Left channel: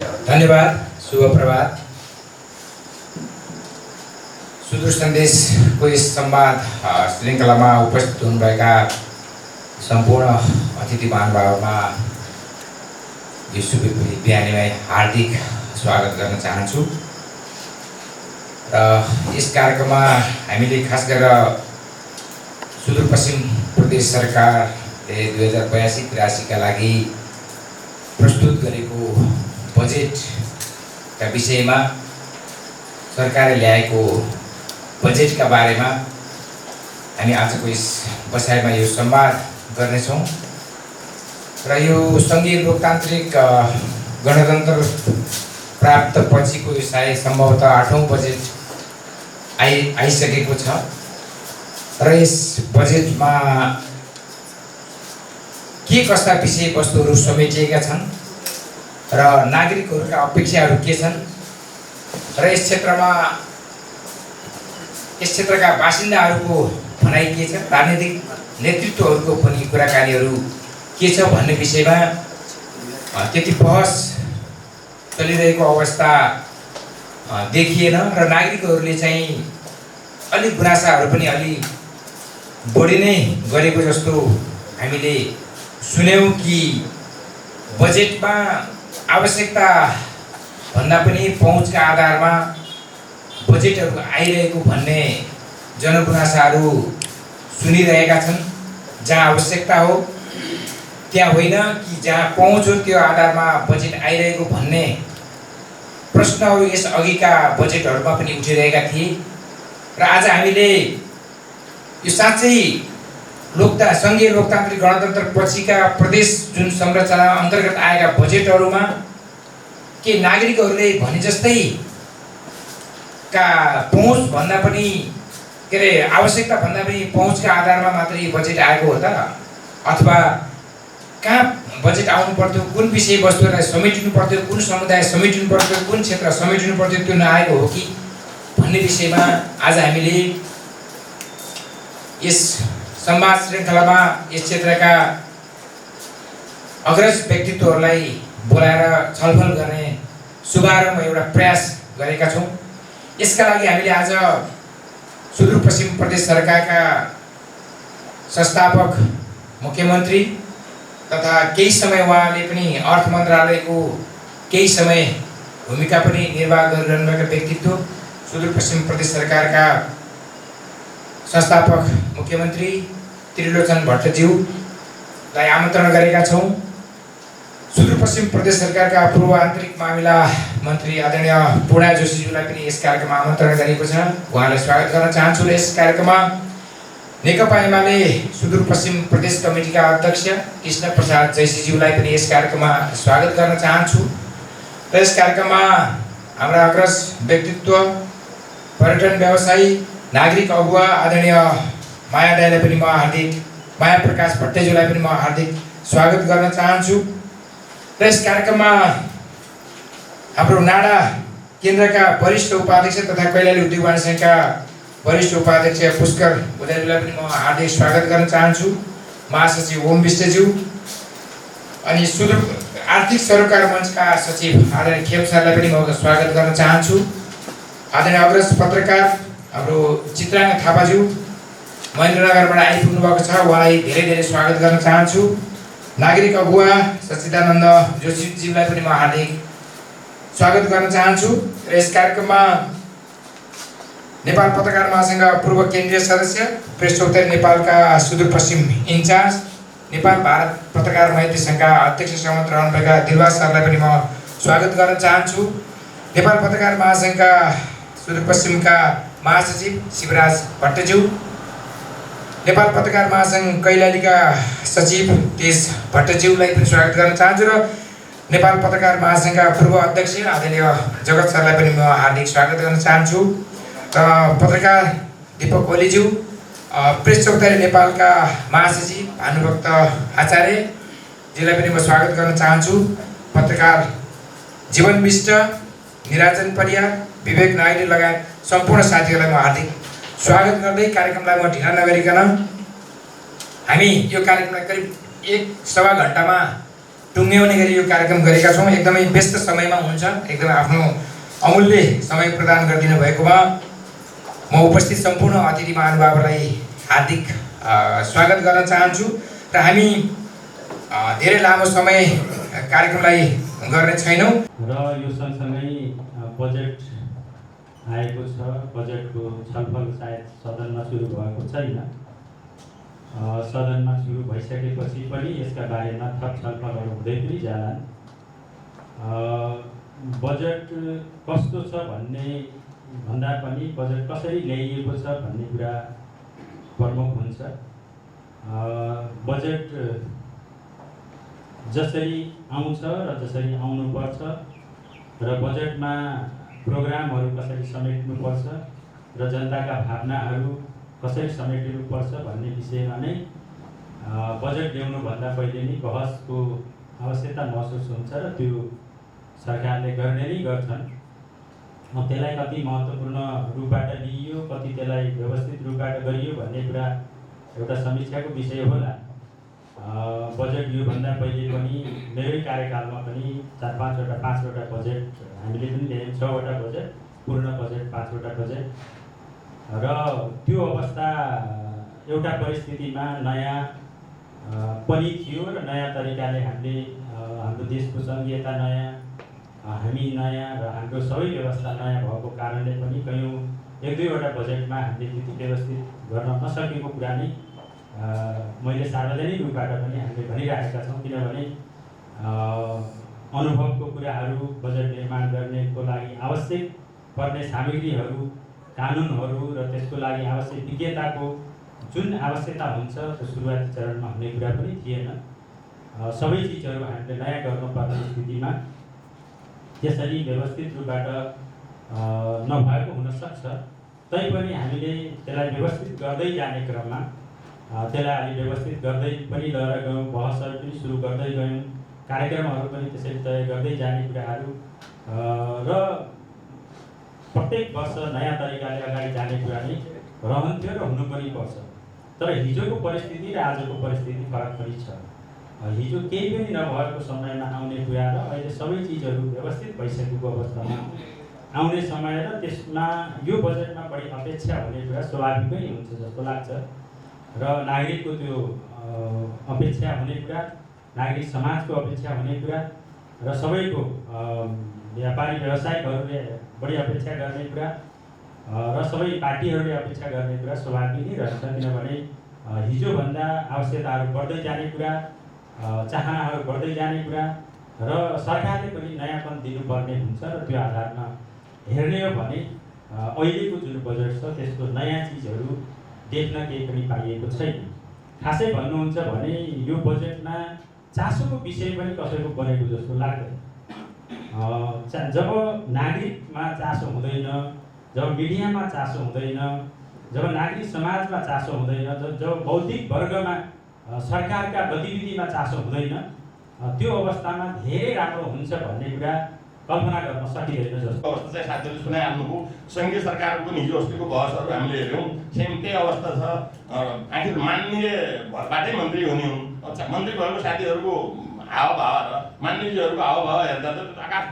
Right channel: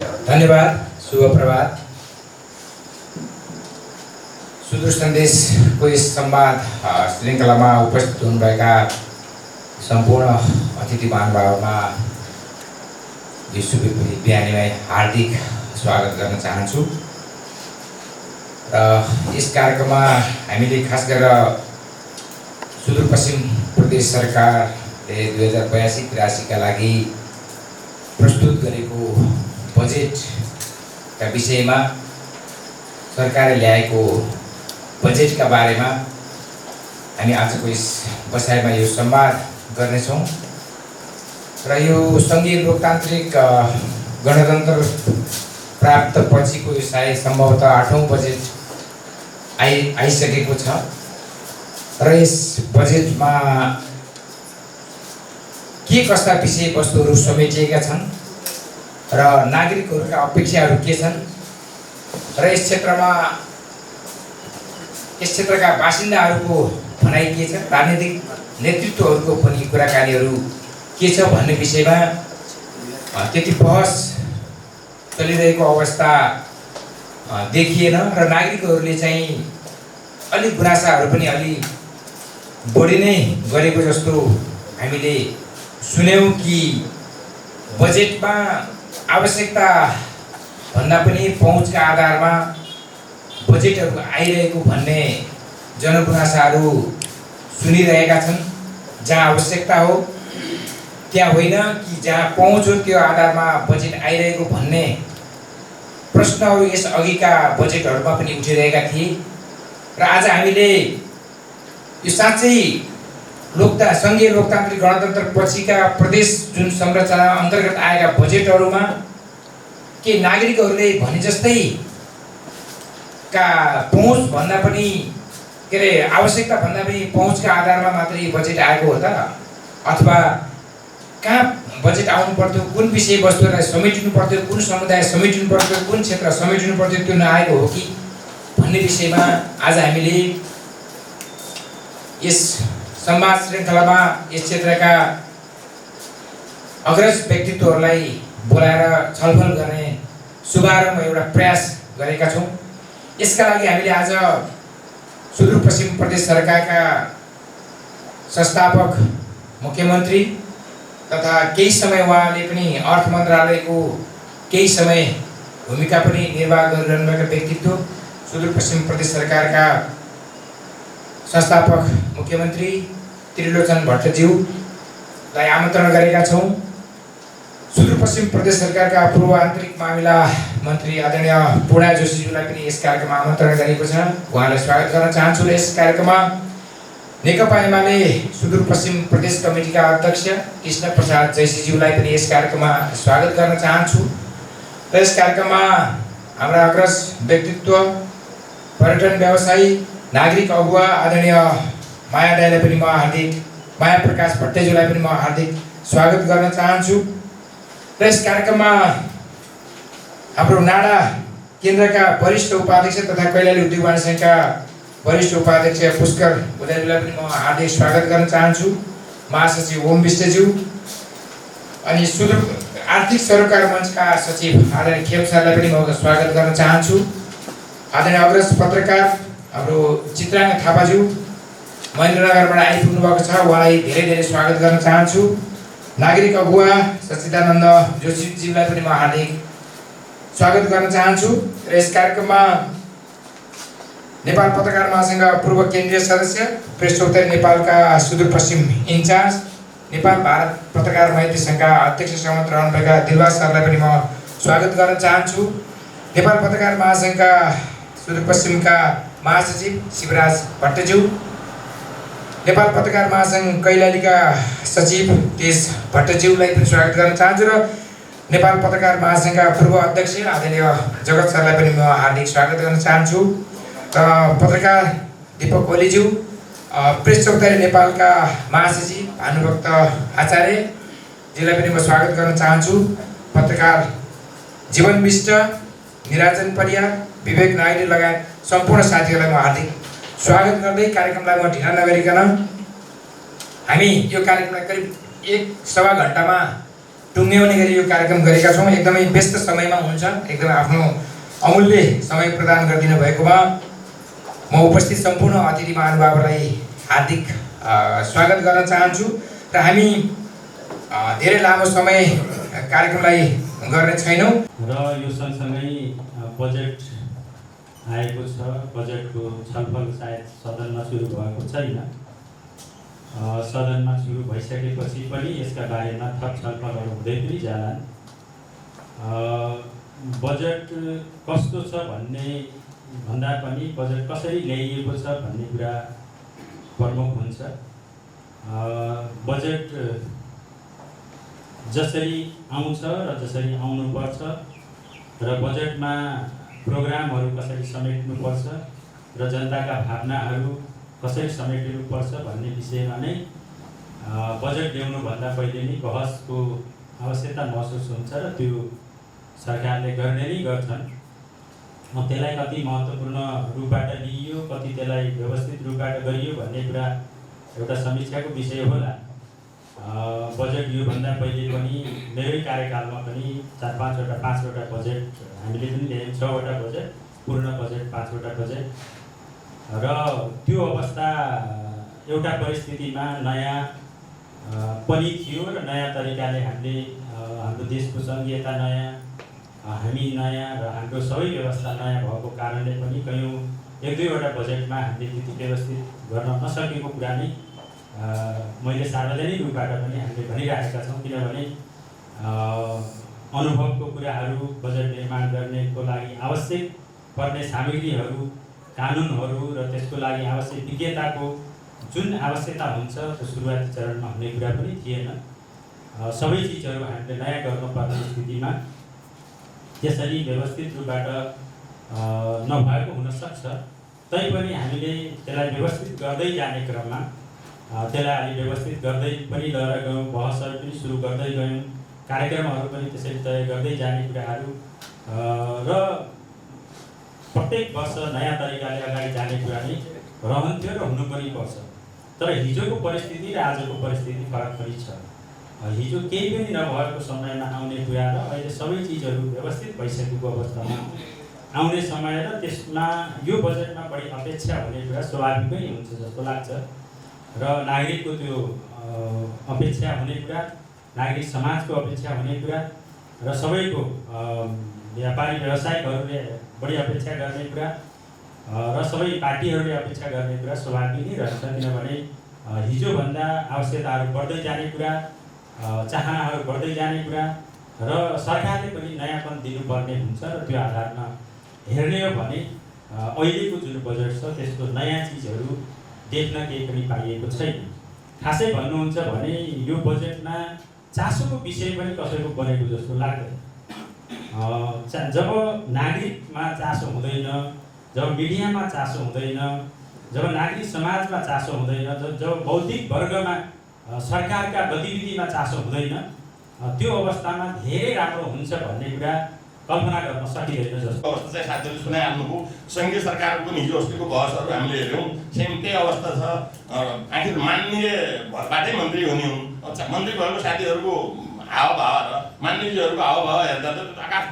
धन्यवाद। शुभ प्रभात। सुदूर सन्देशको यस संवाद श्रृङ्खलामा उपस्थित हुनुभएका सम्पूर्ण अतिथि महानुभावमा यो शुभ बिहानीलाई हार्दिक स्वागत गर्न चाहन्छु। र यस कार्यक्रममा हामीले खास गरेर सुदूरपश्चिम प्रदेश सरकारले 2082-83 का लागि प्रस्तुत गरेको बजेटका विषयमा सरकारले ल्याएको बजेटका बारेमा हामी आजको यस बसाइमा यो संवाद गर्नेछौँ। र यो सङ्घीय लोकतान्त्रिक गणतन्त्र प्राप्त पछिको यो सायद सम्भवतः 8औं बजेट आइसकेको छ। र यस बजेटमा के कस्ता विषयवस्तुहरू समेटिएका छन् र नागरिकहरूका अपेक्षाहरू के छन् र यस क्षेत्रका बासिन्दाहरूको भनाइ के छ, राजनीतिक नेतृत्वहरूको पनि कुराकानीहरू के छ भन्ने विषयमा त्यति बहस चलिरहेको अवस्था देखिएन र नागरिकहरूले चाहिँ अलिक गुनासाहरू पनि अलि बढी नै गरेको जस्तो हामीले सुन्यौं कि बजेटमा आवश्यकता भन्दा पनि पहुँचका आधारमा बजेटहरू आइरहेको भन्ने जनगुनासाहरू सुनिरहेका छन्। जहाँ आवश्यकता हो त्यहाँ होइन कि जहाँ पहुँच हो त्यो आधारमा बजेट आइरहेको भन्ने प्रश्नहरू यस अघिका बजेटहरूमा पनि उठिरहेका थिए। र आज हामीले यो साँच्चै सङ्घीय लोकतान्त्रिक गणतन्त्र पछिका प्रदेश जुन संरचना अन्तर्गत आएका बजेटहरूमा के नागरिकहरूले भने जस्तै का पहुँच भन्दा पनि के अरे आवश्यकता भन्दा पनि पहुँचका आधारमा मात्रै बजेट आएको हो त, अथवा कहाँ बजेट आउनु पर्थ्यो, कुन विषयवस्तुलाई समेटिनु पर्थ्यो, कुन समुदाय समेटिनु पर्थ्यो, कुन क्षेत्र समेटिनु पर्थ्यो त्यो नआएको हो कि भन्ने विषयमा आज हामीले यस संवाद श्रृङ्खलामा यस क्षेत्रका अग्रज व्यक्तित्वहरूलाई बोलाएर छलफल गर्ने शुभारम्भ एउटा प्रयास गरेका छौँ। यसका लागि हामीले आज सुदूरपश्चिम प्रदेश सरकारका संस्थापक मुख्यमन्त्री तथा केही समय उहाँले पनि अर्थ मन्त्रालयको केही समय भूमिका पनि निर्वाह गरिरहनुभएका व्यक्तित्व सुदूरपश्चिम प्रदेश सरकारका संस्थापक मुख्यमन्त्री त्रिलोचन भट्टज्यूलाई आमन्त्रण गरेका छौँ। सुदूरपश्चिम प्रदेश सरकारका पूर्व आन्तरिक मामिला मन्त्री आदरणीय पूर्णा जोशीज्यूलाई पनि यस कार्यक्रममा आमन्त्रण गरेको छ। उहाँलाई स्वागत गर्न चाहन्छु। र यस कार्यक्रममा नेकपा एमाले सुदूरपश्चिम प्रदेश कमिटीका अध्यक्ष कृष्ण प्रसाद जैसीज्यूलाई पनि यस कार्यक्रममा स्वागत गर्न चाहन्छु। र यस कार्यक्रममा हाम्रा अग्रज व्यक्तित्व, पर्यटन व्यवसायी, नागरिक अगुवा आदरणीय माया दाइलाई पनि म माया प्रकाश भट्टज्यूलाई पनि म हार्दिक स्वागत गर्न चाहन्छु। र यस कार्यक्रममा हाम्रो नाडा केन्द्रका वरिष्ठ उपाध्यक्ष तथा कैलाली उद्योग वाणिज्य सङ्घका वरिष्ठ उपाध्यक्ष पुष्कर भुजारीलाई पनि म हार्दिक स्वागत गर्न चाहन्छु। महासचिव ओम विष्टज्यू अनि सुदूर आर्थिक सरोकार मञ्चका सचिव आदरणीय खेम सरलाई पनि म स्वागत गर्न चाहन्छु। आदरणीय अग्रज पत्रकार हाम्रो चित्राङ थापाज्यू महेन्द्रनगरबाट आइपुग्नु भएको छ, उहाँलाई धेरै धेरै स्वागत गर्न चाहन्छु। नागरिक अगुवा सच्चिदानन्द जोशीज्यूलाई पनि म हार्दिक स्वागत गर्न चाहन्छु। र यस कार्यक्रममा नेपाल पत्रकार महासङ्घ पूर्व केन्द्रीय सदस्य, प्रेस चौतारी नेपालका सुदूरपश्चिम इन्चार्ज, नेपाल भारत पत्रकार मैत्री सङ्घका अध्यक्ष समेत रहनुभएका दिलबाग सरलाई पनि म स्वागत गर्न चाहन्छु। नेपाल पत्रकार महासङ्घका सुदूरपश्चिमका महासचिव शिवराज भट्टज्यू, नेपाल पत्रकार महासङ्घ कैलालीका सचिव तेज भट्टज्यूलाई पनि स्वागत गर्न चाहन्छु। र नेपाल पत्रकार महासङ्घका पूर्व अध्यक्ष आदरणीय जगत सरलाई पनि म हार्दिक स्वागत गर्न चाहन्छु। र पत्रकार दीपक ओलीज्यू, प्रेस चौतारी नेपालका महासचिव भानुभक्त आचार्यजीलाई पनि म स्वागत गर्न चाहन्छु। पत्रकार जीवन विष्ट, निराजन परियार, विवेक नाइडू लगायत सम्पूर्ण साथीहरूलाई म हार्दिक स्वागत गर्दै कार्यक्रमलाई म ढिला नगरिकन हामी यो कार्यक्रमलाई करिब 1 सवा घण्टामा टुङ्ग्याउने गरी यो कार्यक्रम गरेका छौँ। एकदमै व्यस्त समयमा हुन्छ, एकदमै आफ्नो अमूल्य समय प्रदान गरिदिनु भएकोमा म उपस्थित सम्पूर्ण अतिथि महानुभावहरूलाई हार्दिक स्वागत गर्न चाहन्छु र हामी धेरै लामो समय कार्यक्रमलाई गर्ने छैनौँ र यो सँगसँगै बजेट आएको छ। बजेटको छलफल सायद सदनमा सुरु भएको छैन। सदनमा सुरु भइसकेपछि पनि यसका बारेमा थप छलफलहरू हुँदै पनि जालान्। बजेट कस्तो छ भन्ने भन्दा पनि बजेट कसरी ल्याइएको छ भन्ने कुरा प्रमुख हुन्छ। बजेट जसरी आउँछ र जसरी आउनुपर्छ र बजेटमा प्रोग्रामहरू कसरी समेट्नुपर्छ र जनताका भावनाहरू कसरी समेटिनुपर्छ भन्ने विषयमा नै बजेट ल्याउनुभन्दा पहिले नै बहसको आवश्यकता महसुस हुन्छ र त्यो सरकारले गर्ने नै गर्छन्। त्यसलाई कति महत्त्वपूर्ण रूपबाट लिइयो, कति त्यसलाई व्यवस्थित रूपबाट गरियो भन्ने कुरा एउटा समीक्षाको विषय होला। बजेट योभन्दा पहिले पनि मेरै कार्यकालमा पनि 4-5वटा 5वटा बजेट हामीले पनि ल्यायौँ। 6वटा बजेट, पूर्ण बजेट 5वटा बजेट। र त्यो अवस्था एउटा परिस्थितिमा नयाँ पनि थियो र नयाँ तरिकाले हामीले हाम्रो देशको सङ्घीयता नयाँ, हामी नयाँ र हाम्रो सबै व्यवस्था नयाँ भएको कारणले पनि कयौँ 1-2वटा बजेटमा हामीले त्यति व्यवस्थित गर्न नसकेको कुरा नै मैले सार्वजनिक रूपबाट पनि हामीले भनिरहेका छौँ। किनभने अनुभवको कुराहरू बजेट निर्माण गर्नेको लागि आवश्यक पर्ने सामग्रीहरू, कानुनहरू र त्यसको लागि आवश्यक विज्ञताको जुन आवश्यकता हुन्छ त्यो सुरुवाती चरणमा हुने कुरा पनि थिएन। सबै चिजहरू हामीले नयाँ गर्नुपर्ने स्थितिमा त्यसरी व्यवस्थित रूपबाट नभएको हुनसक्छ। तैपनि हामीले त्यसलाई व्यवस्थित गर्दै जाने क्रममा त्यसलाई अलि व्यवस्थित गर्दै पनि लिएर गयौँ, बहसहरू पनि सुरु गर्दै गयौँ, कार्यक्रमहरू पनि त्यसरी तय गर्दै जाने कुराहरू र प्रत्येक वर्ष नयाँ तरिकाले अगाडि जाने कुरा नै रहन्थ्यो र हुनु पनि पर्छ। तर हिजोको परिस्थिति र आजको परिस्थिति फरक पनि छ। हिजो केही पनि नभएको समयमा आउने कुरा र अहिले सबै चिजहरू व्यवस्थित भइसकेको अवस्थामा आउने समय र त्यसमा यो बजेटमा बढी अपेक्षा हुने कुरा स्वाभाविकै हुन्छ जस्तो लाग्छ। र नागरिकको त्यो अपेक्षा हुने कुरा, नागरिक समाजको अपेक्षा हुने कुरा र सबैको व्यापारी व्यवसायिकहरूले बढी अपेक्षा गर्ने कुरा र सबै पार्टीहरूले अपेक्षा गर्ने कुरा स्वाभाविक नै रहन्छ। किनभने हिजोभन्दा आवश्यकताहरू बढ्दै जाने कुरा, चाहनाहरू बढ्दै जाने कुरा र सरकारले पनि नयाँपन दिनुपर्ने हुन्छ। र त्यो आधारमा हेर्ने हो भने अहिलेको जुन बजेट छ त्यसको नयाँ चिजहरू देख्न केही पनि पाइएको छैन। खासै भन्नुहुन्छ भने यो बजेटमा चासोको विषय पनि कसैको बनेको जस्तो लाग्दैन। जब नागरिकमा चासो हुँदैन, जब मिडियामा चासो हुँदैन, जब नागरिक समाजमा चासो हुँदैन, जब बौद्धिक वर्गमा सरकारका गतिविधिमा चासो हुँदैन, त्यो अवस्थामा धेरै राम्रो हुन्छ भन्ने कुरा कल्पना गर्न सकिँदैन। जस्तो अवस्था चाहिँ साथीहरूले सुनाइहाल्नुभयो। सङ्घीय सरकारको पनि हिजो अस्तिको बहसहरू हामीले हेऱ्यौँ, सेम त्यही अवस्था छ। आखिर माननीय भएबाटै मन्त्री हुने हुन्। मन्त्री भएको साथीहरूको हावभाव र मान्यजीहरूको हावभाव हेर्दा त आकाश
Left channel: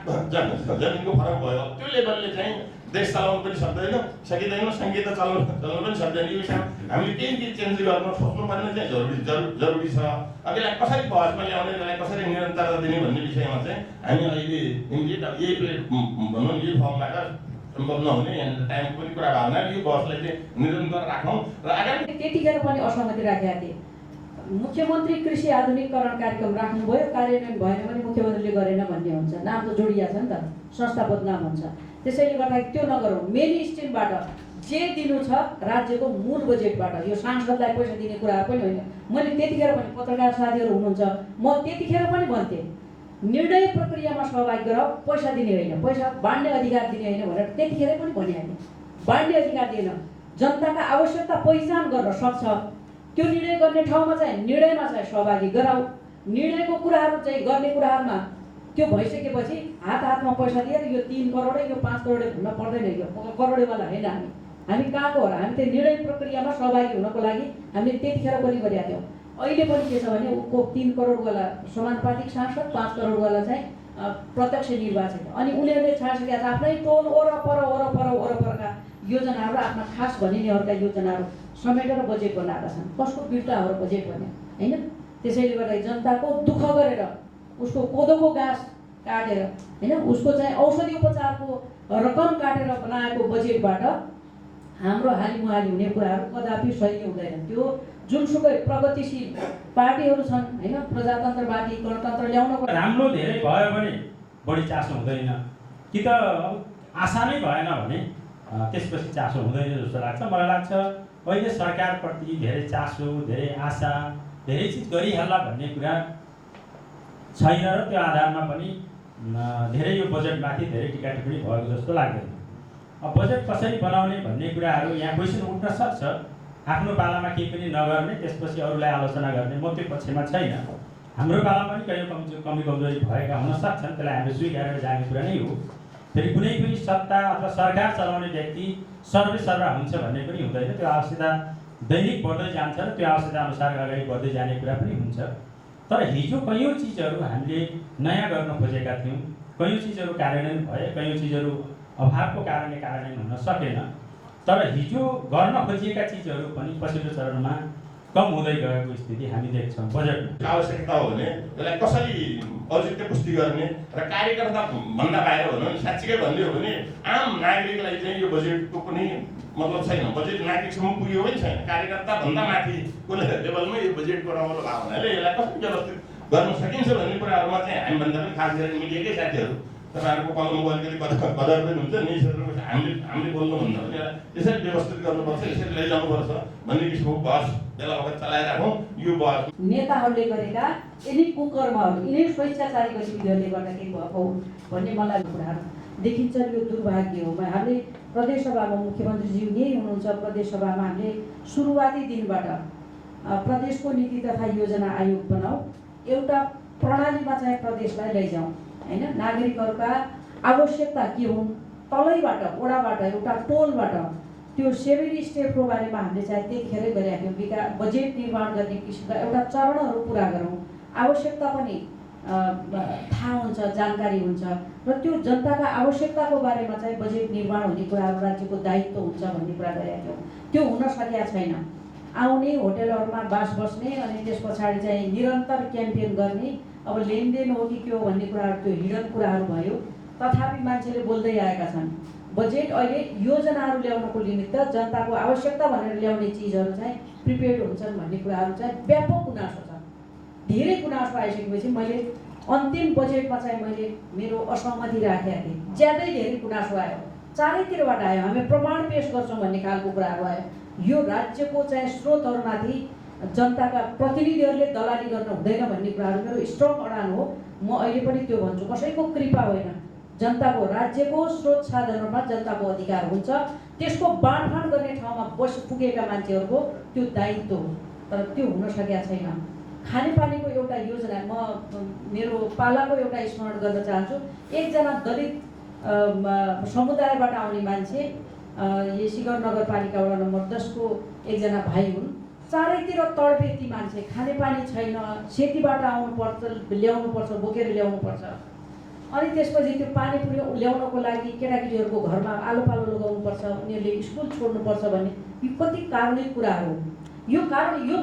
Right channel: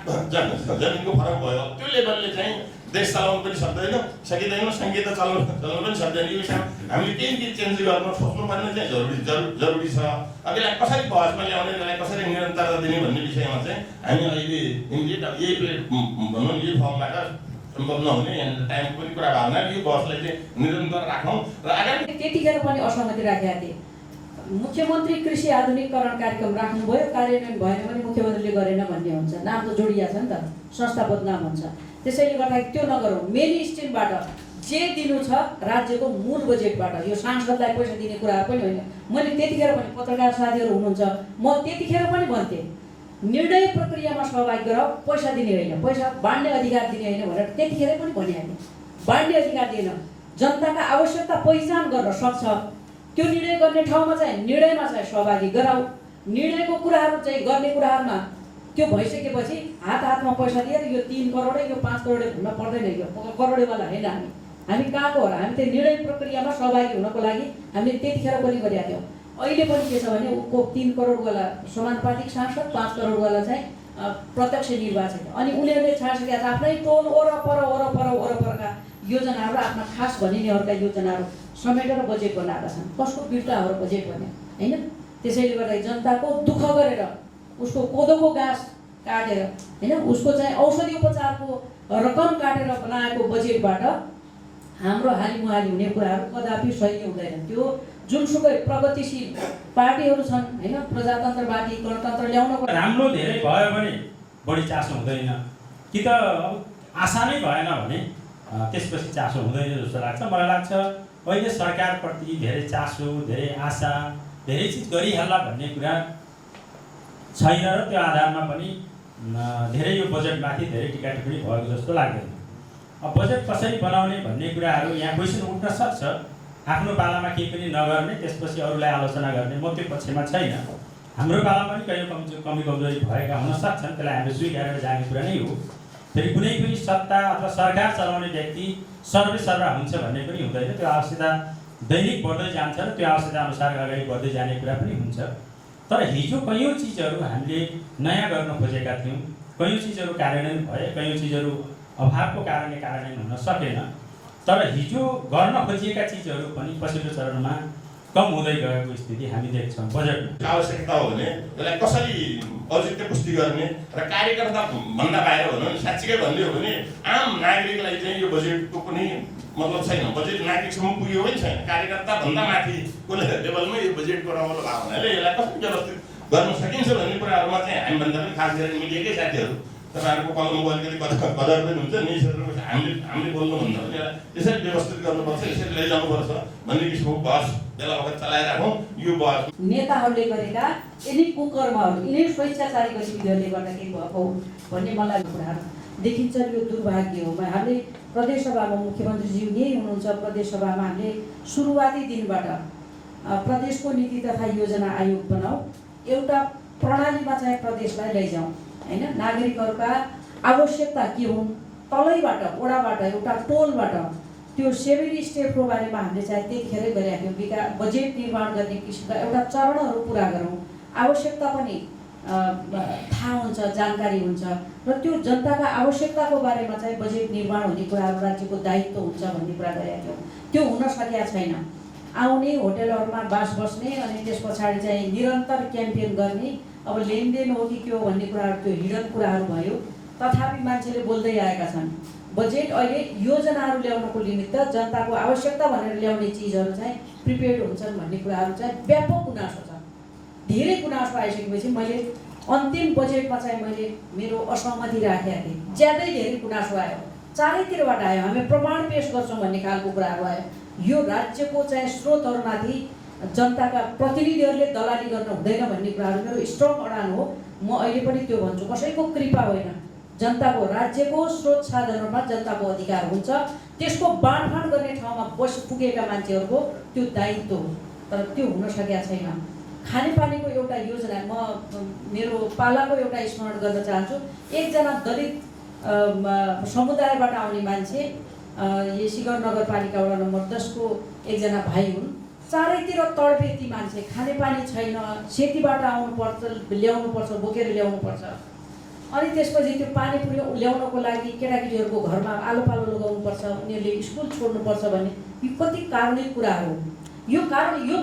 जमिनको फरक भयो। त्यो लेभलले चाहिँ देश चलाउनु पनि सक्दैन, सकिँदैन, सङ्घीयता चलाउनु पनि सक्दैन। यो विषयमा हामीले केही चिज चेन्ज गर्न सोच्नुपर्ने चाहिँ जरुरी छ। यसलाई कसरी बहसमा ल्याउने, यसलाई कसरी निरन्तरता दिने भन्ने विषयमा चाहिँ हामी अहिले यही भनौँ यही फर्मबाट सम्भव नहुने टाइमको पनि कुरा भावना यो बहसलाई चाहिँ निरन्तर राखौँ र आगामी त्यतिखेर पनि असहमति राखेका थिए। मुख्यमन्त्री कृषि आधुनिकीकरण कार्यक्रम राख्नुभयो, कार्यान्वयन भएन भने मुख्यमन्त्रीले गरेन भन्ने हुन्छ। नाम त जोडिया छ नि त, संस्थापद नाम हुन्छ। त्यसैले गर्दाखेरि त्यो नगरौँ। मेन स्ट्रिमबाट जे दिनु छ राज्यको मूल बजेटबाट, यो सांसदलाई पैसा दिने कुरा पनि होइन। मैले त्यतिखेर पनि पत्रकार साथीहरू हुनुहुन्छ, म त्यतिखेर पनि भन्थेँ निर्णय प्रक्रियामा सहभागी गराऊ, पैसा दिने होइन, पैसा बाँड्ने अधिकार दिने होइन भनेर त्यतिखेरै पनि भनिहालेँ। बाँड्ने अधिकार दिएन, जनताका आवश्यकता पहिचान गर्न सक्छ त्यो निर्णय गर्ने ठाउँमा चाहिँ निर्णयमा चाहिँ सहभागी गराऊ। निर्णयको कुराहरू चाहिँ गर्ने कुराहरूमा त्यो भइसकेपछि हातमा पैसा लिएर यो 3 करोडै यो 5 करोडै भन्न पर्दैन। यो करोडेवाला होइन हामी कहाँको हो र? हामी त्यो निर्णय प्रक्रियामा सहभागी हुनको लागि हामीले त्यतिखेर पनि गरेका थियौँ। अहिले पनि के छ भने उसको 3 करोडवाला समानुपातिक सांसद, 5 करोडवाला चाहिँ प्रत्यक्ष निर्वाचित। अनि उनीहरूले छाडिसकेका आफ्नै टोल वरपरका योजनाहरू, आफ्ना खास भनिनेहरूका योजनाहरू समेटेर बजेट बनाएका छन्। कसको बिर्ताहरू बजेट बन्यो होइन। त्यसैले गर्दा जनताको दुःख गरेर उसको कोदोको घाँस काटेर होइन, उसको चाहिँ औषधि उपचारको रकम काटेर बनाएको बजेटबाट हाम्रो हालिमुहाली हुने कुराहरू कदापि सही हुँदैन। त्यो जुनसुकै प्रगतिशील पार्टीहरू छन् होइन, प्रजातन्त्रवादी गणतन्त्र ल्याउनको राम्रो धेरै भयो भने बढी चासो हुँदैन, कि त अब आशा नै भएन भने त्यसपछि चासो हुँदैन जस्तो लाग्छ। मलाई लाग्छ अहिले सरकारप्रति धेरै चासो, धेरै आशा, धेरै चिज गरिहाल्ला भन्ने कुरा छैन र त्यो आधारमा पनि धेरै यो बजेटमाथि धेरै टिका टिप्पणी भएको जस्तो लाग्दैन। अब बजेट कसरी बनाउने भन्ने कुराहरू यहाँ क्वेसन उठ्न सक्छ। आफ्नो पालामा केही पनि नगर्ने, त्यसपछि अरूलाई आलोचना गर्ने, म त्यो पक्षमा छैन। हाम्रो पालामा पनि कहीँ कमी कमजोरी भएका हुन सक्छन्, त्यसलाई हामीले स्वीकारेर जाने कुरा नै हो। फेरि कुनै पनि सत्ता अथवा सरकार चलाउने व्यक्ति सर्वसर्वा हुन्छ भन्ने पनि हुँदैन। त्यो आवश्यकता दैनिक बढ्दै जान्छ र त्यो आवश्यकता अनुसार अगाडि बढ्दै जाने कुरा पनि हुन्छ। तर हिजो कयौँ चिजहरू हामीले नयाँ गर्न खोजेका थियौँ, कयौँ चिजहरू कार्यान्वयन भए, कयौँ चिजहरू अभावको कारणले कार्यान्वयन हुन सकेन। तर हिजो गर्न खोजिएका चिजहरू पनि पछिल्लो चरणमा कम हुँदै गएको स्थिति हामी देख्छौँ। बजेटमा आवश्यकता हो भने त्यसलाई कसरी औचित्य पुष्टि गर्ने र कार्यकर्ता भन्दा बाहिर भनौँ भने साँच्चीकै भन्ने हो भने आम नागरिकलाई चाहिँ यो बजेटको कुनै मतलब छैन। बजेट नागरिकसम्म पुग्यो पनि छैन। कार्यकर्ता भन्दा माथिको लेभलमा यो बजेटको रमाइलो भएको हुनाले यसलाई कसरी व्यवस्थित गर्न सकिन्छ भन्ने कुराहरूमा चाहिँ हामीभन्दा पनि खास गरेर मिडियाकै साथीहरू तपाईँहरूको कलमको अलिकति कदर पनि हुन्छ। निश्चित हामीले बोल्नुभन्दा पनि यसरी व्यवस्थित गर्नुपर्छ, यसरी लैजानुपर्छ भन्ने किसिमको बहस बेला बखत चलाइराखौँ। यो बहस नेताहरूले गरेका यिनी कुकर्महरू, यिनी स्वेच्छाचारी गतिविधिहरूले गर्दाखेरि भएको भन्ने मलाई कुराहरू देखिन्छ। यो दुर्भाग्य हो। हामीले प्रदेशसभामा मुख्यमन्त्रीज्यू यही हुनुहुन्छ। प्रदेशसभामा हामीले सुरुवाती दिनबाट प्रदेशको नीति तथा योजना आयोग बनाऊ, एउटा प्रणालीमा चाहिँ प्रदेशलाई लैजाउँ होइन। नागरिकहरूका आवश्यकता के हुन्, तलैबाट वडाबाट एउटा टोलबाट त्यो 7 स्टेपको बारेमा हामीले चाहिँ त्यतिखेरै गरिराख्यौँ। बजेट निर्माण गर्ने किसिमका एउटा चरणहरू पुरा गरौँ। आवश्यकता पनि थाहा हुन्छ, जानकारी हुन्छ र त्यो जनताका आवश्यकताको बारेमा चाहिँ बजेट निर्माण हुने कुराहरू राज्यको दायित्व हुन्छ भन्ने कुरा गरेका थियौँ। त्यो हुन सकेका छैन। आउने होटेलहरूमा बास बस्ने अनि त्यस पछाडि चाहिँ निरन्तर क्याम्पेन गर्ने, अब लेनदेन हो कि के हो भन्ने कुराहरू त्यो हिडन कुराहरू भयो। तथापि मान्छेले बोल्दै आएका छन्। बजेट अहिले योजनाहरू ल्याउनको निमित्त जनताको आवश्यकता भनेर ल्याउने चिजहरू चाहिँ प्रिपेयर्ड हुन्छन् भन्ने कुराहरू चाहिँ व्यापक गुनासो छ। धेरै गुनासो आइसकेपछि मैले अन्तिम बजेटमा चाहिँ मैले मेरो असहमति राखेका थिएँ। ज्यादै धेरै गुनासो आयो, चारैतिरबाट आयो। हामी प्रमाण पेश गर्छौँ भन्ने खालको कुराहरू आयो। यो राज्यको चाहिँ स्रोतहरूमाथि जनताका प्रतिनिधिहरूले दलाली गर्न हुँदैन भन्ने कुराहरू मेरो स्ट्रङ अडान हो। म अहिले पनि त्यो भन्छु, कसैको कृपा होइन। जनताको राज्यको स्रोत साधनहरूमा जनताको अधिकार हुन्छ। त्यसको बाँडफाँड गर्ने ठाउँमा पुगेका मान्छेहरूको त्यो दायित्व हो। तर त्यो हुन सकेका छैन। खानेपानीको एउटा योजना म मेरो पालाको एउटा स्मरण गर्न चाहन्छु। एकजना दलित समुदायबाट आउने मान्छे, शिगर नगरपालिका वडा नम्बर 10 को एकजना भाइ हुन्। चारैतिर तडपे ती मान्छे, खानेपानी छैन, सेतीबाट आउनुपर्छ, ल्याउनुपर्छ, बोकेर ल्याउनुपर्छ। अनि त्यसपछि त्यो पानी ल्याउनको लागि केटाकेटीहरूको घरमा आलो पालो लगाउनुपर्छ, उनीहरूले स्कुल छोड्नुपर्छ भन्ने यो कति कारुणिक कुराहरू। यो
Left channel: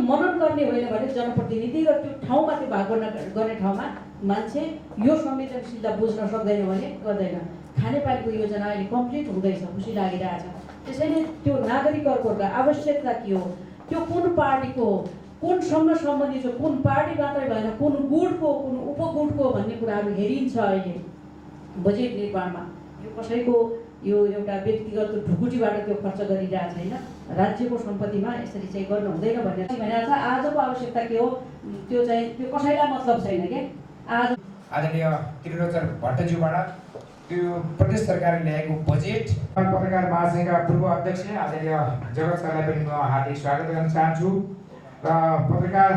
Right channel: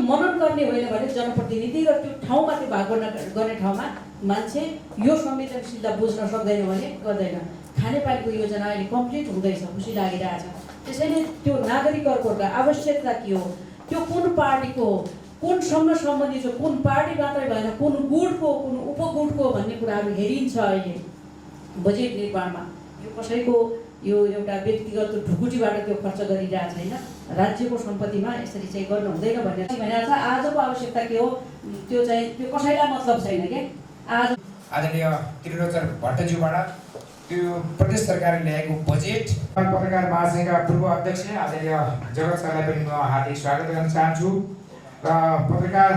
मनन गर्ने होइन भने जनप्रतिनिधि र त्यो ठाउँमा त्यो भाग गर्ने ठाउँमा मान्छे यो संवेदनशीलता बुझ्न सक्दैन भने गर्दैन। खानेपानीको योजना अहिले कम्प्लिट हुँदैछ, खुसी लागिरहेछ। त्यसैले त्यो नागरिकहरूको आवश्यकता के हो, त्यो कुन पार्टीको हो, कुनसँग सम्बन्धित छ, कुन पार्टी मात्रै भएन, कुन गुटको, कुन उपगुटको भन्ने कुराहरू हेरिन्छ अहिले बजेट निर्माणमा। यो कसैको यो एउटा व्यक्तिगत ढुकुटीबाट त्यो खर्च गरिरहेको छैन। राज्यको सम्पत्तिमा यसरी चाहिँ गर्नु हुँदैन भनेर छ। आजको आवश्यकता के हो त्यो चाहिँ त्यो कसैलाई मतलब छैन क्या। आज आदरणीय त्रिलोचन भट्टज्यूबाट त्यो प्रदेश सरकारले ल्याएको बजेट पत्रकार महासङ्घका पूर्व अध्यक्ष आदरणीय जगत सरलाई पनि म हार्दिक स्वागत गर्न चाहन्छु। र पत्रकार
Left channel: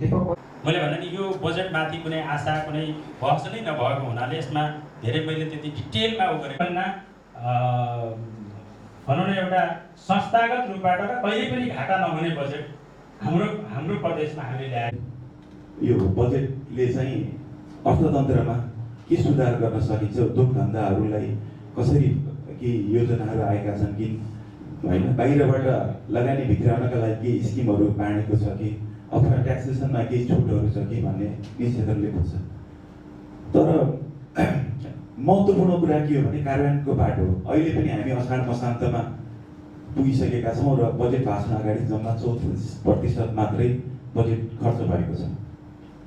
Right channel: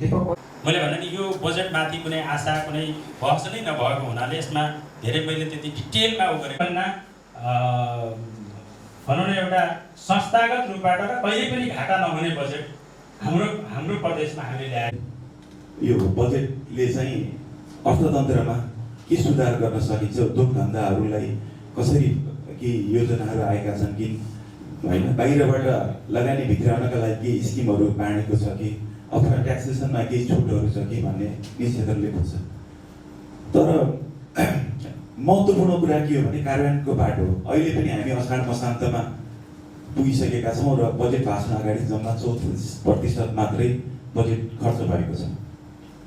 दीपक, मैले भने नि यो बजेटमाथि कुनै आशा, कुनै बहस नै नभएको हुनाले यसमा धेरै मैले त्यति डिटेलमा गरेको भनौँ न एउटा संस्थागत रूपबाट र कहिले पनि घाटा नहुने बजेट हाम्रो प्रदेशमा हामीले ल्याए यो बजेटले चाहिँ अर्थतन्त्रमा के सुधार गर्न सकिन्छ, उद्योग धन्दाहरूलाई कसरी के योजनाहरू आएका छन् कि होइन, बाहिरबाट लगानी भित्राउनका लागि केही स्किमहरू बाँडेको छ कि अथवा ट्याक्सेसनमा केही छुटहरू छ कि भन्ने निश्चितले बुझ्छ। तर महत्त्वपूर्ण कुरा के हो भने कार्यान्वयनको बाटो। अहिले पनि हामी असार मसान्तमा पुगिसकेका छौँ र बजेट भाषण अगाडि जम्मा 34% मात्रै बजेट खर्च भएको छ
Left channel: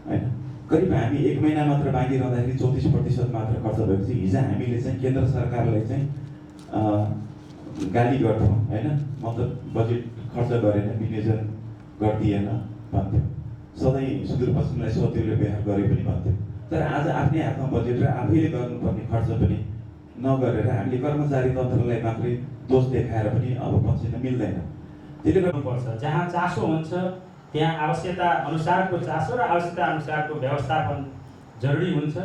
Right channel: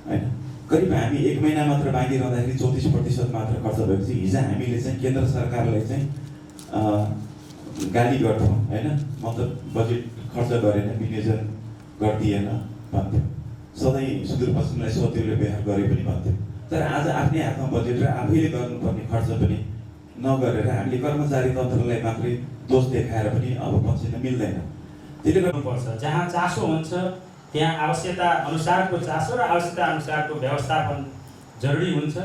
होइन। करिब हामी 1 महिना मात्र बाँकी रहँदाखेरि 34% मात्र खर्च भएपछि हिजो हामीले चाहिँ केन्द्र सरकारलाई चाहिँ गाली गर्थ्यौँ होइन, मतलब बजेट खर्च गरेन, विनियोजन गरिदिएन भन्थ्यौँ, सधैँ सुदूरपश्चिमलाई सौतेलो व्यवहार गरे पनि भन्थ्यौँ। तर आज आफ्नै हातमा बजेट र आफैले गर्नुपर्ने खर्च पनि नगरेर हामीले कर्मचारी तन्त्रलाई मात्रै दोष देखाएर पनि अब पछिन मिल्दैन। त्यसले गर्नुपर्छ। जहाँ चासो हुन्छ त्यहाँ आवश्यकता अनुसारको चासो र आवश्यकता अनुसारको व्यवस्थापन जरुरी हुन्छ।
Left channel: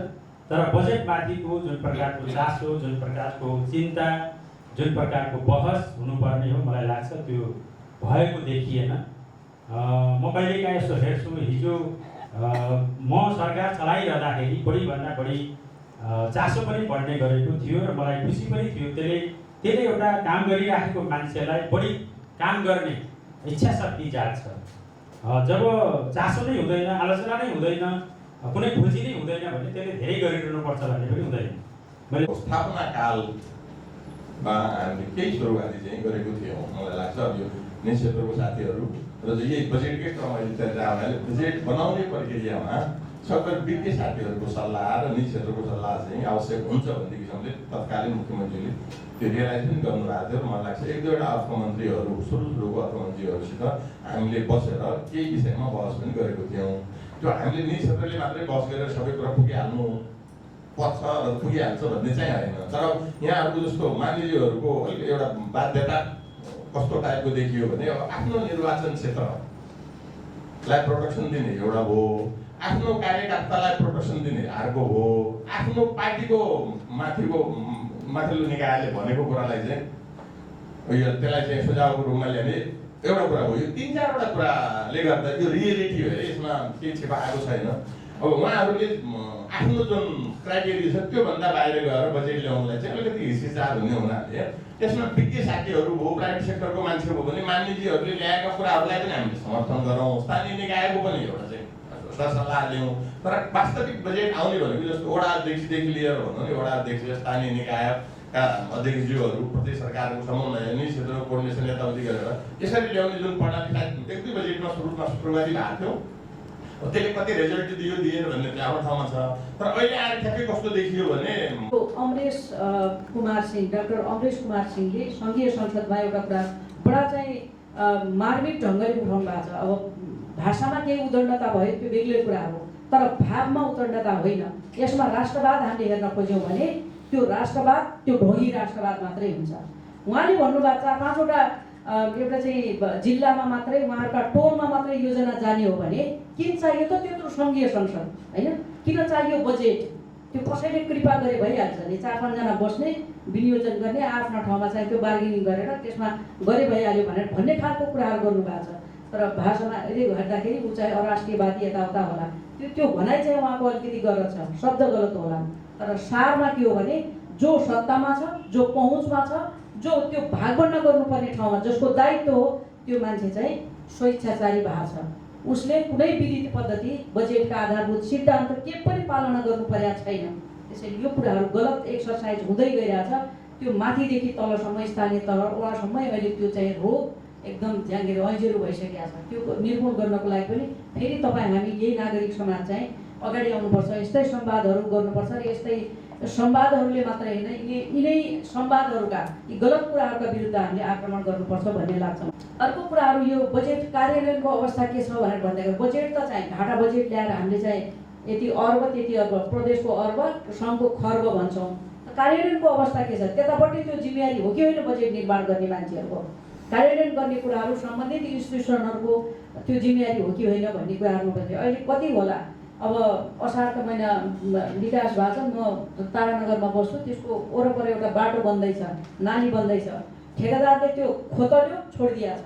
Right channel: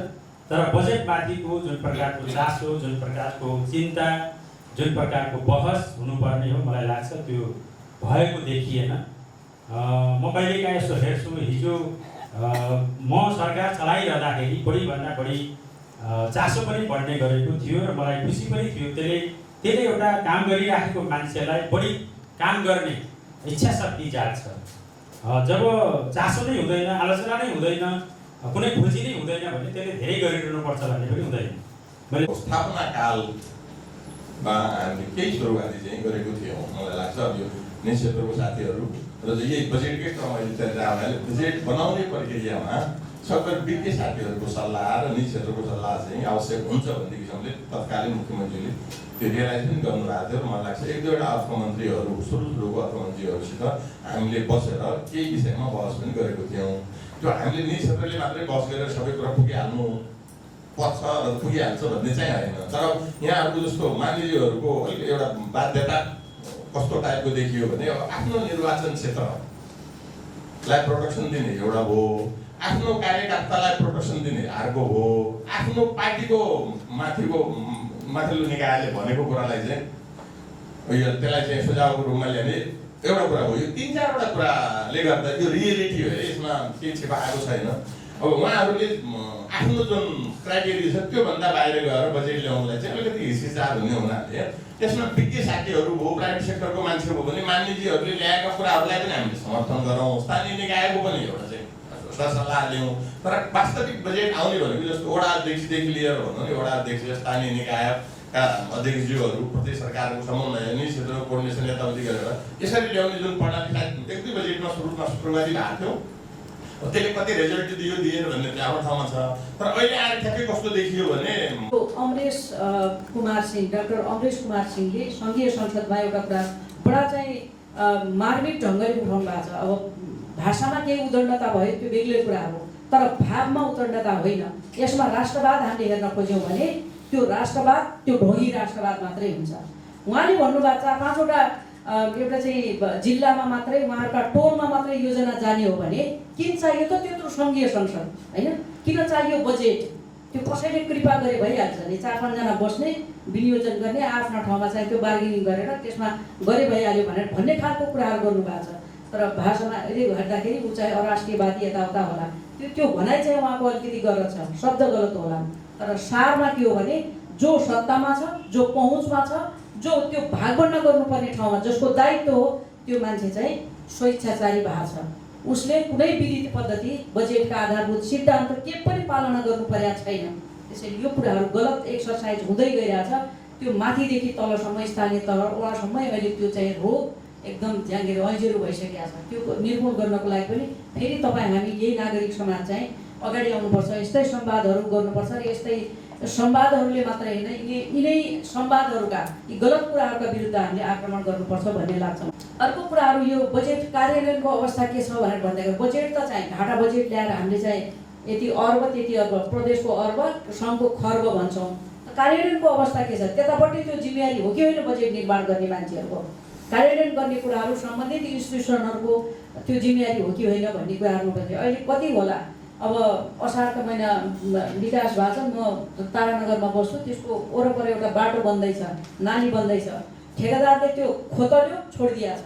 तर बजेटमाथिको जुन प्रकारको चासो, जुन प्रकारको चिन्ता, जुन प्रकारको बहस हुनुपर्ने हो, मलाई लाग्छ त्यो भएको देखिएन। म कहिलेकाहीँ यसो हेर्छु, हिजो म सरकार चलाइरहँदाखेरि बढीभन्दा बढी चासो पनि बढ्ने गरेको थियो र मलाई खुसी पनि थियो। त्यसले एउटा काम गरिराखेको मान्छेलाई बढी काम गर्ने इच्छा शक्ति जाग्छ। जब चासो नै हुँदैन, आलोचना नै हुँदैन, कुनै खोजी नै हुँदैन भने त्यसले धेरै गरिरहनुपर्छ भन्ने पनि हुँदैन। मैले स्थापना कालमा हामीले केही सुरुवाती चाहिँ गरेको थियौँ। मलाई लाग्छ अब यो निजी क्षेत्रको साथीहरू र यही बजेटकै क्रममा चलेर आउनाले बजेट बनाउने प्रक्रियामा सबै वित्तीय साथीहरूको सल्लाह र निजी क्षेत्रको सल्लाह चाहिँ आवश्यक हुन्छ भन्ने किसिमले तत्कालीन मुख्यमन्त्रीले त्यो रियलाइज पनि गर्नुभएको थियो। मलाई लाग्छ 1-2वटा अर्थमन्त्रीहरू, सुरुको अर्थमन्त्रीहरूसित हामीले बसेर केही विषयमा बहस पनि गरेको थियौँ। त्यो हामीले निजी क्षेत्रले मात्रै बहस गरेर सबै कुरा पुगिहाल्नु पर्छ र पुगिहाल्छ भन्ने चाहिँ होइन। तर यहाँहरूको जस्तो मानिलीहरूको अलिक एउटा बाध्यता कस्तो टाइपको देखियो भने अब आफ्नो निर्वाचन क्षेत्रलाई प्रोटेक्सन दिने एउटा हो, आफ्नो कार्यकर्तालाई प्रोटेक्सन दिने अर्को हो, आफ्नो पार्टीको माथिल्लो निकायले भनेको कुरालाई चाहिँ त्यसलाई चाहिँ सुझावको रूपमा ल्याउने एउटा कुरा हो। यो 3-4वटा कुराले गर्दा यो रियलिटी हो, यसमा केही छिपाएको छैन। अब उहाँहरूले आफ्नो जुन क्राइटेरिया छ त्योभन्दा बाहिर गएर बजेट ल्याउनलाई चाहिँ अलिकति हिचकिचार हुने हुनाले त्यसमा वित्तीय साथीहरू भयो, प्राइभेट सेक्टरको मान्छे हो भने मान्यजीहरूले ल्याएका कुराहरूलाई पनि हामीले समर्थन गरौँ, स्थानीय निकायको पनि एउटा चाहिँ सल्लाह लियौँ। तर वास्तविक बजेट आउने भनेको जस्तो वडा अध्यक्षदेखि लिएर भनौँ नि, वडा अध्यक्ष, स्थानीय निकायका अध्यक्षज्यूहरू, प्रदेश सरकारको समन्वय, निजी क्षेत्रको कोर्डिनेसन यताउति गरेर यसरी ल्याउने जुन प्रणाली 1-2 बजेटमा सुरुवाती भएको थियो, त्यसले कति रिजल्ट दिएन भन्ने आफ्नो ठाउँमा छ। तर अहिले आएर ठ्याक्कै कस्तो देखियो भने अमरेश कुमार सिंह, डाक्टर अमरेश कुमार सिंहले सङ्घीय संसदमा एउटा कुरा बडा चाहिँ मार्मिक ढङ्गले उठाउनु भएको छ। अब भाषामा केही उद्दण्डता भयो त्यो बेग्लै कुरा हो, तर भावमा उद्दण्डता होइन। यसमा राष्ट्रवाद हामीले हेर्न खोज्यौँ भने त्यो राष्ट्रवाद, त्यो ढोंगी राष्ट्रवाद मात्रै हुन्छ। उहाँले भन्नुभएको 4-5वटा एउटा चाहिँ जिल्लामा मात्रै, उहाँहरूका टोलमा मात्रै योजना जाने हो भने किन चाहियो त त्यत्रो सङ्घीय संसद होइन? किन चाहियो बजेट? त्यो कसैले कृपा गरे भइहाल्छ नि, 4-5जना बस्ने, विनियोजन गर्ने, आफ्ना ठाउँमा चाहिँ त्यो बार्गेनिङ गरेर त्यसमा गरे भइहाल्यो भनेर भन्ने खालको कुराहरू गर्नुभएको छ। तर भाषामा यदि हेर्दाखेरि ऊ चाहिँ अराष्ट्रियवादी यताउता होला, त्यो भनाइ चाहिँ उहाँको अलिकति गलत छ, शब्द गलत होला। तर सारमा के हो भने जो सत्तामा छ, जो पहुँचमा छ, जो त्यो भागभण्डा गर्नुपर्ने ठाउँमा जसको दायित्व हो त्यो मान्छे चाहिँ स्वेच्छाचारी भएको छ। उसले कुनै विधि पद्धति, बजेटका आधारभूत सिद्धान्त के पनि पालना गर्नु परेको छैन। त्यसैले यो कुराहरू गलत एक्सर्साइज हुँदै गइरहेछ। त्यो माथिदेखि तलसम्म, स्थानीय तल वडासम्म अहिले त्यो चाहिँ रोग एकदम ज्याङ्गेर अल्झेरो भइसकेको छ। त्यो निर्मूल गर्नको लागि पनि फेरि हामी यही नागरिक समाज चाहिँ अगाडि आउनुपर्छ, यस्तै संवादहरू गर्नुपर्छ र यस्तै संवादहरूले मात्रै होइन, यिनै संवादहरूका यी गलत कुराहरूका विरुद्ध हामीले आक्रमण गर्नुपर्छ भन्ने लाग्छ। अर्को कुराहरू यो बजेट कार्यान्वयनको अवस्था के छ भनेर भन्दाखेरि बजेट त चाहिँ घाटा बजेट ल्याएर हामीले चाहिँ यति अर्ब त्यति अर्ब, प्रदेशको अर्ब, सङ्घको खर्ब भन्छौँ। कार्यान्वयनको अवस्था के छ? त्यतापट्टि त्यो जिम्मेवारी हो कि होइन बजेट निर्माण गर्ने मान्छेहरूको? कार्यान्वयन गर्ने कुराहरू सम्बन्धित इन्स्टिट्युसनहरूको त्यो जिम्मेवारी हो कि होइन भन्ने कुराहरू पनि अहिले कति होला। अब असारको महिना विकास भएको छ, म तारानगरमा बस्छु, त्यसको वरपर एउटा बाटो बन्दैछ, नाली बन्दैछ, ठेकेदारले त्यो खोतल्यो छोडिदिएको छ।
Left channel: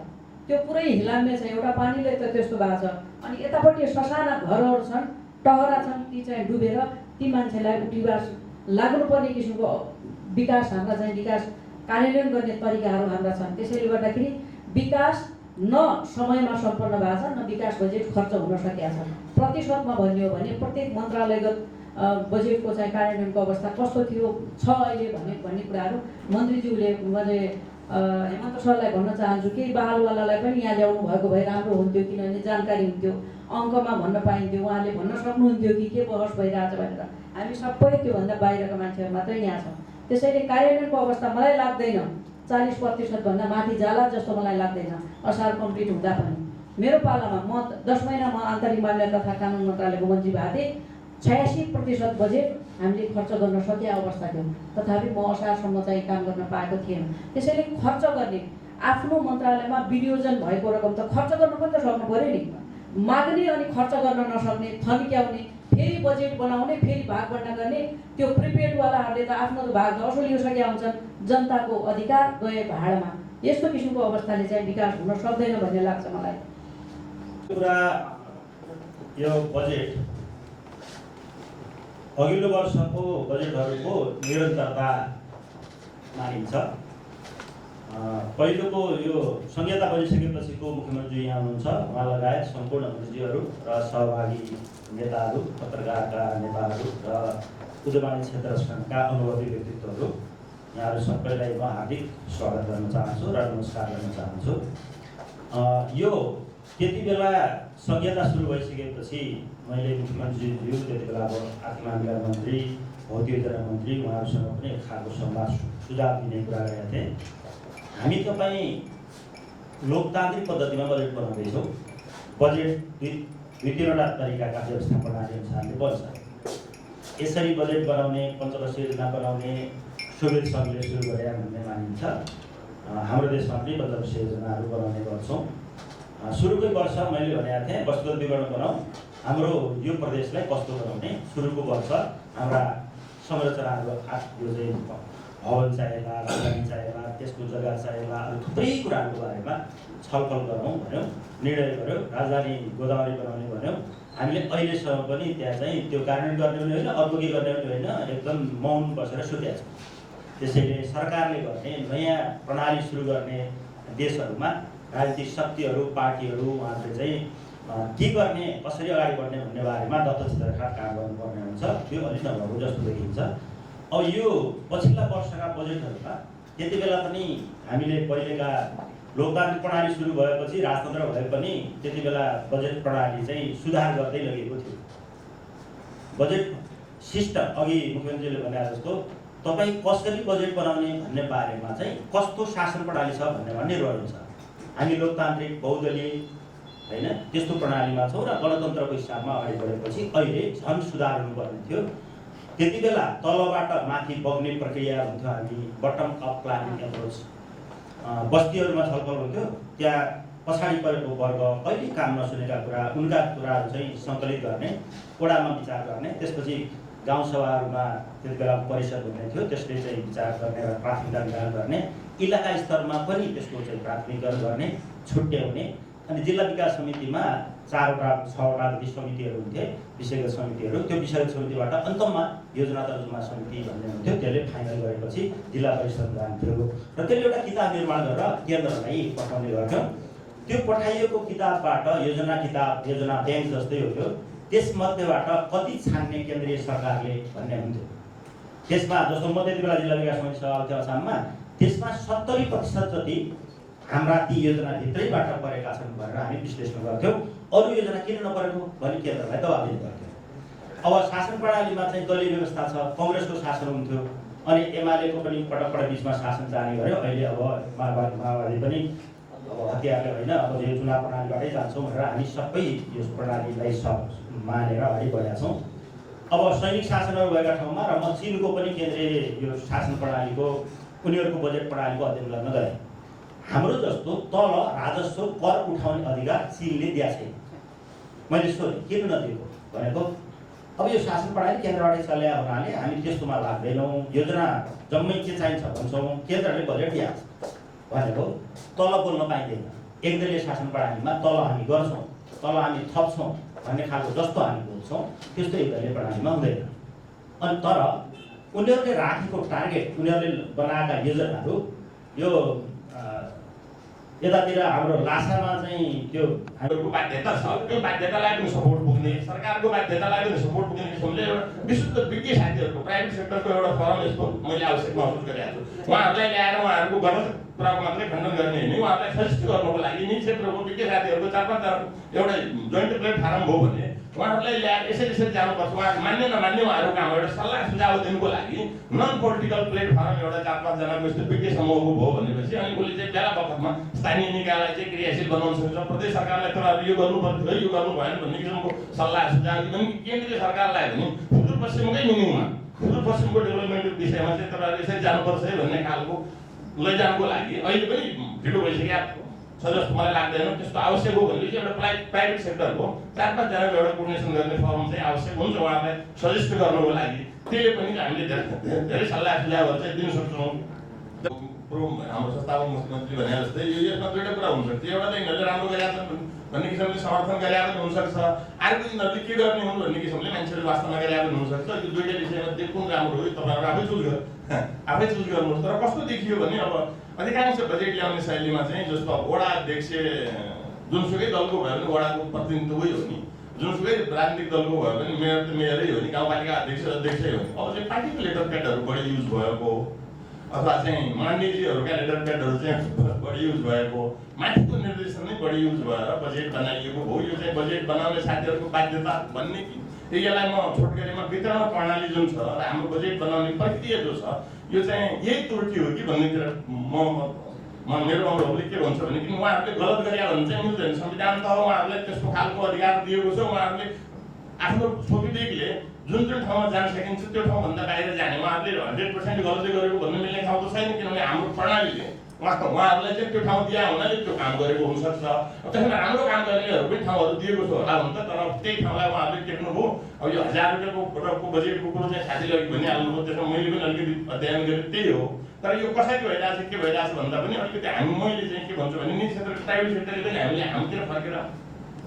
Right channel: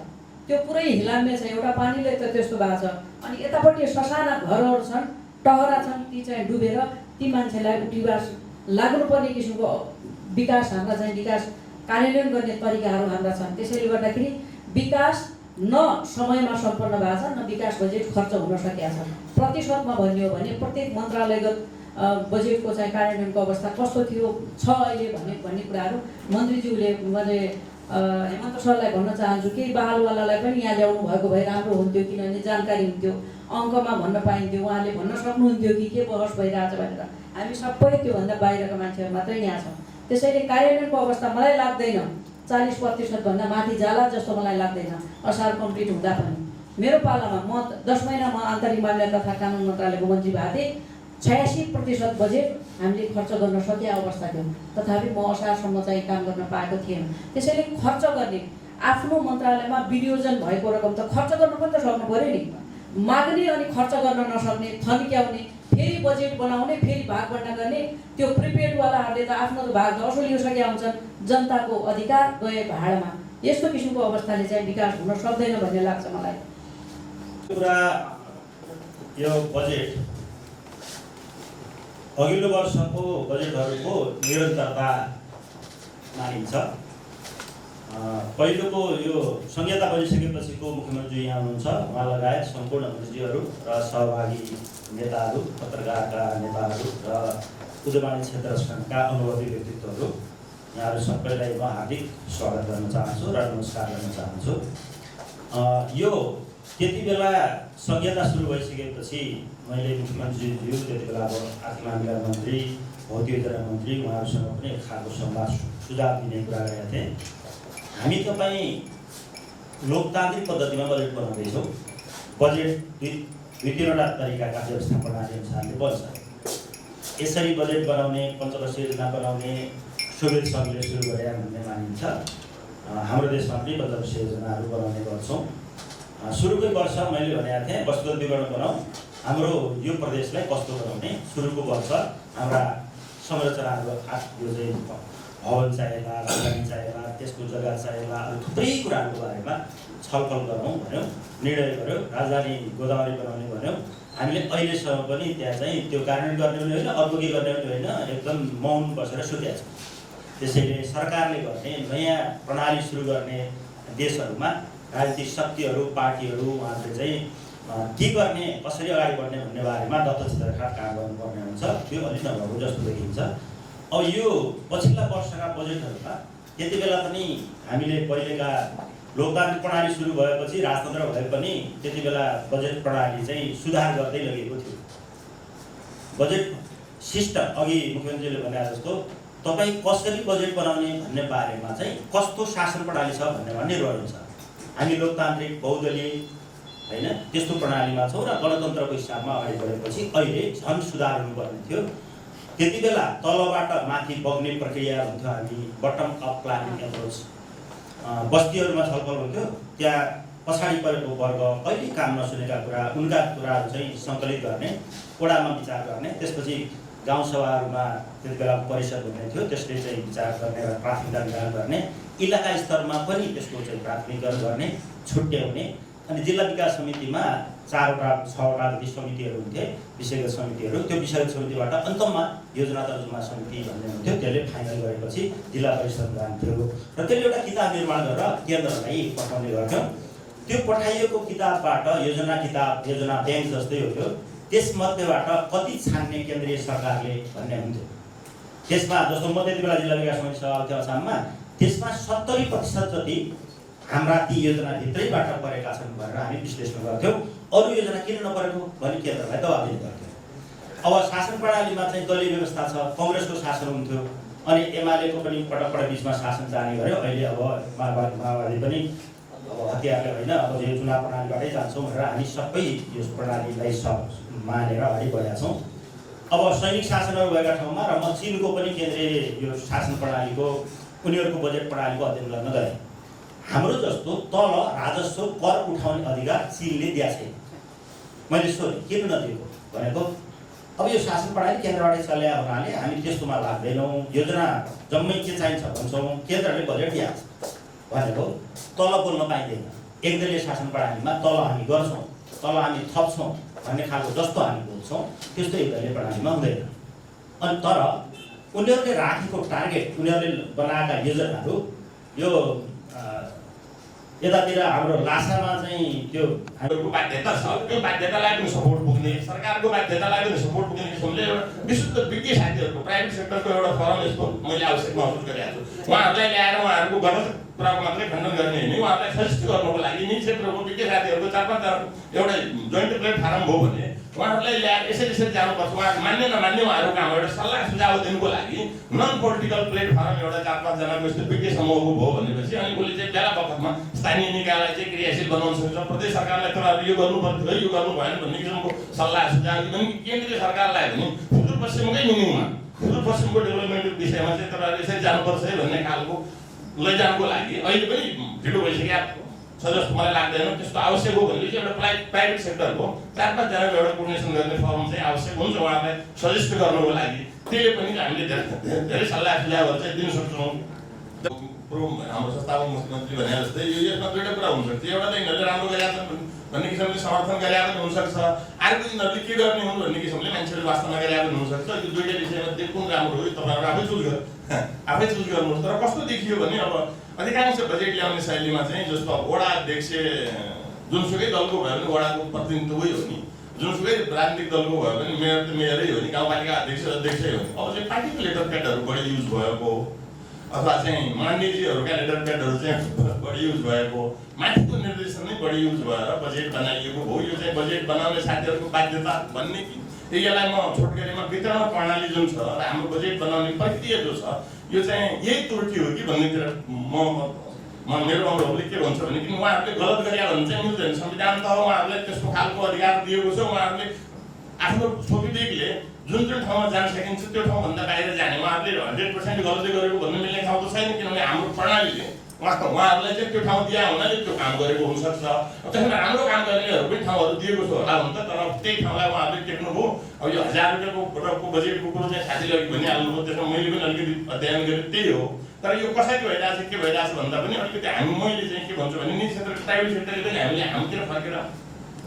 त्यो पुरै हिलाम्य छ, एउटा पानीले त त्यस्तो भएको छ। अनि यतापट्टि ससाना घरहरू छन्, टहरा छन्, ती चाहिँ डुबेर ती मान्छेलाई उठिवास लाग्नुपर्ने किसिमको विकास हाम्रा चाहिँ विकास कार्यान्वयन गर्ने तरिकाहरू हाम्रा छन्। त्यसैले गर्दाखेरि विकास न समयमा सम्पन्न भएको छ, न विकास बजेट खर्च हुन सकेको छ। प्रतिशतमा भन्ने हो भने प्रत्येक मन्त्रालयगत बजेटको चाहिँ कार्यान्वयनको अवस्था कस्तो थियो छ अहिले भन्ने कुराहरू मन्त्रीज्यूले मैले हेमन्त सरलाई भन्न चाहन्छु कि बहालवालालाई पनि यहाँ ल्याउनु भएको भए राम्रो हुन्थ्यो, किनभने जानकारी हुन्थ्यो, अङ्कमा भन्न पाइन्थ्यो, उहाँले भन्न सक्नुहुन्थ्यो कि के बहस भइरहेछ भनेर। हामी सबै त्योभन्दा बाहिरका मान्छेहरू मात्रै यहाँ छौँ। त्यसैले कार्यान्वयनको अवस्था मलाई लाग्दैन 40% भन्दा माथि जाला जस्तो मलाई लाग्दैन असार कम्प्लिट हुँदा पनि। मेरो पालामा म 10 महिनामा आन्तरिक मामिला तथा कानुन मन्त्रालयको मन्त्री भएको थिएँ, 86% बजेट हामीले खर्च गर्न सकेको अवस्था थियो। तथापि म असारसम्म चाहिँ काम गर्न पाएको थिएन। त्यसैले खर्च गर्ने आफ्नो मन्त्रालयमा विनियोजन भएको रकम त खर्च गर्न पनि त सक्नु पऱ्यो नि। माग्ने अनि खर्च गर्न नसक्ने, थन्क्याउने, फेरि बजेट बनाउने, फेरि भागबन्डा गर्ने, त्यो प्रिपेडवालाहरूले त आफ्नो त भाग असुलिसकेका हुन्छन्। जनताको अधिकार गए भाडमा। यस्तो किसिमको अवस्थाले चाहिँ विकास हुन सक्दैन भन्ने लाग्छ मलाई। कुरा यो बजेट अघिल्लो वर्षको बजेटहरूको निरन्तरता मानिन्छ। पहिलोको यो संहिता बनिसकेपछिको मुख्यमन्त्री यहाँ हुनुहुन्छ, उहाँ लगायत सम्पूर्ण मन्त्रीहरू र सहभागी नेताहरू, पत्रकारका नेताहरू र उद्यमी क्षेत्र सङ्घका अनुभवी व्यक्तित्वहरू, यहाँहरू सबैलाई म हार्दिक स्वागत गर्न चाहन्छु र नमस्कार गर्न चाहन्छु। यो त्यति बेला संहिता सुरु भइसकेपछि मैले मुख्यमन्त्रीज्यू, त्यति बेला अब आर्थिक मामिला मन्त्री, भौतिक योजना मन्त्री, उहाँहरूसँग पनि एक खालको संवाद सुझाव दिने कुरा गरेका थिएँ। हामी तपाईँ लोकतान्त्रिक पद्धतिमा बजेट बनाउँदैछौँ। बजेट दुई तीनवटा तरिकाका व्यवस्था प्रणाली अनुसारले बन्छ। यसरी बजेट बनाउने, पञ्चवर्षीय योजना बनाउने सोभियत सङ्घले सुरु गरे भन्ने मानिन्छ। हाम्रो देशमा पनि पञ्चवर्षीय योजनाहरू बनाउने गर्छौँ। सुरुकै वर्ष मैले भनेको थिएँ वस्तुगत विवरण बनाऊ, हाम्रो यो प्रदेशलाई कस्तो बनाउने, सुरुको वर्ष हाम्रा संरचनाहरू यो चाहिँ भवन चाहिएला, राजधानी चाहिएला, त्यसको जग्गा चाहिएला, थुप्रै कुराहरूको बारेमा छलफल गरौँ भन्यौँ, निर्णय गऱ्यौँ। राजधानी गोदावरी बनाउने भन्यौँ। हामीले अहिलेसम्म पनि त्यहाँ चाहिँ त्यो कार्यान्वयन गर्ने पनि होइन, अर्को के गर्ने पनि होइन, एकदम मौन बसेर सुतेका छौँ। त्यसैले सरकारले गर्ने नयाँ प्रणाली सुरु गर्ने देशहरूमा राजनीतिक शक्तिहरू, पार्टीहरू उहाँहरूले चाहिँ के गर्ने, कसरी अगाडि बढ्ने भन्ने बारेमा दत्तचित्रका काम गर्नुपर्ने हुन्छ। त्यो अलिक नभएको जस्तो देखिन्छ। अब यो पछिल्ला वर्षका बजेटहरूमा त्यति बेला पनि हामीले पहिलेका लोकतान्त्रिक प्रणाली सुरु भएपछि, राजतन्त्र भए पनि त्यति बेला बजेट प्रणाली चाहिँ सुधार गर्दै लगेको थियो। बजेट सिस्टम अघि मुख्यमन्त्रीले भने जस्तो तपाईँ कसरी बजेट बनाउने भन्ने बारेमा चाहिँ कस्तो शासन प्रणाली छ भन्नेमा निर्भर हुन्छ। हामी लोकतान्त्रिक बहुदलीय होइन त्यस्तो प्रणालीमा छौँ र गणतन्त्रको हिसाबमा अगाडि बढेपछि अहिले झन् सुधार हुनुपर्ने थियो। त्यति बेला तलबाट माथि बग्ने प्रक्रिया हुन्थ्यो, हामी बटम अप प्लानिङ एप्रोच। बस्तीहरूमा छलफल हुन्थ्यो, त्यहाँ पछाडि परेको वर्ग, कहिले काम नसुनेका कुरा, उनका कुराहरू चाहिँ सङ्कलित गर्ने, वडामा विचार गर्ने, त्यसपछि गाउँसभाहरूमा त्यति बेला परिषद हुने थियो, त्यसले चाहिँ विचार गर्ने र प्राथमिकता निर्धारण गर्ने, इलाका स्तरमा पनि त्यसको चाहिँ प्राथमिकरण गर्ने, छुट्याउने। अनि जिल्ला विकास समितिमा 4वटा 6वटा जति समितिहरू हुन्थे, विषयगत समितिहरू। त्यो विषयगत समितिबाट अन्तमा योजना तर्जुमा समिति भन्ने हुन्थ्यो, त्यसले फाइनल गरेपछि जिल्ला परिषद जान्थ्यो र त्यसले एउटा किताब निर्माण गरेर केन्द्रलाई पठाउने गर्थ्यो। त्यो पठाइएको किताबबाट योजना किताब, योजना ब्याङ्क जस्तै हुन्थ्यो। त्यसमध्येबाट कति छान्ने केन्द्रीय सरकारले भन्ने हुन्थ्यो। त्यसमा जस्तो म त्यति बेला जिल्ला विकास समिति सभापति थियो आसाममा, त्यसमा 70% जति हाम्रा ती योजनाभित्रैबाट परेका छन् भनेर हामी विश्लेषण गर्थ्यौँ। अरू योजना किन नपरेको भने केन्द्रलाई दबाब दिने गर्थ्यौँ। अब शासन प्रणालीमा चाहिँ दलीय व्यवस्था छ, काङ्ग्रेसको शासन हुन्थ्यो, अनि एमालेको पनि पटक पटक बिचमा शासन जाने गर्यो। अहिले अब माओवादी पनि अब हतियारले होइन, अब यो चुनाव प्रणालीबाटै जान्छौँ भनेर हामी सबै यो प्रणालीलाई मानेर अगाडि बढेका छौँ। अब सैनिक शासनहरू भएका ठाउँमा र म चिनको पनि केन्द्रीय यो शासन प्रणालीको, उनीहरूको बजेट प्रणालीको अध्ययन गर्न गएँ। हाम्रो जस्तो तल राजस्व कर उठाउने अधिकार चिनले दिएको छैन। मैले सोधेँ किन नदिएको भनेको, अब यो शासन प्रणाली केन्द्रबाटै चल्या हुनाले हामी त्यस्तोमा लाग्दैनौँ, योजना जम्मै के चाहिन्छ भन्छौँ, केन्द्रले बजेट दिएको छ भनेको तल बोल्न पाइँदैन। एकदलीय शासन प्रणालीमा तल हामी गर्छौँ, तल हामी थप्छौँ भन्ने खालको जस्तो हामी बोल्छौँ त्यस्तो एकदलीय प्रणालीमा हुँदैन। अनि तर उनीहरूले राखेको टार्गेट, उनीहरूले बनाएका योजनाहरू यो यतातिर हाम्रो लासामा चाहिँ त्यो हामीहरूको बाध्यता छ, त्यो बाध्यतालाई पनि सपोर्ट पुग्ने, सरकारको बाध्यतालाई पनि सपोर्ट पुग्ने किसिमले एउटा विशुद्ध विज्ञ साथीहरूको प्राइभेट सेक्टरको एउटा फरम यस्तो मैले आवश्यक महसुस गरेको छु। उहाँहरूलाई ल्याएर उहाँहरूको गलत कुराको मात्रै खण्डन गर्ने होइन, उहाँहरूलाई सजेस्ट गर्नको लागि यी क्षेत्रको विज्ञ साथीहरूको 4-5 एउटा जोइन्ट प्लेटफर्म भयो भने उहाँहरूलाई ल्याएर यसरी जानुपर्छ। उहाँहरू मान्ने नमान्ने उहाँहरू काम एउटा सल्लाह सुझाव दिनुको लागि नन पोलिटिकल प्लेटफर्म एउटा 4-5 जनाको यस्तो विज्ञ समूहको भयो भनेपछि अनि उसले चाहिँ बेला बखतमा स्थानीय निकायलाई चाहिँ क्रियाशील बनाउन सक्छ। प्रदेश सरकारलाई तपाईँहरू यो गर्नु पर्थ्यो, यो गर्नु भएन भन्ने किसिमको सल्लाह सुझाव पनि केन्द्रीय सरकारलाई भने सुदूरपश्चिमकै मिनिङमा सुदूरपश्चिमको डेभलपमेन्टको विषयमा चाहिँ तपाईँहरू यसरी जानुपर्छ है भन्ने खालको लैजानुको लागि अहिले पनि ढिलो भइसक्यो छ जस्तो मलाई लाग्दैन। त्यस्तो आवश्यक हो भनेपछि एउटा प्राइभेट सेक्टरको 4-5 जनाको एउटा कोर्डिनेसन गर्ने फर्म चाहिँ आवश्यक हुन्छ उहाँहरूलाई सजेस्ट गर्नुको लागि। त्यसले पनि हामीले धेरै सल्लाह सुझावहरू चाहिँ दिन सक्छौँ। हाम्रो संस्थापक मुख्यमन्त्री भने जस्तै यो यसमा दुईवटा कुरा हुनसक्छ, एउटा त यिनीहरूले राम्रो गरेका छन् भन्ने किसिमले समर्थन गरेका पनि हुनसक्छ, अर्को यिनीहरूले के गर्ने हुन् भन्ने किसिमले मान्छेले वास्ता नगरेका पनि हुनसक्छ। यो दुईवटा विषयमा कुन राम्रो हो तपाईँहरू आफै चुज गर्नुहोस्। तर कस्तो देखियो भने अब अधिकांश बजेट ल्याउने शैलीमा चाहिँ जस्तो अब वडा अध्यक्ष जुनसुकै दलको भयो भने वडाको प्रतिनिधित्वै हो नि, जुनसुकै राजनीतिक दलको भयो भने मेयर त मेयरै हो नि, गाउँपालिका अध्यक्ष अध्यक्षै हो नि। अब चाहिँ पार्टीको लेटर प्याडहरू बढी युज भएको अथवा चाहिँ मान्यजीहरूका लेटर प्याडहरू चाहिँ बढी युज भएको, माथिको निर्देशन नै बढी युज भएर बजेट बनाइएको हो। यो चाहिँ बजेट बनाउने साथीहरूको बाध्यता भन्ने कि यसलाई म छोटकरीमा वितरण प्रणाली जुन छ र हाम्रो बजेट बनाउने प्रक्रिया जो छ यो चाहिँ यही त्रुटि हो कि भन्नेतिर मेरो अनुभवले के भन्छ भने किन उहाँहरूले गलत गरे भने चाहिँ मिल्दैन। संविधान त उहाँहरूलाई त्यस्तो खालको अधिकार दिएको छ, उहाँहरूले आफ्नो स्वविवेकले जुन ठाउँमा जान सकिन्छ त्यो ठाउँभन्दा बाहिर जाने उहाँहरूले 100% गलती गरेको भन्नु मिल्ने ठाउँ त छैन, किनभने हाम्रो प्रणालीले उहाँहरूलाई चाहिँ त्यो ठाउँ दिया हुनाले त्यो काम गरेको हुनसक्छ। त्यसमा राम्रो काम गर्नेहरू पनि ठाउँहरू दिएको छ होला हुन्छ, तर त्यही ठाउँलाई उहाँहरूले टेक्नुभयो। अब यो 1000 रुपियाँको बजेटको कुरो चाहिँ साथीले अघि भनिहाल्नुभयो, त्यसमा मैले पनि अलिकति अध्ययन गरेँ, त्यही हो। तर यो कसरी भइरहेछ के भइरहेछ भन्दा पनि अलिकति मैले चाहिँ के भन्छु भने निजी क्षेत्र प्राइभेट सेक्टरले पनि हामीले हाम्रोतिर फर्केर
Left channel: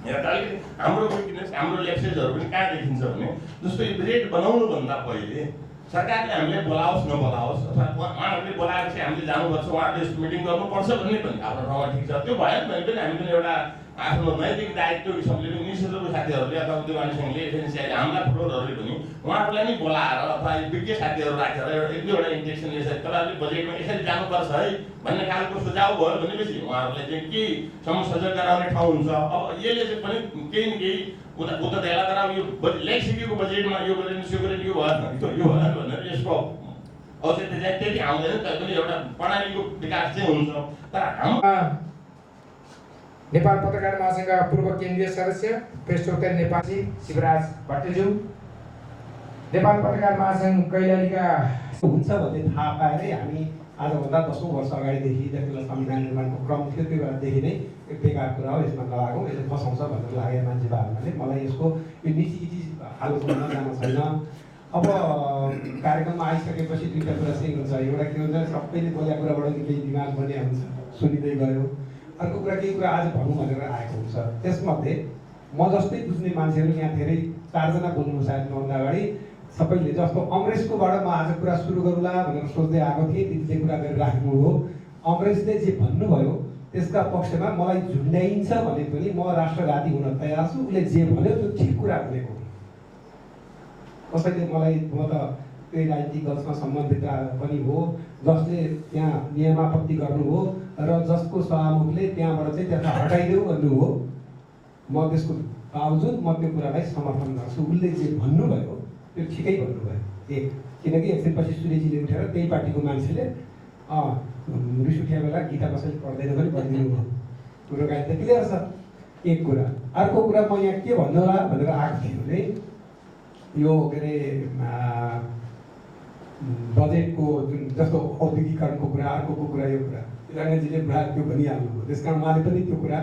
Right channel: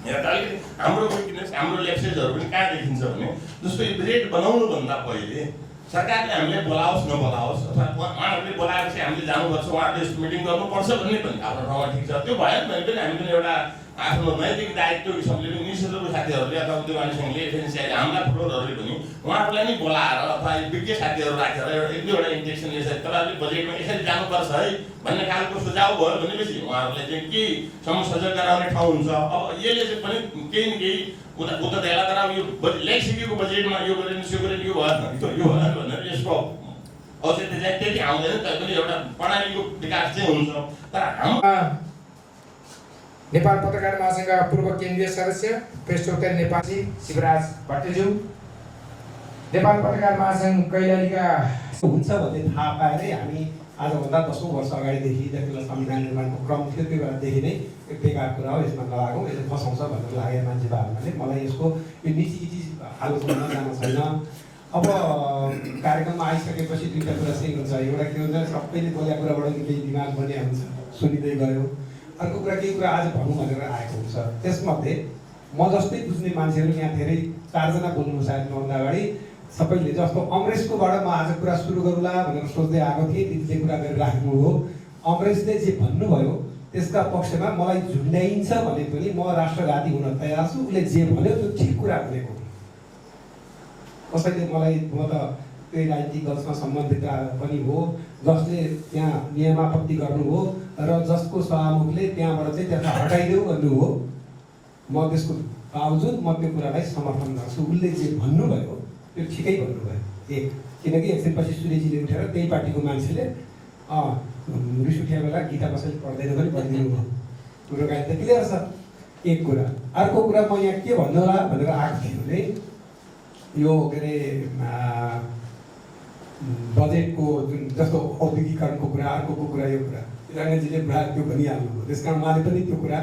हेर्दा अलिकति हाम्रो विकनेस हाम्रो ल्याप्सेसहरू पनि कहाँ देखिन्छ भने जस्तो यो बजेट बनाउनुभन्दा पहिले सरकारले हामीले बोलाओस् नबोलाओस् अथवा उहाँहरूले बोलाएपछि हामीले जानुपर्छ, उहाँहरूले यस्तो मिटिङ गर्नुपर्छ भन्ने पनि आफ्नो ठाउँमा ठिक छ। त्यो भएन भने पनि हामी पनि एउटा आफ्नो नैतिक दायित्व हिसाबले पनि निशुल्क साथीहरूले अथवा उद्योगवाणी सङ्घले एफएनसिआईले हाम्रा फ्लोरहरूले पनि उहाँहरूलाई नै बोलाएर अथवा विज्ञ साथीहरू राखेर एक दुईवटा इन्जेक्सन यसरी तपाईँहरूले बजेटमा यसरी जानुपर्छ है भन्ने खालको सुझाव भयो भनेपछि उहाँहरूलाई चाहिँ के संसर्जन गराउने ठाउँ हुन्छ। अब यसले चाहिँ पनि केही न केही उता देला तर अब यो ल्याइसकेको बजेटमा यो गरेन यो गरेन यो भएन भनेर यसको औचित्य चाहिँ त्यति आउँदैन, तैपनि एउटा प्रणालीको विकास चाहिँ हुन्छ। तर हाम्रो नेपाल पत्रकार महासङ्घका पूर्व केन्द्रीय सदस्य प्रेसोत्तर नेपाली शिवराज भट्टज्यू, नेपाल पत्रकार महासङ्घ कैलालीका हुन्छ भन्ने थाहा पाएरै हामी आजभन्दा 10औं वर्ष अगाडिदेखि जति बेला संविधान निर्माणको क्रम थियो त्यो बेलादेखि नै एक बेकार कुरा हो, यसमा नलागौँ, यसले फसाउँछ भन्ने लागेको मान्छे भयो भने मलाई यसको यो नीति आलोचना जान छैन। अब कार्यक्रममा आइसकेपछि दुईवटा कुरा चाहिँ हुन्छ, एउटा के हुन्छ सबैले बोलेको कुराबाट केही दिमाग बन्ने हुन्छ, सुनिँदै गयो। अर्को कुरा केही कुरा आज भनौँ भनेर आएको हुन्छ, त्यसमध्ये म जस्तै बुझ्ने मान्छेहरू यहाँ धेरै 4 जना बोल्नु सायद मभन्दा अगाडि सबैले जस्तो अङ्ग्रेजकोबाट म आज कुरा सुरु गरौँला भनेर सोच्दै आएको थिएँ, दिदीले कुरा गरेर राख्नु हो। अङ्ग्रेजले जे भन्नुभयो त्यसका पक्षमा मलाई झुन्ड्याइन्छ भने पनि म राष्ट्रघाती हुन तयार छु, उसले जे भन्यो त्यो ठिक कुरा भनेको। कसैले मलाई म त त्यही राजनीतिक दलसँग सम्बन्धित पनि हो जसले त्यहाँ नियमापत्ति गर्नु हो र जसको सभामुखले त्यहाँबाट चाहिँ त्यसलाई हटाइदेऊ भन्नु हो, म त्यसको बावजुद म त्यो कुरालाई समर्थन गर्छु। उसले जे भन्नुभयो त्यो ठिकै भन्नुभयो। एक किनकि एकछिनपछि सूर्यजीले उठेर त्यही पार्टीको मान्छेले रिस उठ्या बेला गीता कसैले पढ्दैन पनि भनिदिनु भयो, कुरो गाडी त क्लियर छ। एक कुरा। अर्को कुरा म यहाँ के भन्नु होला भनेर आएको थिएँ भने यो के अरे बजेटको जुन जस्तो औद्योगिकरणको कुरा, अर्को कुरा यो कुरा रङ्गजीले त्यो भनिहाल्नुभयो, त्यस कारण उहाँले पनि त्यो कुरा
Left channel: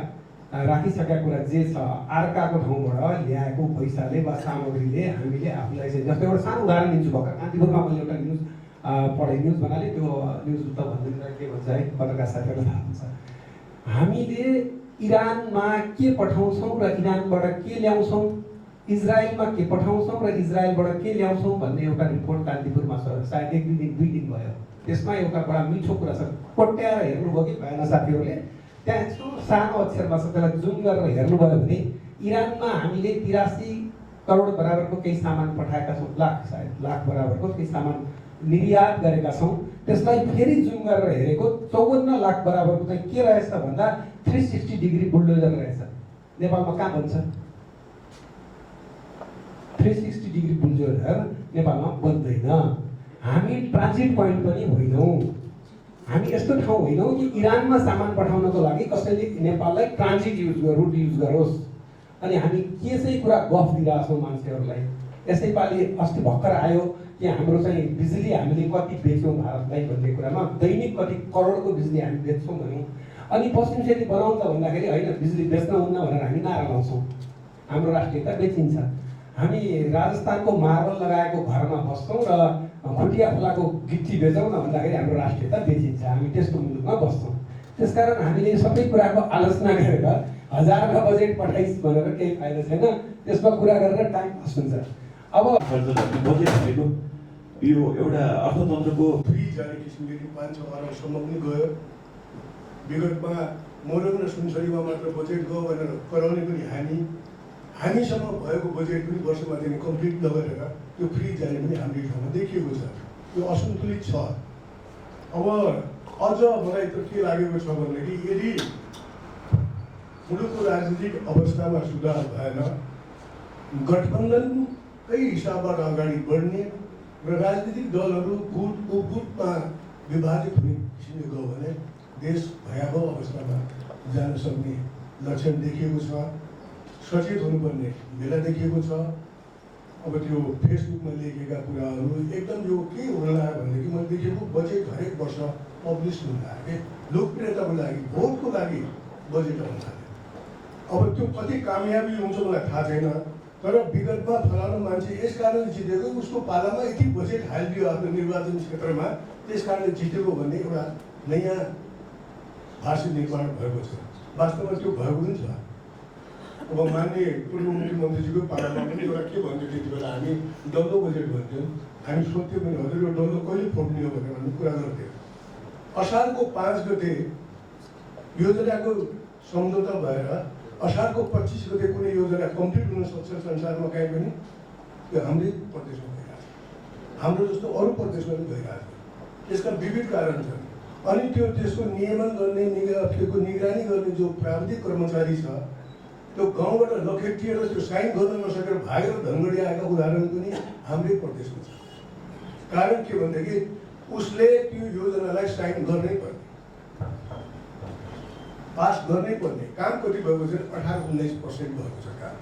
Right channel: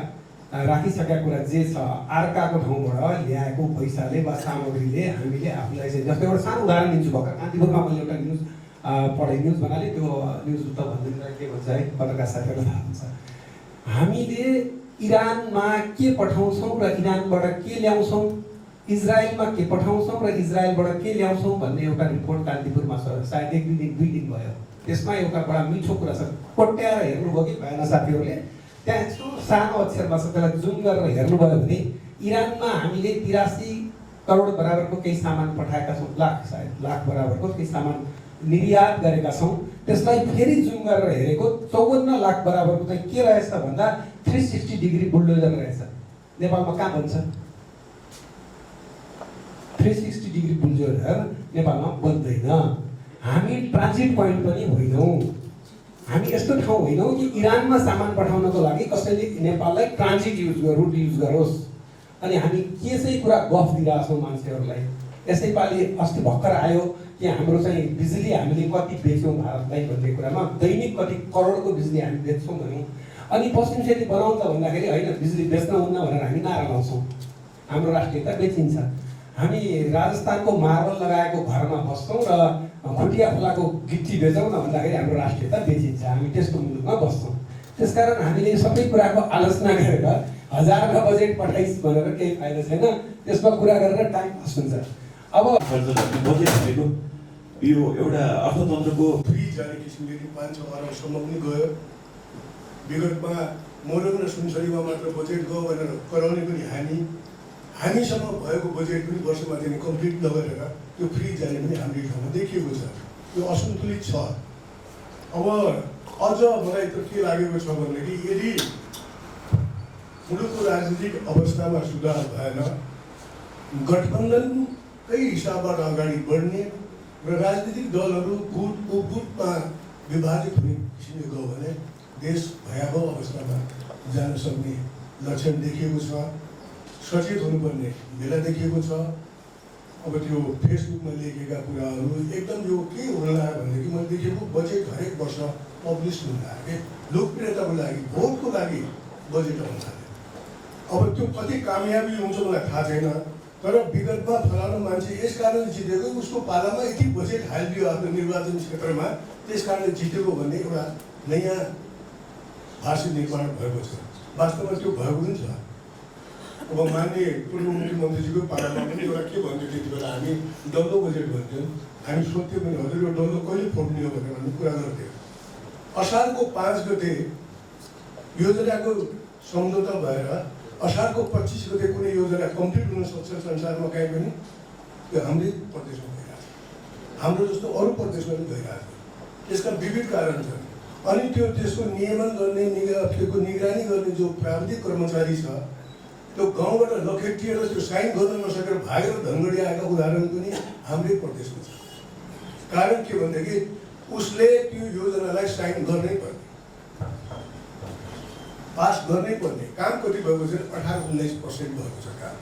राखिसकेका कुरा जे छ अर्काको ठाउँबाट ल्याएको पैसाले वा सामग्रीले हामीले आफूलाई चाहिँ जस्तो एउटा सानो उदाहरण दिन्छु। भर्खर कान्तिपुरमा मैले एउटा न्युज पढेँ, न्युज भन्नाले त्यो न्युज त भन्दैन के भन्छ है पत्रकार साथीहरूलाई थाहा हुन्छ। हामीले इरानमा के पठाउँछौँ र इरानबाट के ल्याउँछौँ, इजरायलमा के पठाउँछौँ र इजरायलबाट के ल्याउँछौँ भन्ने एउटा रिपोर्ट कान्तिपुरमा छ, सायद 1-2 दिन भयो। त्यसमा एउटा बडा मिठो कुरा छ, कोट्याएर हेर्नुभयो कि भएन साथीहरूले, त्यहाँ यस्तो सानो अक्षरमा छ, त्यसलाई जुम गरेर हेर्नुभयो भने इरानमा हामीले 83 करोड बराबरको केही सामान पठाएका छौँ, लाख बराबरको केही सामान निर्यात गरेका छौँ। त्यसलाई फेरि जुम गरेर हेरेको 54 लाख बराबरको चाहिँ के रहेछ भन्दा 360 डिग्री बुलडोजर रहेछ। नेपालमा कहाँ बन्छ? 360 डिग्री बुलडोजर नेपालमा बन्दैन। हामी ट्रान्जिट पोइन्ट पनि होइनौँ। हामी यस्तो ठाउँ होइनौँ कि इरानमा सामान पठाउनको लागि कसैले नेपाललाई ट्रान्जिट रुट युज गरोस्। अनि हामी के चाहिँ कुरा गफ दिइरहेको छौँ मान्छेहरूलाई। यसैपालि अस्ति भर्खर आयो कि हाम्रो चाहिँ बिजुली हामीले कति बेच्यौँ भारतलाई भन्ने कुरामा, दैनिक कति करोडको बिजुली हामी बेच्छौँ भन्यौँ। अनि पश्चिम सेती बनाउँछ भन्दाखेरि होइन बिजुली बेच्न हुन्न भनेर हामी नारा लाउँछौँ। हाम्रो राष्ट्रियता बेचिन्छ। हामी राजस्थानको मार्बल लगाएको घरमा बस्छौँ र खुटिया खोलाको गिट्टी बेचौँ न भन्दाखेरि हाम्रो राष्ट्रियता बेचिन्छ। हामी त्यस्तो मुलुकमा बस्छौँ। त्यसकारण हामीले सबै कुराको आलोचना गरेर हजारका बजेट पठाइस् भनेर केही फाइदा छैन। त्यसमा कुरा गरेर टाइम पास हुन्छ। अब बजेट भनेको यो एउटा अर्थतन्त्रको फ्री जाने किसिमले 5-6 अरबसम्म पनि गयो। विगतमा मोरङ र सुनसरीमा मात्र बजेट गयो भनेर कराउने पनि हामीसँग भएको बजेट पनि वर्षमा दिने कम्प्लिट नगरेर त्यो फ्री जाने पनि हाम्रो ठाउँमा देखिएको छ। त्यो असन्तुलित छ। अब अझ मलाई त के लागेको छ भनेदेखि यदि मुलुकको राजनीतिक अवस्थामा सुधार भएन, गठबन्धनकै हिसाबबाट अगाडि बढ्ने र राजनीतिक दलहरू गुट उपगुटमा विभाजित हुने किसिमले गयो भने देश भयावह अवस्थामा जान सक्ने लक्षण देखिएको छ। सचेत हुनुपर्ने बेला देखिएको छ। अब त्यो फेसबुकमा लेखेका कुराहरू एकदम यो के हुन लाग्यो भनेदेखि मैले देखेको बजेट हरेक वर्ष पब्लिस हुन लाग्यो। लोकप्रियताको लागि, भोटको लागि बजेट आउन लाग्यो। अब त्यो कति कामयाबी हुन्छ मलाई थाहा छैन, तर विगतमा फलानु मान्छे यस कारण जितेको, उसको पालामा यति बजेट हालिदियो आफ्नो निर्वाचन क्षेत्रमा, त्यस कारणले जितेको भन्ने एउटा नयाँ भाषा निर्माण भएको छ। वास्तवमा त्यो भएको पनि छ। अब माननीय पूर्व मुख्यमन्त्रीजीको पालामा पनि एउटा के भन्थ्यो, त्यति बेला हामी डल्लो बजेट भन्थ्यौँ। हामी सोध्थ्यौँ पनि हजुर यो डल्लो कहिले फोड्ने हो भनेर हामी कुरा गर्थ्यौँ। असारको 5 गते योजनाको सम्झौता भएर असारको 25 गते कुनै योजना कम्प्लिट हुन सक्छ संसारमा कहीँ पनि, त्यो हाम्रै प्रदेशमा भइरहेको छ। हाम्रो जस्तो अरू प्रदेशमा पनि भइरहेको छ। यसका विविध कारण छन्। अनि त्यसको नियमन गर्ने, त्यसको निगरानी गर्ने जो प्राविधिक कर्मचारी छ, त्यो गाउँबाट लखेटिएर त्यो साइन गर्न नसकेर भागेर धनगढी आएका उदाहरण पनि हाम्रै प्रदेशमा छ। कारण के भनेदेखि उसले त्यो योजनालाई साइन गर्नै पर्ने, पास गर्नै पर्ने। काम कति भएको छ? 18-19% भएको छ काम।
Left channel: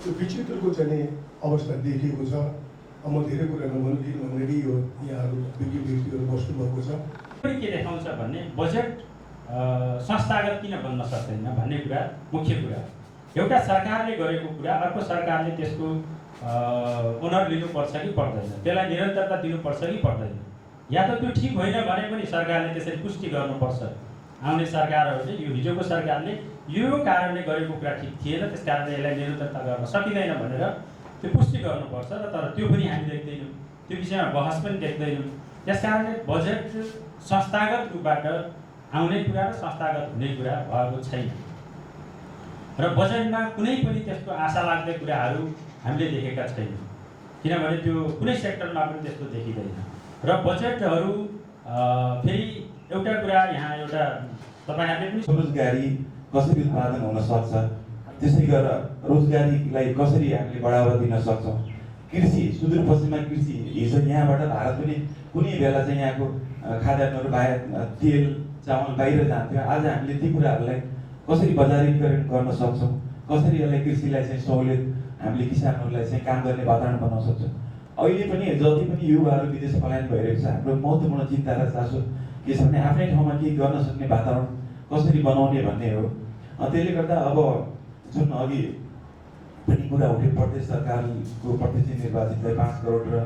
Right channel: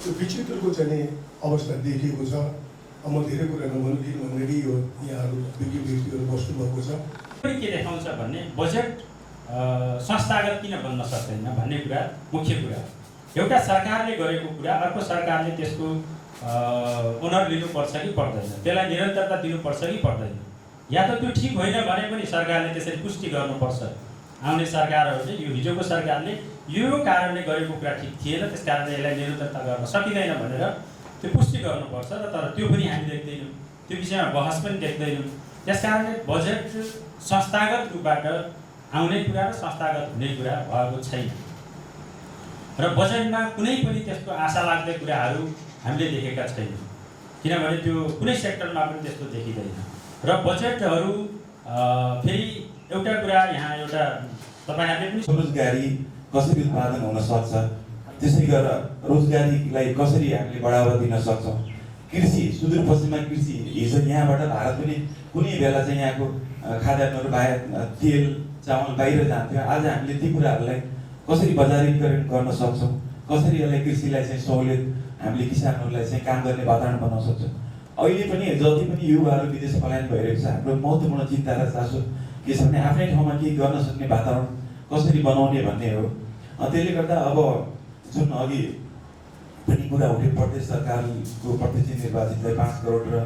त्यो विचित्रको चाहिँ अवस्था देखिएको छ। अब म धेरै कुरा नभन्नु किनभने यो यहाँहरू व्यक्तिहरू बस्नुभएको छ। के देखाउँछ भन्ने बजेट संस्थागत किन बन्न सक्दैन भन्ने कुरा मुख्य कुरा। एउटा सरकारले गरेको कुरा अर्को सरकारले त्यसको ओनर लिनुपर्छ कि पर्दैन, त्यसलाई निरन्तरता दिनुपर्छ कि पर्दैन। या त त्यो ठिक होइन भने पनि सरकारले त्यसरी पुष्टि गर्नुपर्छ। आउने सरकारहरूले यो हिजोको सरकारले यो कारणले गरेको कुरा ठिक थिएन, त्यस कारणले यसलाई निरन्तरता गर्न सकिँदैन भनेर त्यो पुष्टि गर्नुपर्छ। र तर त्यो पनि हामी देख्दैनौँ, त्यो विषयमा बहस पनि देख्दैनौँ। त्यस कारणले बजेट संस्थागत रूपबाट आउने कुरा र संस्थागत हुने कुरा भएको छैन। र बजेटमा कुनै पनि त्यस्तो आशा लाग्ने कुराहरू हामीले देखेका छैनौँ, किनभने त्यो कुनै सेक्टरमा पनि त्यस्तो देखिँदैन। र बजेटहरू फेरि एउटा कुरा यहाँ एउटा तपाईँहरूले पनि रोजगारी कसरी उत्पादन हुन सक्छ, त्यसै गरेर रोजगारीलाई कसरी हामीले बढावा दिन सक्छौँ। कृषि, सुदूरपश्चिममा कृषि, हिजो यहाँबाट भारत पनि कुनै बेला चाहिँ यहाँको खाद्यान्नहरू बाहिर, तेल चामल बाहिर जान्थ्यो। आज हामीले ती कुराहरूलाई कसरी बजारीकरण गर्न सक्छौँ, कसरी यसलाई कृषिलाई चाहिँ सहुलियत हामीले किसानहरूलाई चाहिँ काम गर्ने वातावरण बनाउन सक्छौँ। अहिले पनि जति पनि युवाहरू विदेश पलायन भइरहेको छ, हाम्रो महत्त्वपूर्ण चिन्ता र चासो के छ भने आफ्नै ठाउँमा केही गर्न सक्ने वातावरण कसरी बनाउने भन्ने हो। त्यसले गर्दा अब जुन अघि पनि कुरा उठ्यो, प्रदेश सरकारको प्रत्यक्ष निर्वाचितलाई 5 करोड र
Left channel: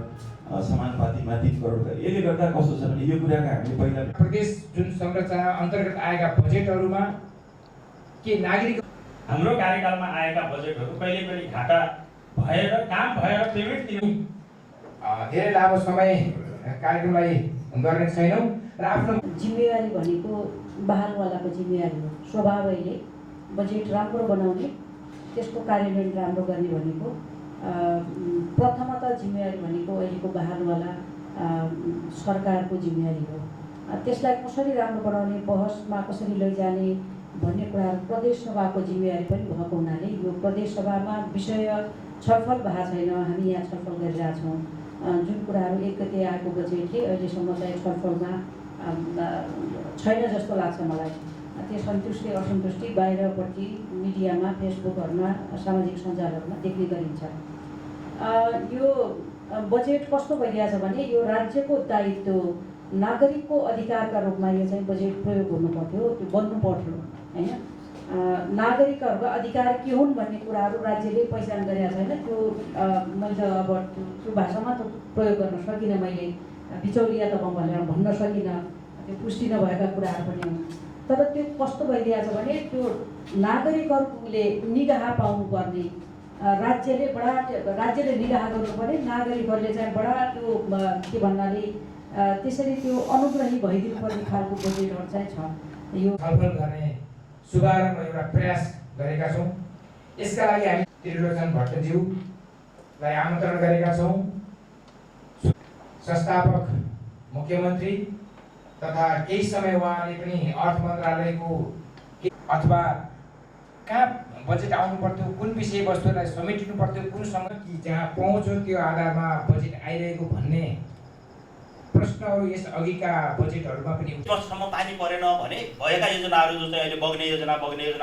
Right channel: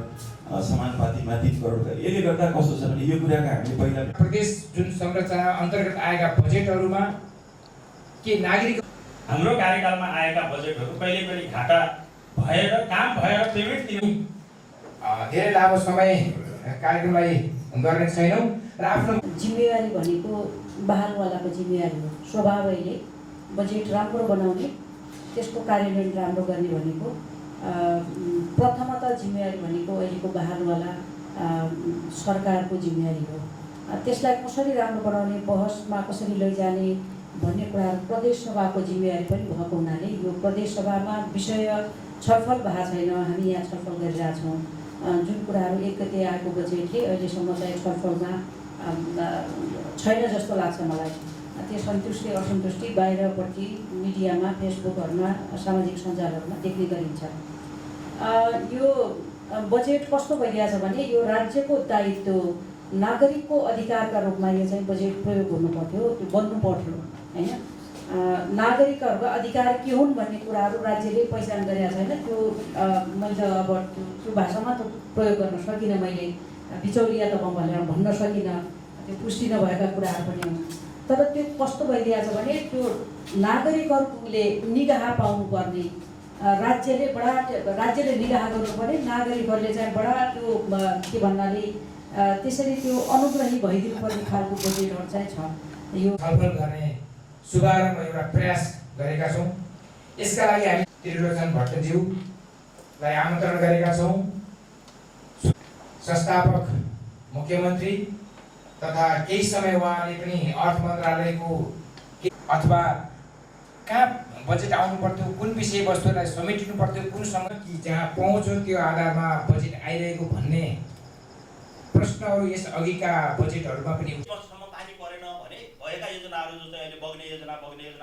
समानुपातिमा 3 करोड, यसले गर्दा कस्तो छ भने यो कुराका हामीले पहिला प्रदेश जुन संरचना अन्तर्गत आएका बजेटहरूमा के नागरिक हाम्रो कार्यकालमा आएका बजेटहरू कहिले कहिले घाटा भएर काम भएर पेमेन्ट दिनु धेरै लामो समय कार्यक्रमलाई गर्ने छैनौँ र आफ्नो जिम्मेवारी भनेको बहालवालाको जिम्मेवारी हो। स्वभावैले बजेट राम्रो बनाउने, त्यसको कार्यान्वयन राम्रो गर्ने भनेको प्रथमतः जिम्मेवारी भनेको अहिलेको बहालवाला सरकारको जिम्मेवारी हो। त्यसलाई कसरी राम्रो बनाउने, बहसमा कसरी लैजाने भन्ने कुराहरू प्रदेश सभाको जिम्मेवारी पनि भएको हुनाले यो प्रदेश सभामा विषय छलफल भएको छैन। हामी यहाँ छलफल गरिरहेछौँ। जुन कुराहरू 1 गते आएको बजेटले अहिलेसम्म चाहिँ छलफलमा छैन जस्तो लाग्छ मलाई। त्यो सन्तुष्टि असन्तुष्टि बाहिरपट्टि मिडियामा, फेसबुकहरूमा, सामाजिक सञ्जालहरूमा देख्ने गरिन्छ। यो बजेट कस्तो भइरहेछ भने यो राज्यको दायित्व, नागरिकको अधिकारका रूपमा यो चाहिँ बजेट प्रयोग हुनुपर्थ्यो, त्यो बन्नु पर्थ्यो होइन। नागरिकहरूको अधिकार के हुन् भन्ने कुराहरू राज्यले पहिचान गरेका छैन। त्यो मैले अब त्यो भाषामा त प्रयोग गर्न सकिनँ, मैले बिचौलिया त भनेर भन्न सकिनँ, त्यो पुष्टि नभएका कुराहरू पनि हुन्। तर त्यो कस्तो भइरहेछ भने त्यो नागरिकहरूले निगाह पाउनुपर्ने, राज्यले निगाह गर्नुपर्ने, नागरिकहरूले चाहिँ बडा त्यो के भन्नाले त्यसरी त्यो अनुग्रही भइदिनुपर्ने खालको बजेटहरू चाहिँ छ। यो छलफल गर्ने सुधारमा एउटा प्रयास गरेका छौँ। यसका लागि हामी त्रिलोचन भट्टज्यूलाई आमन्त्रण गरेका छौँ। संस्थापक मुख्यमन्त्री तथा केही समय उहाँले पनि अर्थ मन्त्रालयको अथवा कहाँ बजेट आउनु पर्थ्यो, कुन विषयवस्तुलाई समेटिनु पर्थ्यो, कुनसँग कि जहाँ पहुँच हो त्यो आधारमा बजेट आइरहेको भन्ने प्रश्नहरू यस अघिका बजेटहरूमा पनि वर्षसम्म पानी परेन भने भएका योजनाहरू जो चाहिँ अहिले बग्ने योजना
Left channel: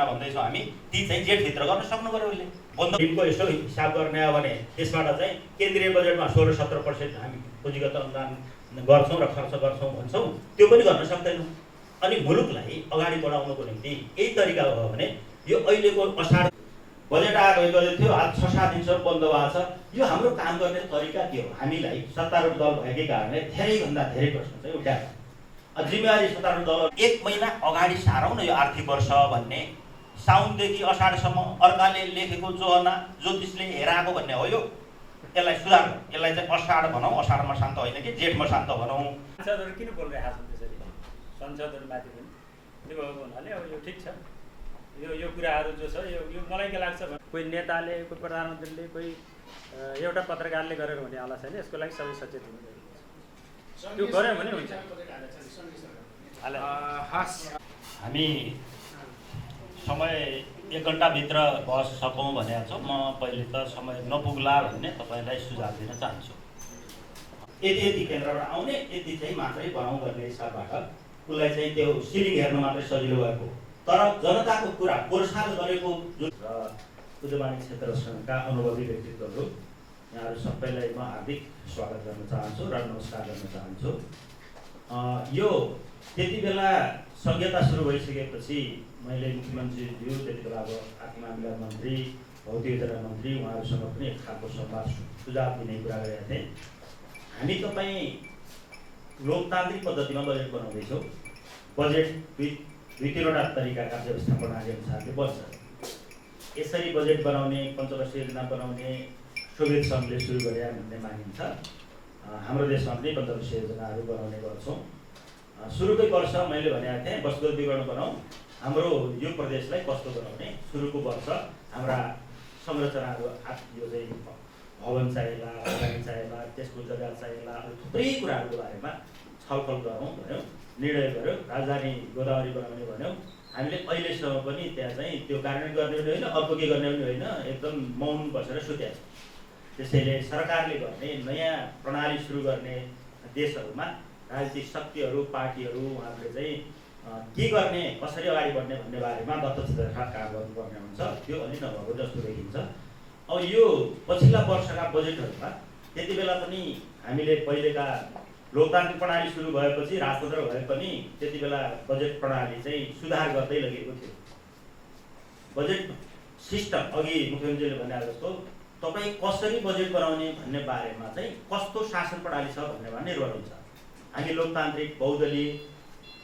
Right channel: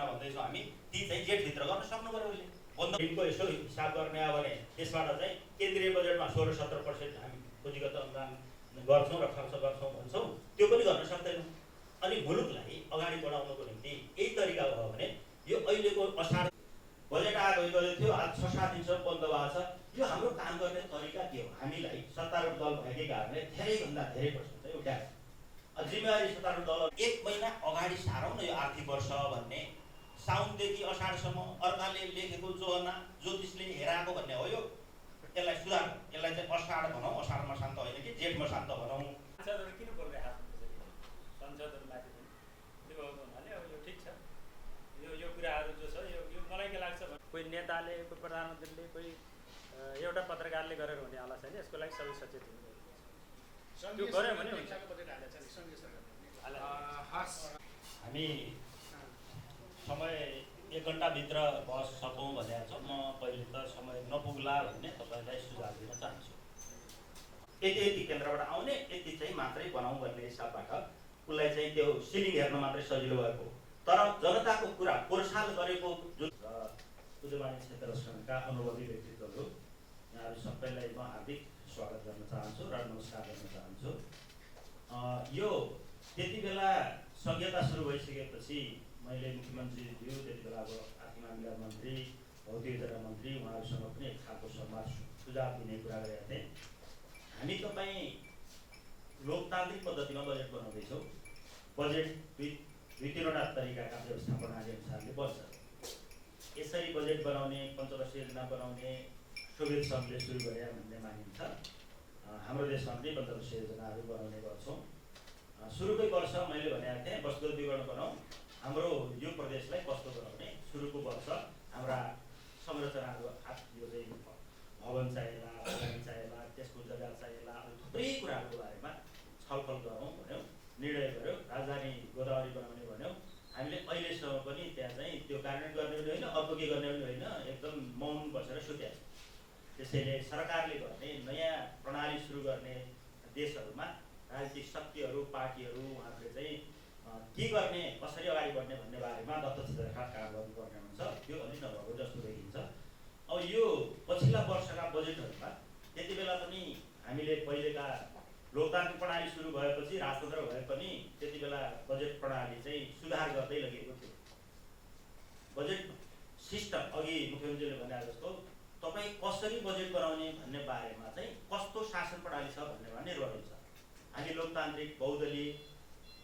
भन्दैछौँ हामी, ती चाहिँ जेठभित्र गर्न सक्नु पर्यो। उसले बन्दको यसो हिसाब गर्ने हो भने त्यसबाट चाहिँ केन्द्रीय बजेटमा 16-17% हामी पुँजीगत अनुदान गर्छौँ र खर्च गर्छौँ भन्छौँ, त्यो पनि गर्न सक्दैनौँ। अनि मुलुकलाई अगाडि बढाउनको निम्ति यही तरिका हो भने यो अहिलेको असार बजेट आएको थियो, आज 6-7 दिनसम्म बन्द भएको छ। यो हाम्रो काम गर्ने तरिका के हो? हामीलाई सत्तारूढ दल भएकै कारणले धेरैभन्दा धेरै प्रश्न चाहिँ उठाएको। जिम्मेवारी सत्तारूढ दल 1 महिना अगाडि सारौँ न यो आर्थिक वर्ष भन्ने, साउनदेखि असाढसम्म अर्काले लेखेको जोहना ज्योतिषले हेराएको भन्ने हो। यो यसलाई सुधार, यसलाई चाहिँ असाढ भनौँ, असाढमा शान्त होइन कि जेठमा शान्त भनौँ। सांसदहरू किन बोलिरहेका छन् त्यसरी? संसदहरूमाथि पनि त्यो भएको हुनाले अब यो ठिक छ। यो कुराहरू जो छ यो मलाई के लाग्छ भने कोही नेताले, कोही प्रधानमन्त्रीले, कोही एउटा पत्रकारले गरेर हुने होला छैन। यसको लागि सबै सचेत हुनु जरुरी छ। त्यो गर्यो भने हुन्छ। हामी समय 1 घन्टाभित्र बस सकौँ भनेको छौँ। म पहिले त समय नपुग्ला भन्ने तपाईँलाई सुझाव दिन चाहन्छु। यति केन्द्रबाट आउने, यति चाहिँ मात्रै बनाउँ भन्ने हिसाबबाट उसलाई चाहिँ त्यो सिलिङ हेर्न मात्रै सजिलो भएको, तर जनताको कुरा पोरसाल गरेको जुन उद्यमी क्षेत्र सङ्घका अनुभवी व्यक्तित्वहरू, यहाँहरू सबैलाई म हार्दिक स्वागत गर्न चाहन्छु र नमस्कार गर्न चाहन्छु। यो त्यति बेला संहिता सुरु भइसकेपछि मैले मुख्यमन्त्रीज्यू, त्यति बेला अब आर्थिक मामिला मन्त्री, भौतिक योजना मन्त्री, उहाँहरूसँग पनि एक खालको संवाद सुझाव दिने कुरा गरेका थिएँ। हामी तपाईँ लोकतान्त्रिक पद्धतिमा बजेट बनाउँदैछौँ। बजेट 2-3वटा तरिकाका व्यवस्था प्रणाली अनुसारले बन्छ। यसरी बजेट बनाउने, पञ्चवर्षीय योजना बनाउने सोभियत सङ्घले सुरु गरे भन्ने मानिन्छ। हाम्रो देशमा पनि पञ्चवर्षीय योजनाहरू बनाउने गर्छौँ। सुरुकै वर्ष मैले भनेको थिएँ वस्तुगत विवरण बनाऊ, हाम्रो यो प्रदेशलाई कस्तो बनाउने, सुरुको वर्ष हाम्रा संरचनाहरू, यो चाहिँ भवन चाहिएला, अगाडि चाहिएला, त्यसको जग्गा चाहिएला, थुप्रै कुराहरूको बारेमा छलफल गरौँ भन्यौँ, निर्णय गर्यो। राजधानी गोदावरी बनाउने भन्यौँ। हामीले अहिलेसम्म पनि त्यहाँ चाहिँ त्यो कार्यान्वयन गर्ने पनि होइन, अर्को के गर्ने पनि होइन, एकदम मौन बसेर सुत्या। त्यसैले सरकारले गर्ने नयाँ प्रणाली सुरु गर्ने देशहरूमा राजनीतिक शक्तिहरू, पार्टीहरू, उहाँहरूले चाहिँ के गर्ने, कसरी अगाडि बढ्ने भन्ने बारेमा दत्तचित्रका काम गर्नुपर्ने हुन्छ। त्यो अलि नभएको जस्तो देखिन्छ। अब यो पछिल्ला वर्षका बजेटहरूमा त्यति बेला पनि हामीले पहिलेका लोकतान्त्रिक प्रणाली सुरु भएपछि, राजतन्त्र भए पनि त्यति बेला बजेट प्रणाली चाहिँ सुधार गर्दै लगेको थियो। बजेट सिस्टम अघि मुख्यमन्त्रीले भने जस्तो तपाईँ कसरी बजेट बनाउने भन्ने बारेमा चाहिँ कस्तो शासन प्रणाली छ भन्नेमा निर्भर हुन्छ। हामी लोकतान्त्रिक बहुदलीय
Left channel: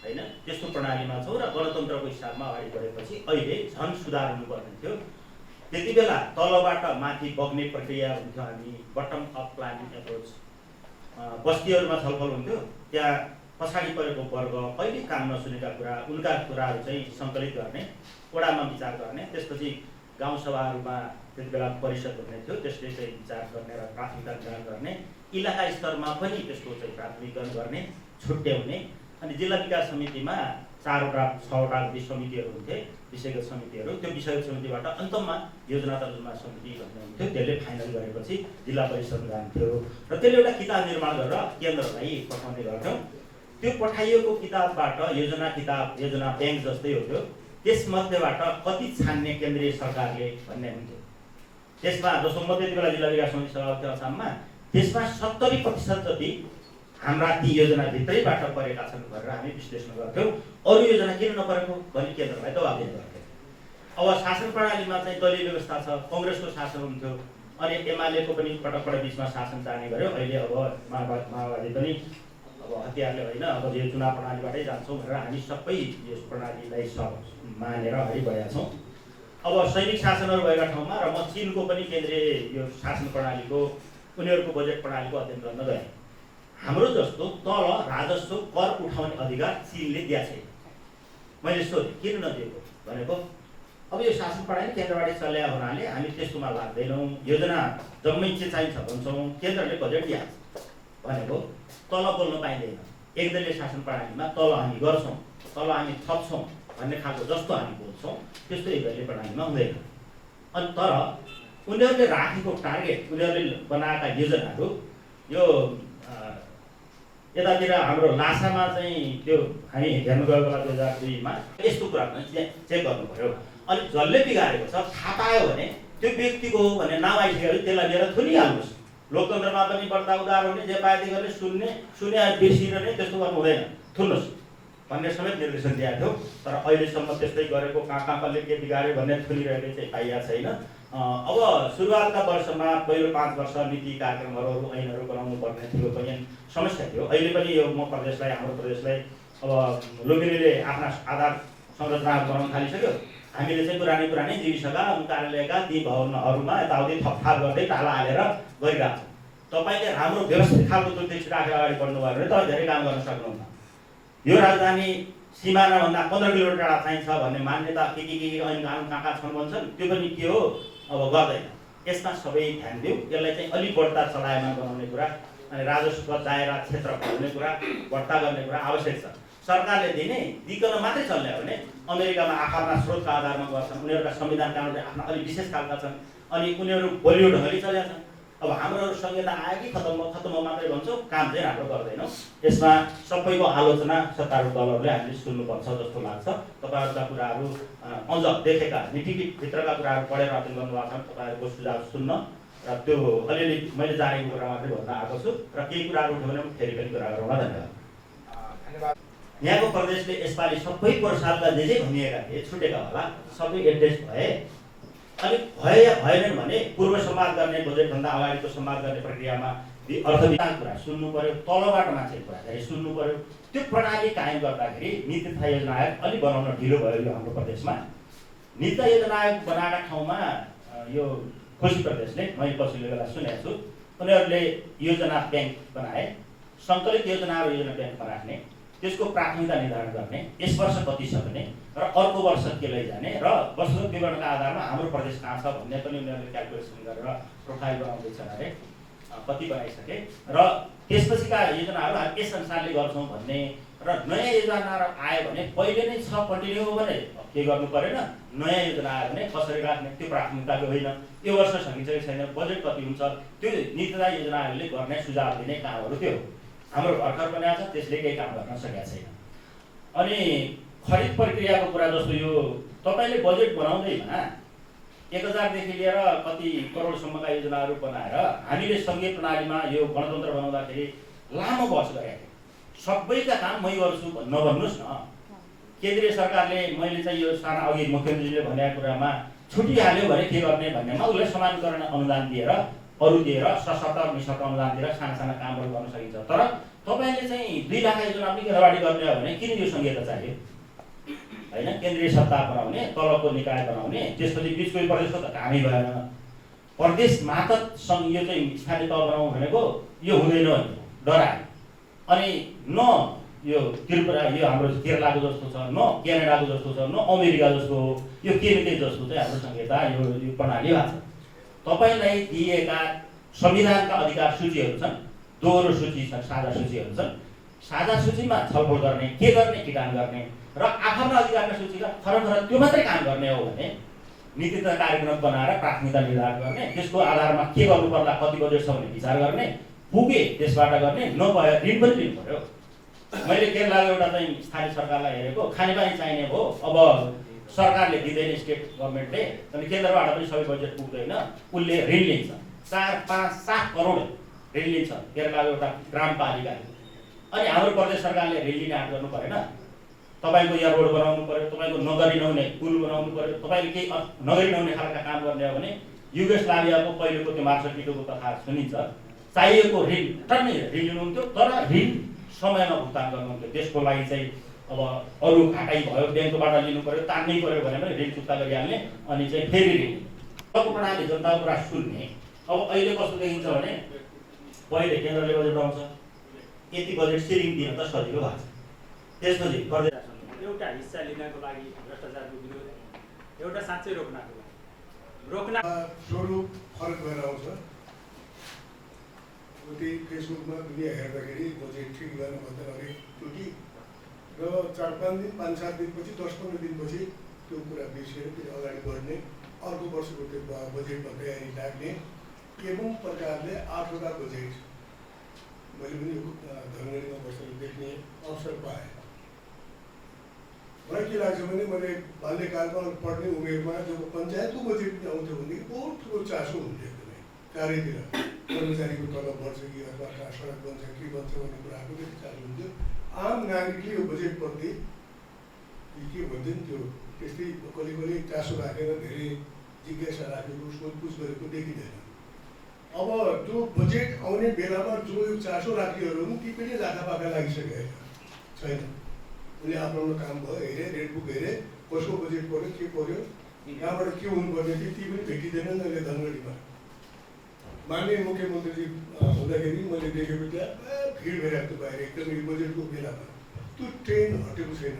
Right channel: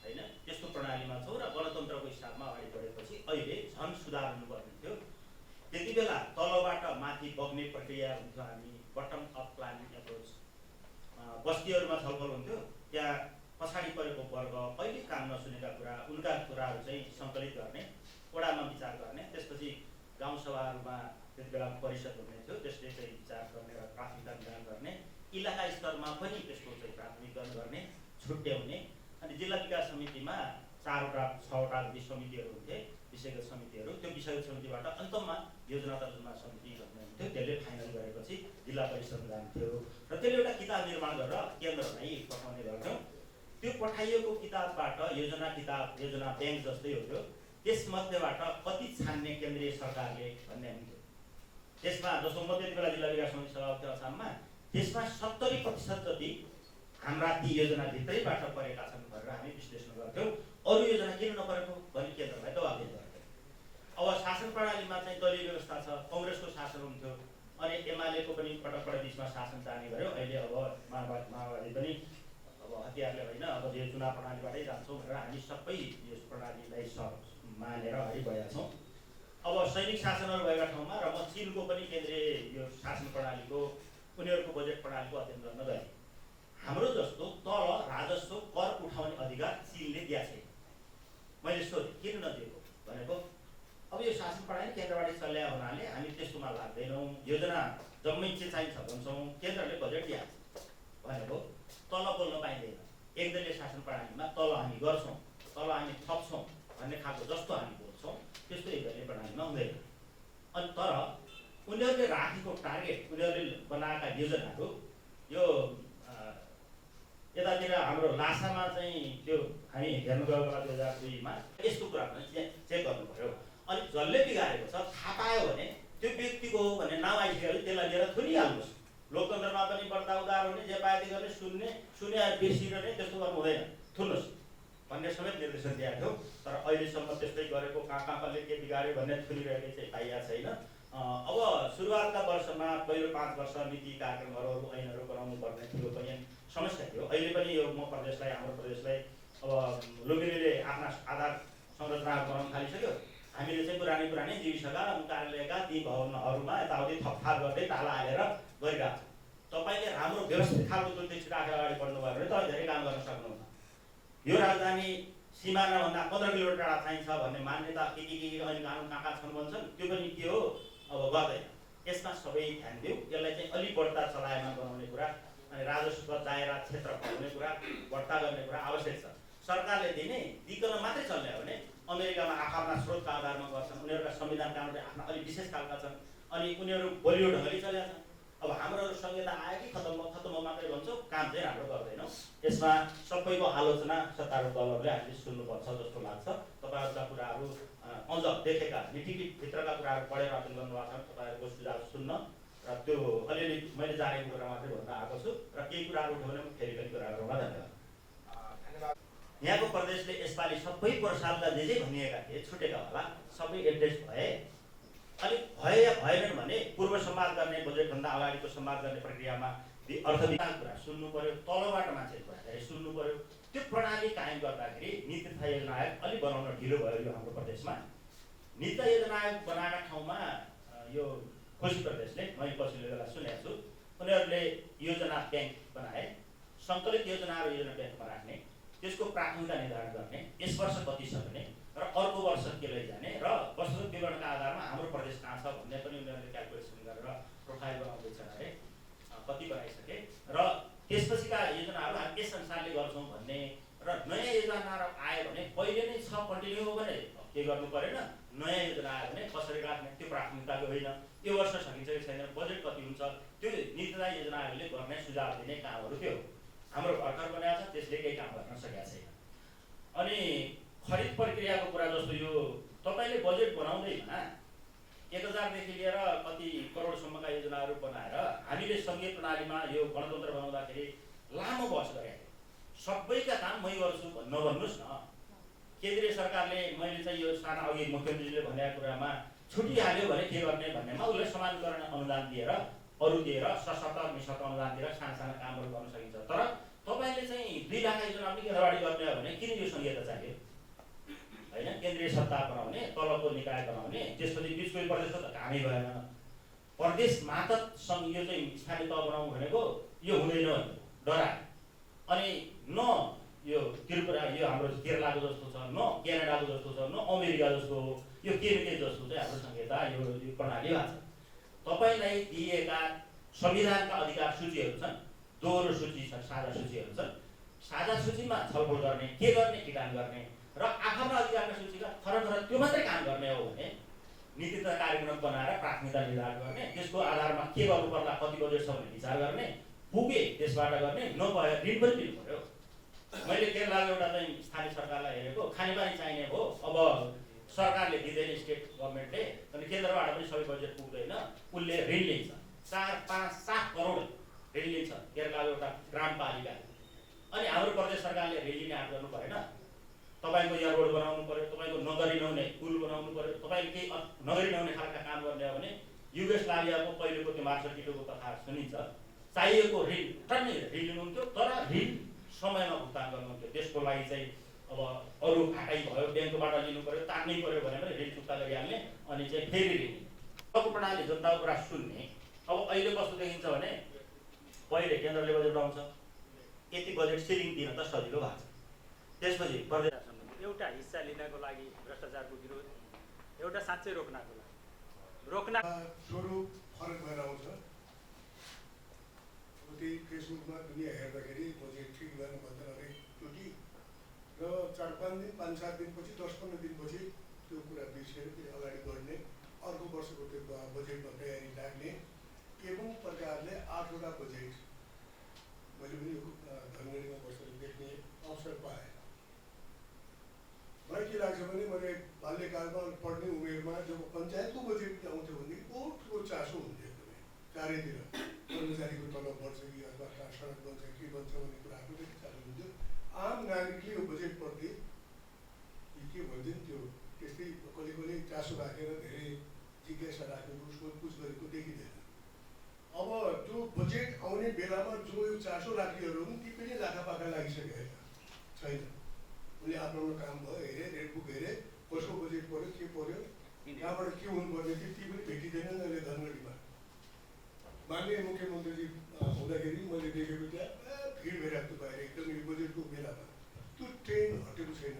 होइन त्यस्तो प्रणालीमा छौँ र गणतन्त्रको हिसाबमा अगाडि बढेपछि अहिले झन् सुधार हुनुपर्ने थियो। त्यति बेला तलबाट माथि बग्ने प्रक्रिया हुन्थ्यो, हामी बटम अप प्लानिङ एप्रोच, बस्तीहरूमा छलफल हुन्थ्यो, त्यहाँ पछाडि परेको वर्ग कहिले काम नसुनेका कुरा उनका कुराहरू चाहिँ सङ्कलित गर्ने, वडामा विचार गर्ने, त्यसपछि गाउँसभाहरूमा त्यति बेला परिषद हुने थियो, त्यसले चाहिँ विचार गर्ने र प्राथमिकता निर्धारण गर्ने, इलाका स्तरमा पनि त्यसको चाहिँ प्राथमिकरण गर्ने, छुट्याउने, अनि जिल्ला विकास समितिमा 4वटा 6वटा समितिहरू हुन्थे, विषयगत समितिहरू। त्यो विषयगत समितिबाट अन्तमा योजना तर्जुमा समिति भन्ने हुन्थ्यो, त्यसले फाइनल गरेपछि जिल्ला परिषद जान्थ्यो र त्यसले एउटा किताब निर्माण गरेर केन्द्रलाई पठाउने गर्थ्यौँ। त्यो पठाइएको किताबबाट योजना ब्याङ्क जस्तै हुन्थ्यो, त्यसमध्येबाट कति छान्ने केन्द्रीय सरकारले भन्ने हुन्थ्यो। त्यसमा जस्तो म त्यति बेला जिल्ला विकास समिति सभापति असाममा, त्यसमा 70% जति हाम्रा ती योजनाभित्रैबाट परेका छन् भनेर हामी विश्लेषण गर्थ्यौँ। अरू योजना किन नपरेको भनी केन्द्रलाई दबाब दिने गर्थ्यौँ। अब शासन प्रणालीमा चाहिँ दलीय व्यवस्था छ, कङ्ग्रेसको शासन हुन्थ्यो, अनि एमालेको पनि पटक बिचमा शासन जाने गर्यो। अहिले अब माओवादी पनि अब हतियारले होइन, अब यो चुनाव प्रणालीबाटै जान्छौँ भनेर हामी सबै यस प्रणालीलाई मानेर अगाडि बढेका छौँ। अब सैनिक शासनहरू भएका ठाउँमा र म चिनको पनि केन्द्रीय यो शासन प्रणालीको उनीहरूको बजेट प्रणालीको अध्ययन गर्न गएँ। हाम्रो जस्तो तल राजस्व कर उठाउने अधिकार चिनले दिएको छैन। मैले सोधेँ किन नदिएको भनेको अब यो शासन प्रणाली केन्द्रबाट चल्या हुनाले हामी त्यस्तोमा लाग्दैनौँ, योजना जम्मै के चाहिन्छ भन्छौँ, केन्द्रले बजेट दिइहाल्छ भनेको तल बोल्न पाइँदैन। एकदलीय शासन प्रणालीमा तल हामी गर्छौँ, तल हामी थप्छौँ भन्ने खालको जस्तो हामी बोल्छौँ त्यस्तो एकदलीय प्रणालीमा हुँदैन। अनि तर उनीहरूले राखेको टार्गेट, उनीहरूले बनाएका योजनाहरू यो यतातिर हाम्रो लासामा चाहिँ त्यो हामी हेर्नु गएको बेला 2002मा यस्तो कुरा पनि चेक गर्नु पर्यो। अनि जसले बिगारेको छ थाहा पायो भने त्यो व्यक्तिको हो भने नाम आइसकेपछि त्यसलाई लिएर थुनिहाल्नुहोस्। लोकतन्त्रमा पनि बढ्ता उदार हुने, जे पाएदेखि गर्ने सुने बेसिरहने, त्यस्तो गर्नु हुँदैन, थुन्नुहोस् भन्ने समेत निर्देशन दिएको थियो। तर अहिलेसम्म त्यस्तै गरेको कहाँ कसले के बिगार्यो भन्ने थुनिरहेको चाहिँ पाइएको छैन। अब सुरुवातका वर्षमा पहिलो 5 वर्ष नीति कार्यक्रमहरू ऐनहरू बनाउनु पर्ने थियो पनि समस्या थियो। अहिले पनि यो म प्रदेशलाई, हाम्रो प्रदेशलाई अब लुम्बिनीले आफ्ना आधार संरचनाहरू बनाउन थालिसक्यो। हामीले चाहिँ पुरानै जीविसका कार्यालयका ती भवनहरूमा यताउति थपथाप गर्दै ताला हालेर गरिरहेको छौँ। तपाईँले राम्रो व्यवस्थित खालको दूरदृष्टि राखेर अगाडि बढ्नुभयो भने तपाईँ धेरै काम गर्न सक्नुहुन्न। यो राजधानी सिमानाभन्दा 15 किलोमिटर टाढा चाहिन्छ भन्ने मान्यता के ऐन कानुन कहाँ छन् भन्छन्, त्यो पनि के हो अब गर्दैन। यसमा सबै ध्यान दिउँ। यसलाई चाहिँ अलिक बढ्ता चलायमान बनाउने कुरा, अनि राजस्व दायरा क्षेत्र खोल्ने कुरा, बढ्ता गर्ने कुरा आवश्यक छ। सरकारले दिकन मात्रै चल्ने हो भने अमेरिकामा आफ्ना स्रोतका आधारमा गर्छन्, उनीहरूका संविधान कानुनले आफ्ना अलिक विशेष खालका छन्, अनि उनीहरू बलियो ढङ्गले चलेका छन्। अब हाम्रो संहिता आयो कि खतम मात्रै भन्छौँ, काम चाहिँ राम्रो गर्दैनौँ। यसमा सबैको आलोचना सत्तारूढ दलहरूले हामीले सुन्नुपर्छ जस्तो लाग्छ। तपाईँहरूका कुराहरू अझ देखेका नीतिभित्रका कुराहरू पढेर अध्ययन गर्नुभएको छ, तपाईँहरूको सुझाव सुन्न र त्यो अलिअलि मैले जानेको कुरा मात्रै भन्न आएको छु र केही कुराहरू उठ्यो भने फेरि पनि कुरा गरौँला। धन्यवाद। यहाँको प्रदेशले यसपालि सबै सालका जे भनिएका थिए छुटेका होला, सबै एड्रेस भए। अलिक भए या भएनन् भने पूर्व संवाद गर्ने, बजेटभन्दा अगाडिको संवाद गर्ने प्रक्रियामा अर्थविकास कुरा सुन्नु पर्यो, तलबाट मान्छे कुरा धेरै सुन्नु पर्यो। त्यो प्रणाली कायम गर्दाखेरि नीति तथा योजना आयोग अलिक बनाउन ढिलो भयो यो हाम्रो प्रदेशमा। नीति तथा योजना आयोग बनाएका ठाउँमा यो खोजी प्रदेशले, मैले पछिल्लो बेला सुनेको छु, उनीहरूले योजना ब्याङ्क बनाए, सङ्कलित योजनाहरू योजना ब्याङ्कमा राख्ने, त्यसको प्राथमिकता निर्धारण गर्ने, यस वर्ष कति छ भने र अर्को वर्ष के लैजाने र वर्षगत विवरणका आधारमा हाम्रो प्रदेश कहाँ छ भन्ने पनि उनीहरूले क्यालकुलेसन गरेर प्रोफाइल बनाउँदैछन् अरे, कति बनाइसके र त्यसपछिका योजनाहरू हामी यस अनुसारले गर्छौँ भन्ने र नयाँ योजनाहरू आयो भने पहिले नै छ कन्टिन्यू हो भने के गर्नु परेन, नयाँ योजना आयो भने कसरी राख्ने त्यो प्राथमिकताको होइन। यो वर्ष सकिन्छ कि छैन, बजेट कति हुन्छ, त्यो नीति तथा योजना आयोगले गर्ने सुझाव दिने कामहरू त्यो हो। हाम्रो भर्खर बनाएको छ, त्यसले केही काम गर्न सकेका छैन। अनि खरिद प्रक्रियाको कुरा जस्तो यो तपाईँले बजेट बनाउँदैमा 1000देखि लिएर कति करोडसम्मका योजनाहरू बनाएर हामीले सङ्घीय प्रणालीमा यो गणतन्त्र बनाउँदाखेरि लामो बहस गरेका थियौँ। सबैका काम मै गर्छु नभन्नुहोस् न। केन्द्रीय सरकारले मैले चाहिँ यो साना अघि मुख्यमन्त्रीले भनेको कुरामा छुटिहाल्यो भने के गर्ने भन्नेमा उसलाई समानीकरण अनुदान दिएर, अरू दिएर, सशक्त निशक्त अनुदान दिएर साना कामहरू गर्न सकिन्छ। तर तपाईँले चाहिँ 2 लाख योजना पनि अगाडि गर्ने हो भने किन यो संहिता चाहियो होइन? केन्द्रीय सत्ता बनाउने, तलको निकाय बनाउने, त्यसपछि बिचको प्रदेशको त कामै भएन। प्रदेश मात्र यो चाहिँ स्थानीय तह बनाउनु भनेको यो हुँदैन डरायो। अनि न यो त्रिपुरा यो हाम्रो केरलाको जस्तो छ, न क्यानाडाको जस्तो छ, न अमेरिका जस्तो हो, यो केबिनेट जस्तो चाहिँ हाम्रो संहिता यो प्रणाली भएको छ। तपाईँलाई दिएका संविधानका अधिकार सूचीहरू छन्, दोहोरो सूची छन्, साझा सूचीहरू छन्। साझा सूचीमा छलफल गर्ने, के गर्ने, के काम गर्ने र आफ्ना अधिकारका सूचीका खरखर त्यो मात्रै काम गर्ने हो भने नीति तथा कार्यक्रम बनाएर प्राथमिकता निर्धारण गर्ने, त्यसको आधारमा के गर्नु पर्ला, कति बजेट छ भने विचार गर्ने, पुगे त्यसबाट गर्ने, नभए ऋण पनि दिनु पर्यो। मैले केरलाको एउटा चाहिँ स्थानीय सरकारलाई हेरेको, खानेपानी चाहिने भयो, अब सरकारले दिँदैन स्टेट गभर्मेन्टले, अनि केन्द्रबाट पनि सबै बजेट पुग्दैन, उसले ऋण लिन्छ 4, 5, 7 करोड ऋण लिन्छ केरलाको एउटा ग्रामपालिकाले। अनि हाम्रो प्रदेश सरकारले ऋण लिने आँट गर्नु परेन? तपाईँको यहाँ रोड बनाउनु पर्यो, तपाईँको नगरी नहुने पुल बनाउनु पर्यो, तपाईँले केही नगरी नहुने खालका काम गर्ने हो भने युगोस्लाभियाको पहिलेको त्यो मार्सकिटोको कथा सुनिन्छ। चाहिएको ऋण टन्नै ऋण लिनुहुन्थ्यो, तर ऋण समयमा भुक्तान गर्नुहुन्थ्यो। त्यसको लागि चाहिँ अब अरू घाटाइ भयो, ब्याङ्कबाट लिनु पर्यो, तान्नै पर्यो भने पनि ऋण चुक्ता गरिहाल्ने, अनि चाहिँ फेरि ऋण। अब प्रणाली जनताको कुरा सुन्ने। अब अहिले कस्तो देखिन्छ भने पहिले केन्द्रले बजेट आउँछ, यति बजेट सिरिङ दिन त सजिलो भएको छ। त्यसपछि प्रदेश एउटा हिस्सा लिनको लागि भ्रष्टाचारको विरोध, एउटा साँच्चै रोक्नको लागि स्वरूप फरक भएर आउँछ। उति फेसबुकमा दुनियाँ हेर्दाखेरि बजेट ठिक गर्नुभन्दा अलिक त्रुटि र 4-5 दिन 5-7 दिनपछि 10-15 दिनपछि त्यो कुरा बिर्सेर फेरि अगाडि बढ्ने, अर्को वर्षको त्यो बजेटमा तयारी लाग्ने एवं प्रकारले 8वटा बजेट मैले पनि धनगढीमा बसेर देख्ने अवसर पाएँ। मलाई के लाग्छ भने मैले बाल्यकालमा पढ्ने उमेरमा जब पञ्चायतको बजेट आउँथ्यो भनेदेखि बहुत ठुलो चासो हुन्थ्यो एकदमै चारैतिर। कर्मचारीको तलब बढ्छ कि अथवा सडक बन्छ के बन्छ भन्ने कुराको पनि चासो हुन्थ्यो। आम नागरिकले यो बजेटप्रति के भन्छ नि त्यो त्यस्तै कसले चासो राखेर धेरै जिज्ञासा राखेको सोधपुछ गरेको देखिँदैन। अब त्यो बजेट आउने बेलामा जो यो चासो राख्नेहरू पनि ती पनि लाखापाखा लागिसकेका छैन। उनले आफ्नो काम भयो, हेरे रेड बुक हेरे, कसको बजेट पऱ्यो, के पऱ्यो, कहाँबाट के हुनुपर्ने थियो ती पनि भेटिँदैनन् अहिले धनगढीमा। माननीय मुख्यमन्त्रीजी हुँदाखेरि मैले देखेको त्यहाँ भिड भइरहेको थियो बाहिर एकदम यो बजेटको बेलामा। त्यो ट्रेन हटेको छैन,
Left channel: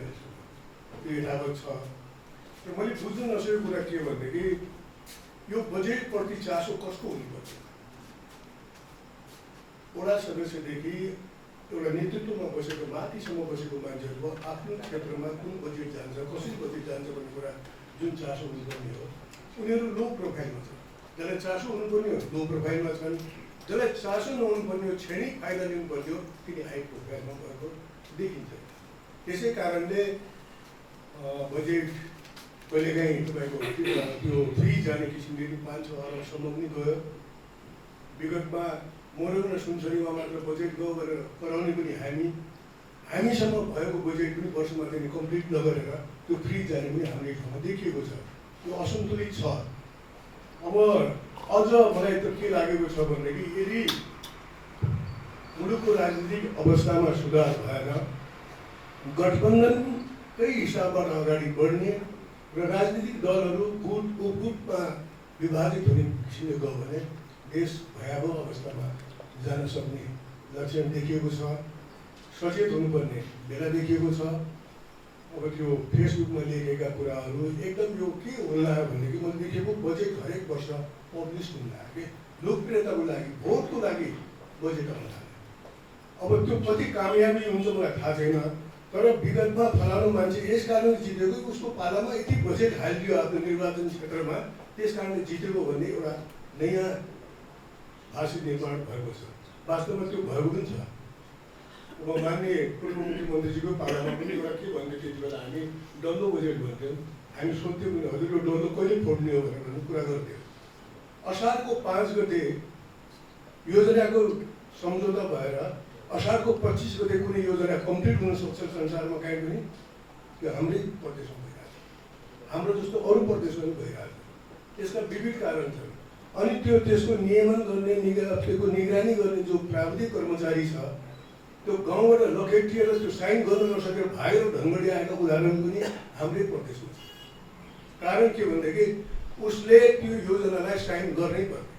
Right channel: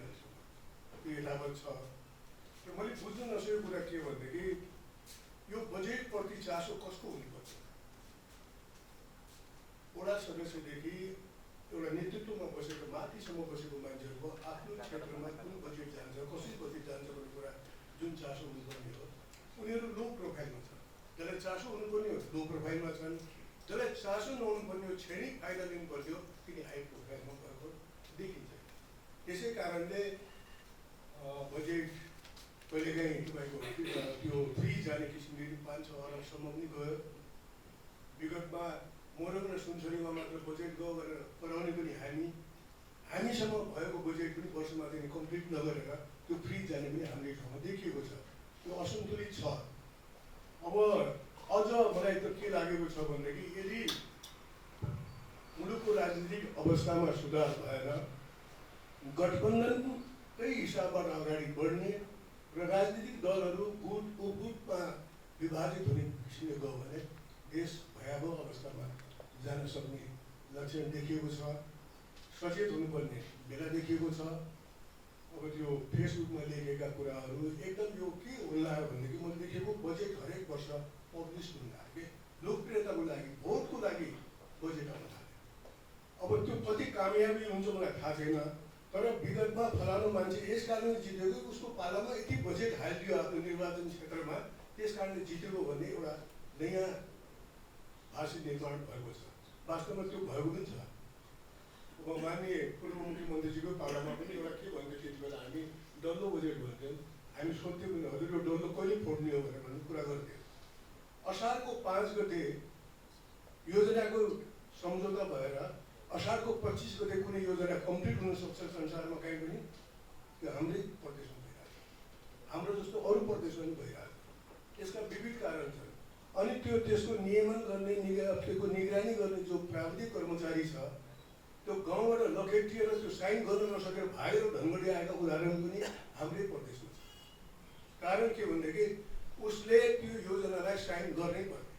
त्यो यथावत छ। र मैले बुझ्न नसकेको कुरा के भनेदेखि यो बजेटप्रति चासो कसको हुनुपर्छ? वडा सदस्यदेखि एउटा नेतृत्वमा बसेको माथिसम्म बसेको मान्छेहरूको आफ्नो क्षेत्रमा कुन बजेट जान्छ, कसरी बजेट जान्छ भन्ने कुरा जुन चासो हुनुपर्ने हो, उनीहरू लो प्रोफाइलमा छ। जसलाई चासो हुनुपर्ने हो लो प्रोफाइलमा छन्, जसलाई चासो नहुनुपर्ने हो क्षणिक फाइदा लिनुपर्ने हो तिनी हाई प्रोफाइलमा भएको देखिन्छ। त्यसै कारणले बजेट कहिलेकाहीँ तपाईँको त्यो फ्री जाने किसिमले 5-6 अरबसम्म पनि गयो। विगतमा मोरङ र सुनसरीमा मात्र बजेट गयो गरेर कराउने पनि हामीसम्म भएको बजेट पनि वर्षमा चाहिँ कम्प्लिट नगरेर त्यो फ्री जाने पनि हाम्रो ठाउँमा देखिएको छ। त्यो असन्तुलित छ। अब अझ मलाई त के लागेको छ भनेदेखि यदि मुलुकको राजनीतिक अवस्थामा सुधार भएर गठबन्धनकै हिसाबबाट अगाडि बढ्ने र राजनीतिक दलहरू गुटमा विभाजित हुने किसिमले गयो भने देश भयावह अवस्थामा जान सक्ने लक्षण देखिएको छ। सचेत हुनुपर्ने बेला देखिएको छ। अब त्यो फेसबुकमा लेखेका कुराहरू एकदम यो के होला भनेदेखि मैले देखेको बजेट हरेक वर्ष पब्लिस हुन लाग्यो कि लोकप्रियताको लागि, भोटको लागि बजेट आउन लाग्यो। अब त्यो कति कामयाबी हुन्छ मलाई थाहा छैन, तर विगतमा फलानु मान्छे यस कारणले जितेको उसको पालामा यति बजेट हालिदियो आफ्नो निर्वाचन क्षेत्रमा, त्यस कारणले जितेको भन्ने एउटा नयाँ भाषी निर्माण भएको छ। वास्तवमा त्यो भएको पनि छ। अब माननीय पूर्व मुख्यमन्त्रीजीको पालामा पनि एउटा के भन्थ्यो त्यति बेला हामी डल्लो बजेट भन्थ्यौँ। हामी सोध्थ्यौँ पनि हजुर यो डल्लो कहिले फोड्ने हो भनेर कुरा गर्थ्यौँ। असारको 5 गते योजनाको सम्झौता भएर असारको 25 गते कुनै योजना कम्प्लिट हुन सक्छ संसारमा कहीँ पनि, त्यो हाम्रै प्रदेशमा भइरहेको छ। हाम्रो जस्तो अरू प्रदेशमा पनि भइरहेको छ। यसका विविध कारण छन्। अनि त्यसको नियमन गर्ने त्यसको निगरानी गर्ने जो प्राविधिक कर्मचारी छ त्यो गाउँबाट लखेटिएर त्यो साइन गर्न नसकेर भाइरो ढङ्गले आएका उदाहरण पनि हाम्रै प्रदेशमा छ। कारण के भनेदेखि उसले त्यो योजनालाई साइन गर्नै पर्ने,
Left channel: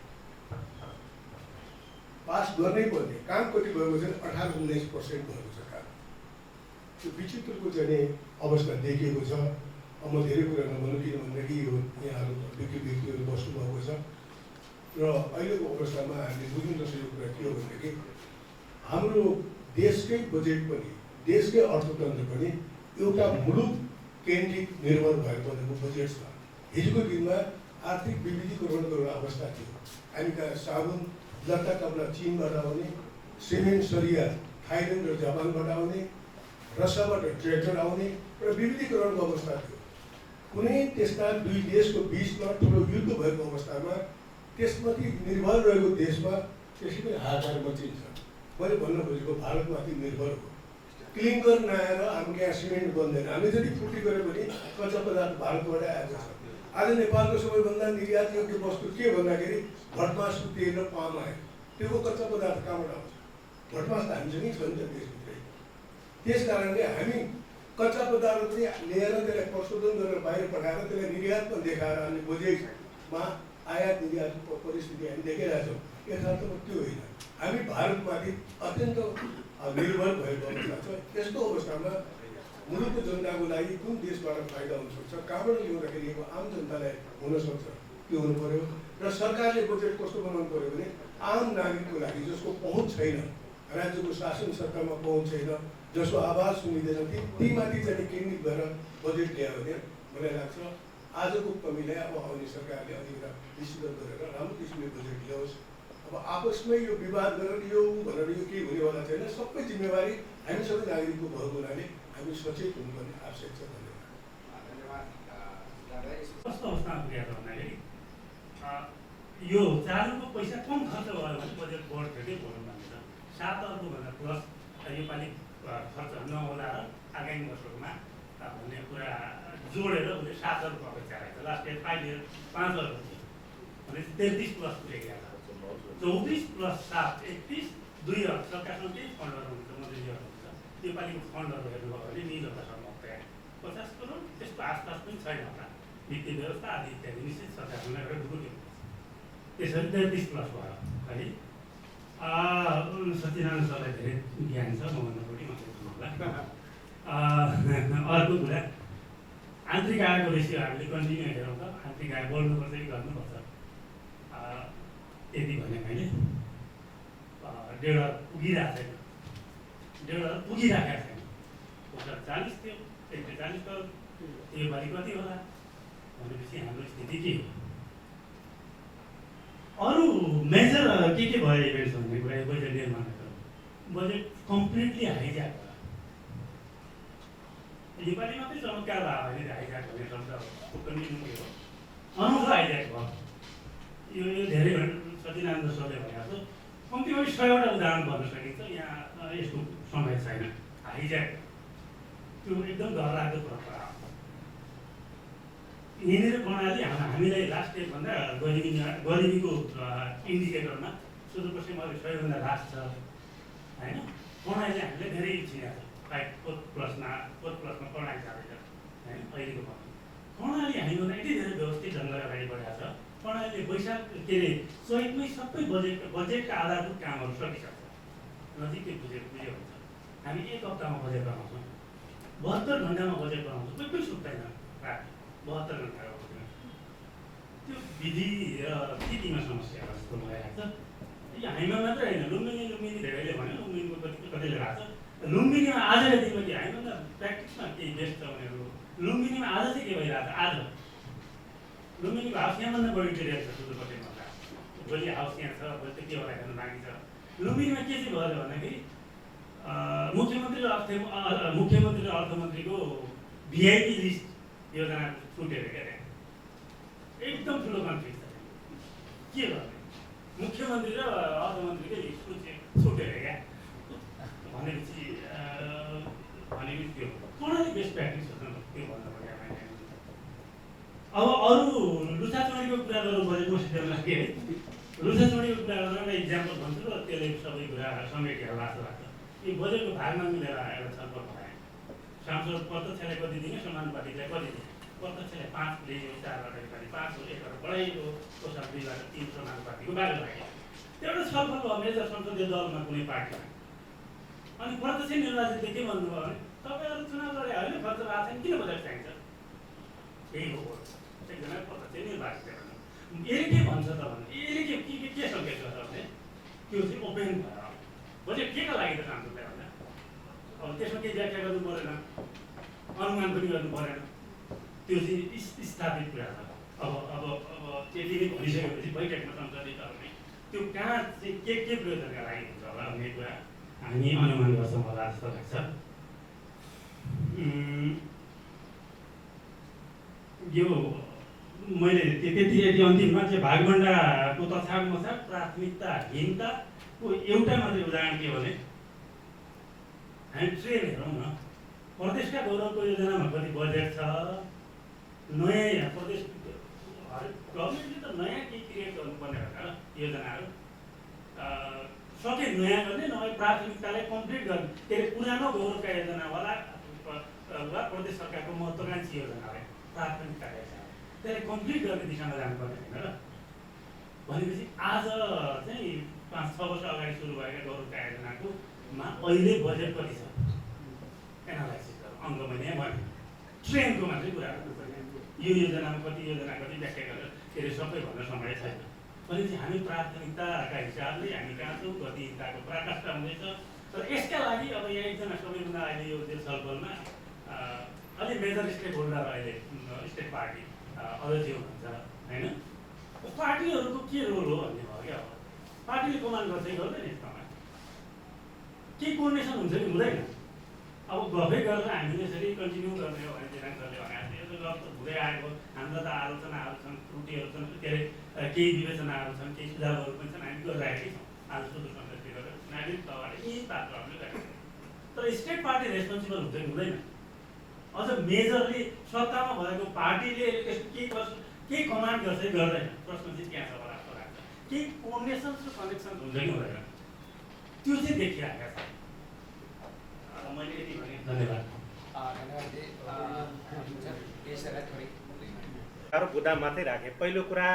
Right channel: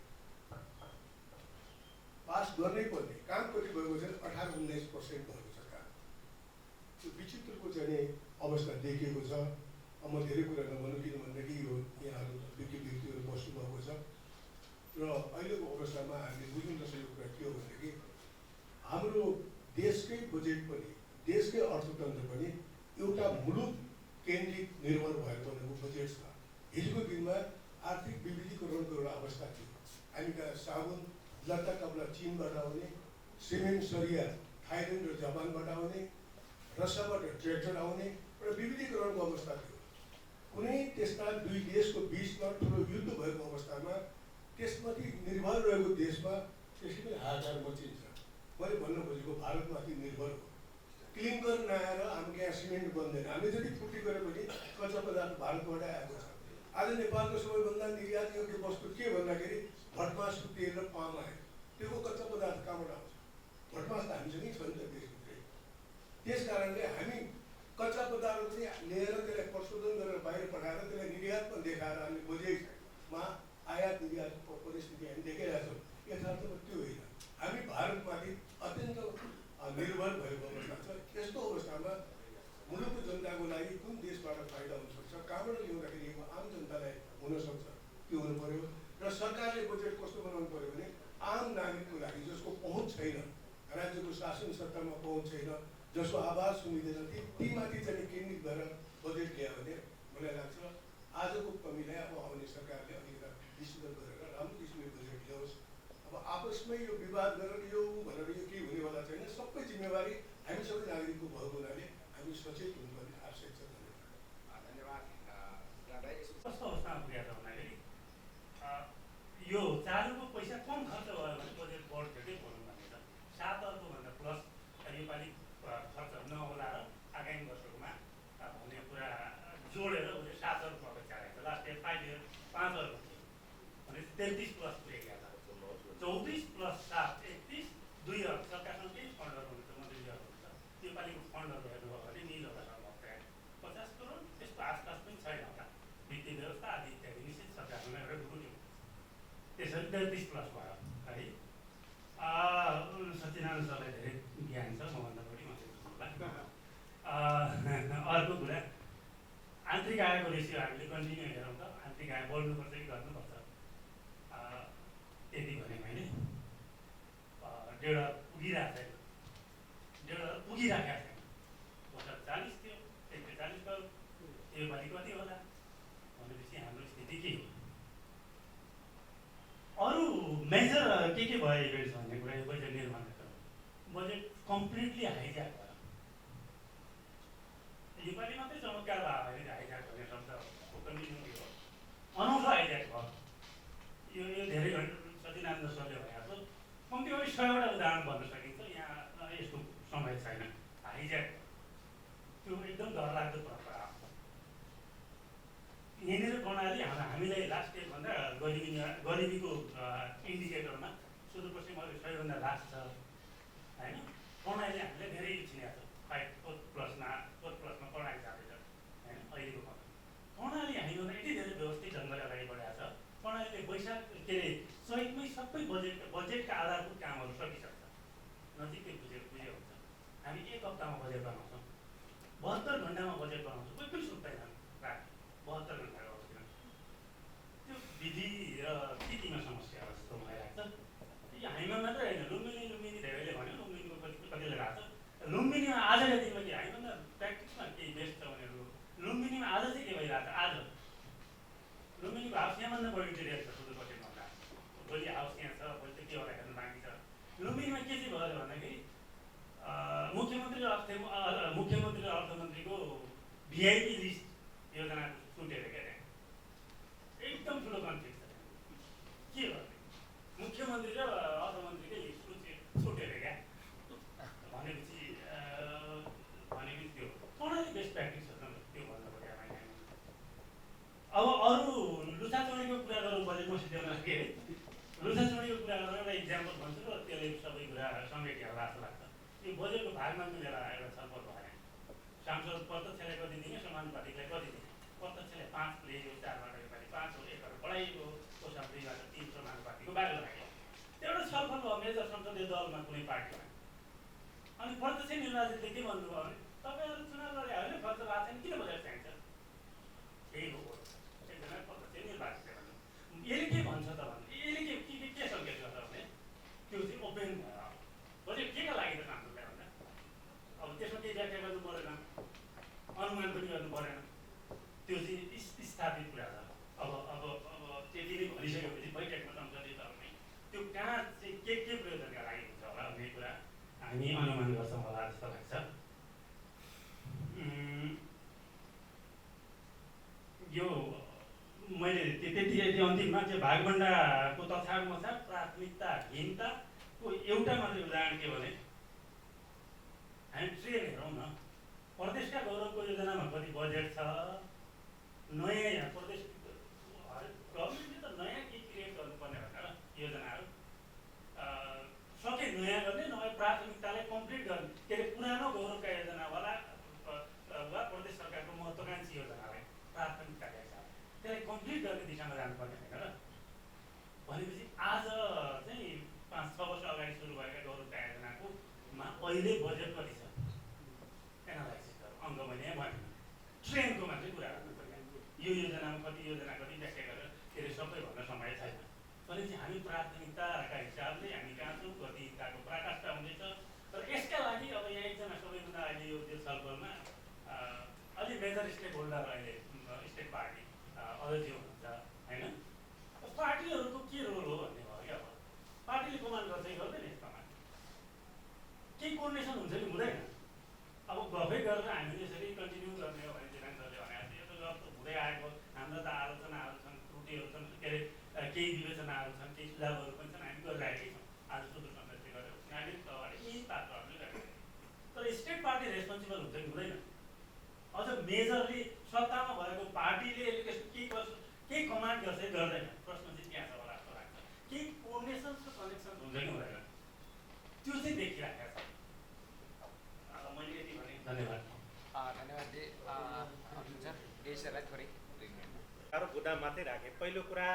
पास गर्नै पर्ने। काम कति भएको छ? 18-19% भएको छ काम। त्यो विचित्रको चाहिँ अवस्था देखिएको छ। अब म धेरै कुरा नभनौँ, किनभनेदेखि यो यहाँहरू व्यक्तिहरू बस्नुभएको छ र अहिलेको अवस्थामा हामीले बुझ्नु नसकेको कुरा के हो भनेदेखि हाम्रो देशकै बजेट पनि, देशकै अर्थतन्त्र पनि एउटा मुलुक केन्द्रित निर्भर भएको बजेट छ। हिजोको दिनमा आर्थिक विविधीकरण गर्ने अवस्था थियो। हामी कहाँ साबुन लत्ता कपडा चीनबाट आउने, सिमेन्ट सरिया थाइल्यान्ड र जापानबाट आउने, रसाबाट ट्र्याक्टर आउने र विविधीकरणको अवस्था थियो। कुनै त्यस्ता दुई देशको बिचमा ठुलो युद्ध भएको अवस्थामा त्यसमाथि निर्भर रहेको देशमा त्यसै पनि हाहाकार मचिन्छ। मैले भन्न खोजेको भारतमाथि निर्भर हो। क्लिङ्कर नआएर हाम्रो यहाँ सिमेन्ट बन्दैन। हामी जति फुर्ती गरे पनि कच्चा पदार्थ भारतबाट आएको छ। आज नेपालको सबैभन्दा निर्यात योग्य वस्तु के भन्दाखेरि भटमासको तेल र पाम आयो। त्यो कच्चा पदार्थ कहाँबाट आउँछ? भटमास त हामीसँगै छ नि त देशभित्रै। त्यस कारणले हामी कच्चा पदार्थ पनि लिएर त्यसलाई प्रशोधन गरेर बाहिर पठाएर त्यसलाई निर्यातमा देखाएर अनि बजेटमा आयात निर्यातको परिस्थिति हामी देखिरहेका छौँ। यथार्थमा त्यो होइन। हामी भारतमाथि अत्यन्त निर्भर भएको अवस्था छ। यस्तो अवस्थामा मुलुकको जनताको लागि कुन देशबाट फाइदा हुनसक्छ, कहाँबाट ल्याउँदाखेरि यो आम जनतालाई हुनसक्छ, त्यो हुनु पर्यो। र सरकारले बजेट कस्तो बनाउनु पर्यो भने आम नागरिकको लागि जसको पहुँच छैन, राज्यको शासन सत्तामा पहुँच छैन, जसको आवाज सुनिँदैन, तीमाथि चाहिँ केन्द्रित गरेर बजेट ल्यायो भने मलाई लाग्छ आजको कमीलाई अब आउने सरकारले अलिकति विश्लेषण गरेर राम्रो किसिमले बजेट ल्याओस्। अब आपसमै यो विवाद गरेर यो भनेर यो केही हुनेवाला छैन। सबै जिम्मेवारी हामी सबै नागरिकको भएको हुनाले हामी सचेत हुनुपर्ने आवश्यक छ। कस्तो अवस्थामा पुगेको छ भन्दाखेरि यो चालुको पैसा कम खर्च भयो भने बजेट बढ्थ्यो भनौँ भनेर 7 अर्बभन्दा प्लस योपालि खर्च नहोला र आगामी वर्षमा भन्ने कुरा जोडेर उसले 7 अर्ब अपेक्षा राखेको छ। लास्ट इयर 5 इयर 5 अर्ब थियो भने 33 प्लस पुगेको छ। 34 प्लस 7 31 2 अर्ब सरकारसँग केही फन्डहरू हुन्छ, मन्त्रीहरू हुन्छ। योपालिको फन्डहरू हेर्नुभयो भने निजहरूसँग 50 करोड त्यसको आसपास पनि छैन होला। वित्तीय व्यवस्था आदि इत्यादि निश्चित सरकारसँग एउटा ढुकुट्यो। त्यसरी 33 प्लस भयो है। सत्यनारायण सरलाई धेरै ज्ञान छ, मभन्दा बढी मात्रै होला। अर्को कुरा आन्तरिक आयको रेसियो हामीले कन्टिन्यू हेरौँ त आन्तरिक आय बढ्नुपर्छ कि गर्नुपर्छ। यति भने मैले 1.5 पुगिरहेको छैन, 1.5 पुगिराखेको छैन। 40 थियो, 140 करोड योपालि कति होला भनेपछि हाम्रो स्थिति के हो? अरू मेजर के भयो इभेन्ट्स भन्ने कुरा यो बजेट निर्माणको बजेट कम्प्लिटली हाइज्याक भयो। योपालि मात्रै चमत्कार भयो भने हाइज्याक भन्ने शब्द कन्टिन्यू हो, अनौठो हाइज्याक भयो। यो धेरै सत्यनारायण सरले भनेको छ, कम्तीमा 100वटा उदाहरण भन्न सकिन्छ। यहाँ यसको समय छैन। हाइज्याक त्यो एकदम डरलाग्दो परम्परा हो। यहाँनिर प्रणाली हामीलाई लास्ट इयरभन्दा गरिबीको इन्डिकेटरमा सुदूरपश्चिम अहिले सबैभन्दा लास्ट छ होइन। प्रणालीले हामीलाई धेरै छिनेको छ। 4th प्लसमा प्रणाली जाँदैछ होइन। अहिलेको प्रणाली हामीभन्दा यति धेरै व्यवस्थित ढङ्गले अगाडि बढाएको छ। प्रणालीले वैशाख के अरे चैतमै सबै बजेटका आधारभूत कामहरू सकिसक्छ। नजिकै बुझ्यो हुन्छ। हामी 1 हप्तामा बजेट बनाउँछौँ, 72 घन्टामा बजेट बनाउँछौँ। कोही सुत्दैन राति 72 घन्टा बस्दैन। त्यो विधि र नीतिमा समस्या जस्तो भइरहेको छ। यो हामीमा मात्रै होइन, लुम्बिनी धेरैले भन्यो, लुम्बिनीको कतिले राख्छ। लुम्बिनीमा आजको दिनमा के हामीभन्दा प्र्याक्टिसमा केही बेस्ट छ भनेहरू लुम्बिनीमा आज चाहिँ के भइरहेको छ? आज लुम्बिनीको हाउस यहाँभन्दा बढी टेरिया छ सुदूरपश्चिमभन्दा। भोलि हाउस यहाँ छ, भोलि त के होला हेर्नु बाँकी छ। लुम्बिनीमा के चाहिँ भयो भन्दाखेरि मुख्यमन्त्री र अर्थमन्त्रीको भिआइपी लिस्ट योजना छुटेर क्या एकदम ठुलो कन्फ्लिक्ट छ। के गर्ने? मुख्यमन्त्री र अर्थमन्त्रीकै लिस्ट छुटेर क्या भनेपछि त्यो प्रणाली बेस्ट प्र्याक्टिस हो नि त्यो भन्नु पर्यो। अब अरू लुछाचुडीको कुरा गरौँ बजेट मसित लाग्यो है। लुछाचुडीको कुरा गरेर एउटा इक्जाम्पल भन्छु र त्यसले सबै कुरा समेटेर लाग्छ। यो बजेटको भागमा मिलेर एउटा छलफल बनाए। सांसद प्रत्यक्षले कति दिने, समानुपातिकलाई कति दिने, प्रत्यक्षले 5 लियो, 4बाट योपालि 5 हो, 1बाट बढाइयो, कोषा 2बाट 3 समानुपातिकको बाटो लाग्यो। एउटा छलफल भयो मेजर संसदीय दलमा कुनै पार्टीमा। अनि प्रत्यक्ष निर्वाचितले के भन्नुभयो भने तपाईँहरू चुनाव लडे होइन, खर्च भएको छैन, किन बजेट चाहिन्छ? यही हो एकजना प्रत्यक्ष निर्वाचित भन्नु। यसले के भन्छ त भने यसले के सङ्केत गर्छ भने त्यो चाहिँ ओपन भयो। बजेट केका लागि त सांसदलाई भन्दा अब त्यसमा केही व्याख्या गर्नु परेन, अनुमान पनि गर्नु परेन, त्यो चाहिँ स्थापित कुरा छ। अब त्यति नै भनिसकेपछि बैठकमा संसदीय दलले त्यो कहाँ चाहिँ के प्रयोजनका लागि हुन्छ होला भन्ने कुरा हामी अनुमान गर्छौँ होला जस्तो लाग्छ। यो मैले त्यति अन्तिममा चाहिँ भागभण्डाको तथाकमथाक प्राथमिकताहीनताको एउटा मात्रै उदाहरण के भने हामी ट्रेन हेरौँ न, प्रदेशका गौरवको योजनामा कति बजेट छ, नयाँ प्रदेश गभर्मेन्टले त नयाँ के क्रिएट गर्नुपर्ने भनेर योजनाहरू सके नयाँ गर्ने, नभए प्राथमिकतालाई कम्प्लिट गर्ने। के अरे पुरानो गौरवका योजनावाला वा प्रदेश सरकारको महत्त्वाकांक्षी योजनालाई प्राथमिकताका हिसाबले त्यसलाई कम्प्लिट गर्ने दिशामा जानुपर्ने होइन र। भनेपछि आज चाहिँ 5-6 वर्ष अगाडि सुरु भएका गौरवका योजनाको अहिले बजेट कति छ एनालाइसिस गरौँ। अङ्क मैले यहाँ भने ट्रेनको मात्रै कुरा गर्नुपर्ने, यो योजनामा कति योजना कति व्याख्या गरेर के अरे सबै भन्न समय छैन। भनेपछि हामी प्राथमिकताका हिसाबले हामी कहाँ छौँ, गतिहीनताको पराकाष्ठा हुँदैछ। तर यसका लागि अब यहाँ एकजना सबैभन्दा अहिले यो छलफलमा अलि मेजर स्टेक होल्डर अहिले स्टेट पार्टी अध्यक्ष हुनुहुन्छ होइन। पार्टीहरूको के रोल हो भन्ने भयो क्या। अब पार्टीले कमान्ड गर्दै गर्दैन यसमा केही कोर्डिनेसन हुन्छ कि हुँदैन। अब गफै गरेर हामीले यसरी कन्टिन्यू गर्ने हो भने दिनाङ्कले भने यो त गफ त हुँदै आएको, हाम्रो त आलोचनाहरू छन्, त्रुटिहरू छन्, के अरे केही विवेचनाहरू छन्, केही सुझावहरू पनि छन्, हामी गरिरहेकै छौँ। आज सुदूर संसदीय गरेर नागरिक तहले यही पात्रहरूले गरेको। तर स्टेट पार्टी रेस्पोन्सिबल हुन्छ कि हुँदैन? अझ मेजरली सत्तामा भएको पार्टीले केही गर्छ, केही कमान्ड गर्छ कि गर्दैन? प्रश्न चाहिँ त्यहाँ छ होला जस्तो लाग्छ। केही कोर्डिनेसन र कनेक्सन हुन्छ कि हुँदैन? त्यो चाहिँ देखिरहेको छ। मैले यति भने धन्यवाद। बुदा मात्रै राखेँ। पहिलो कुरा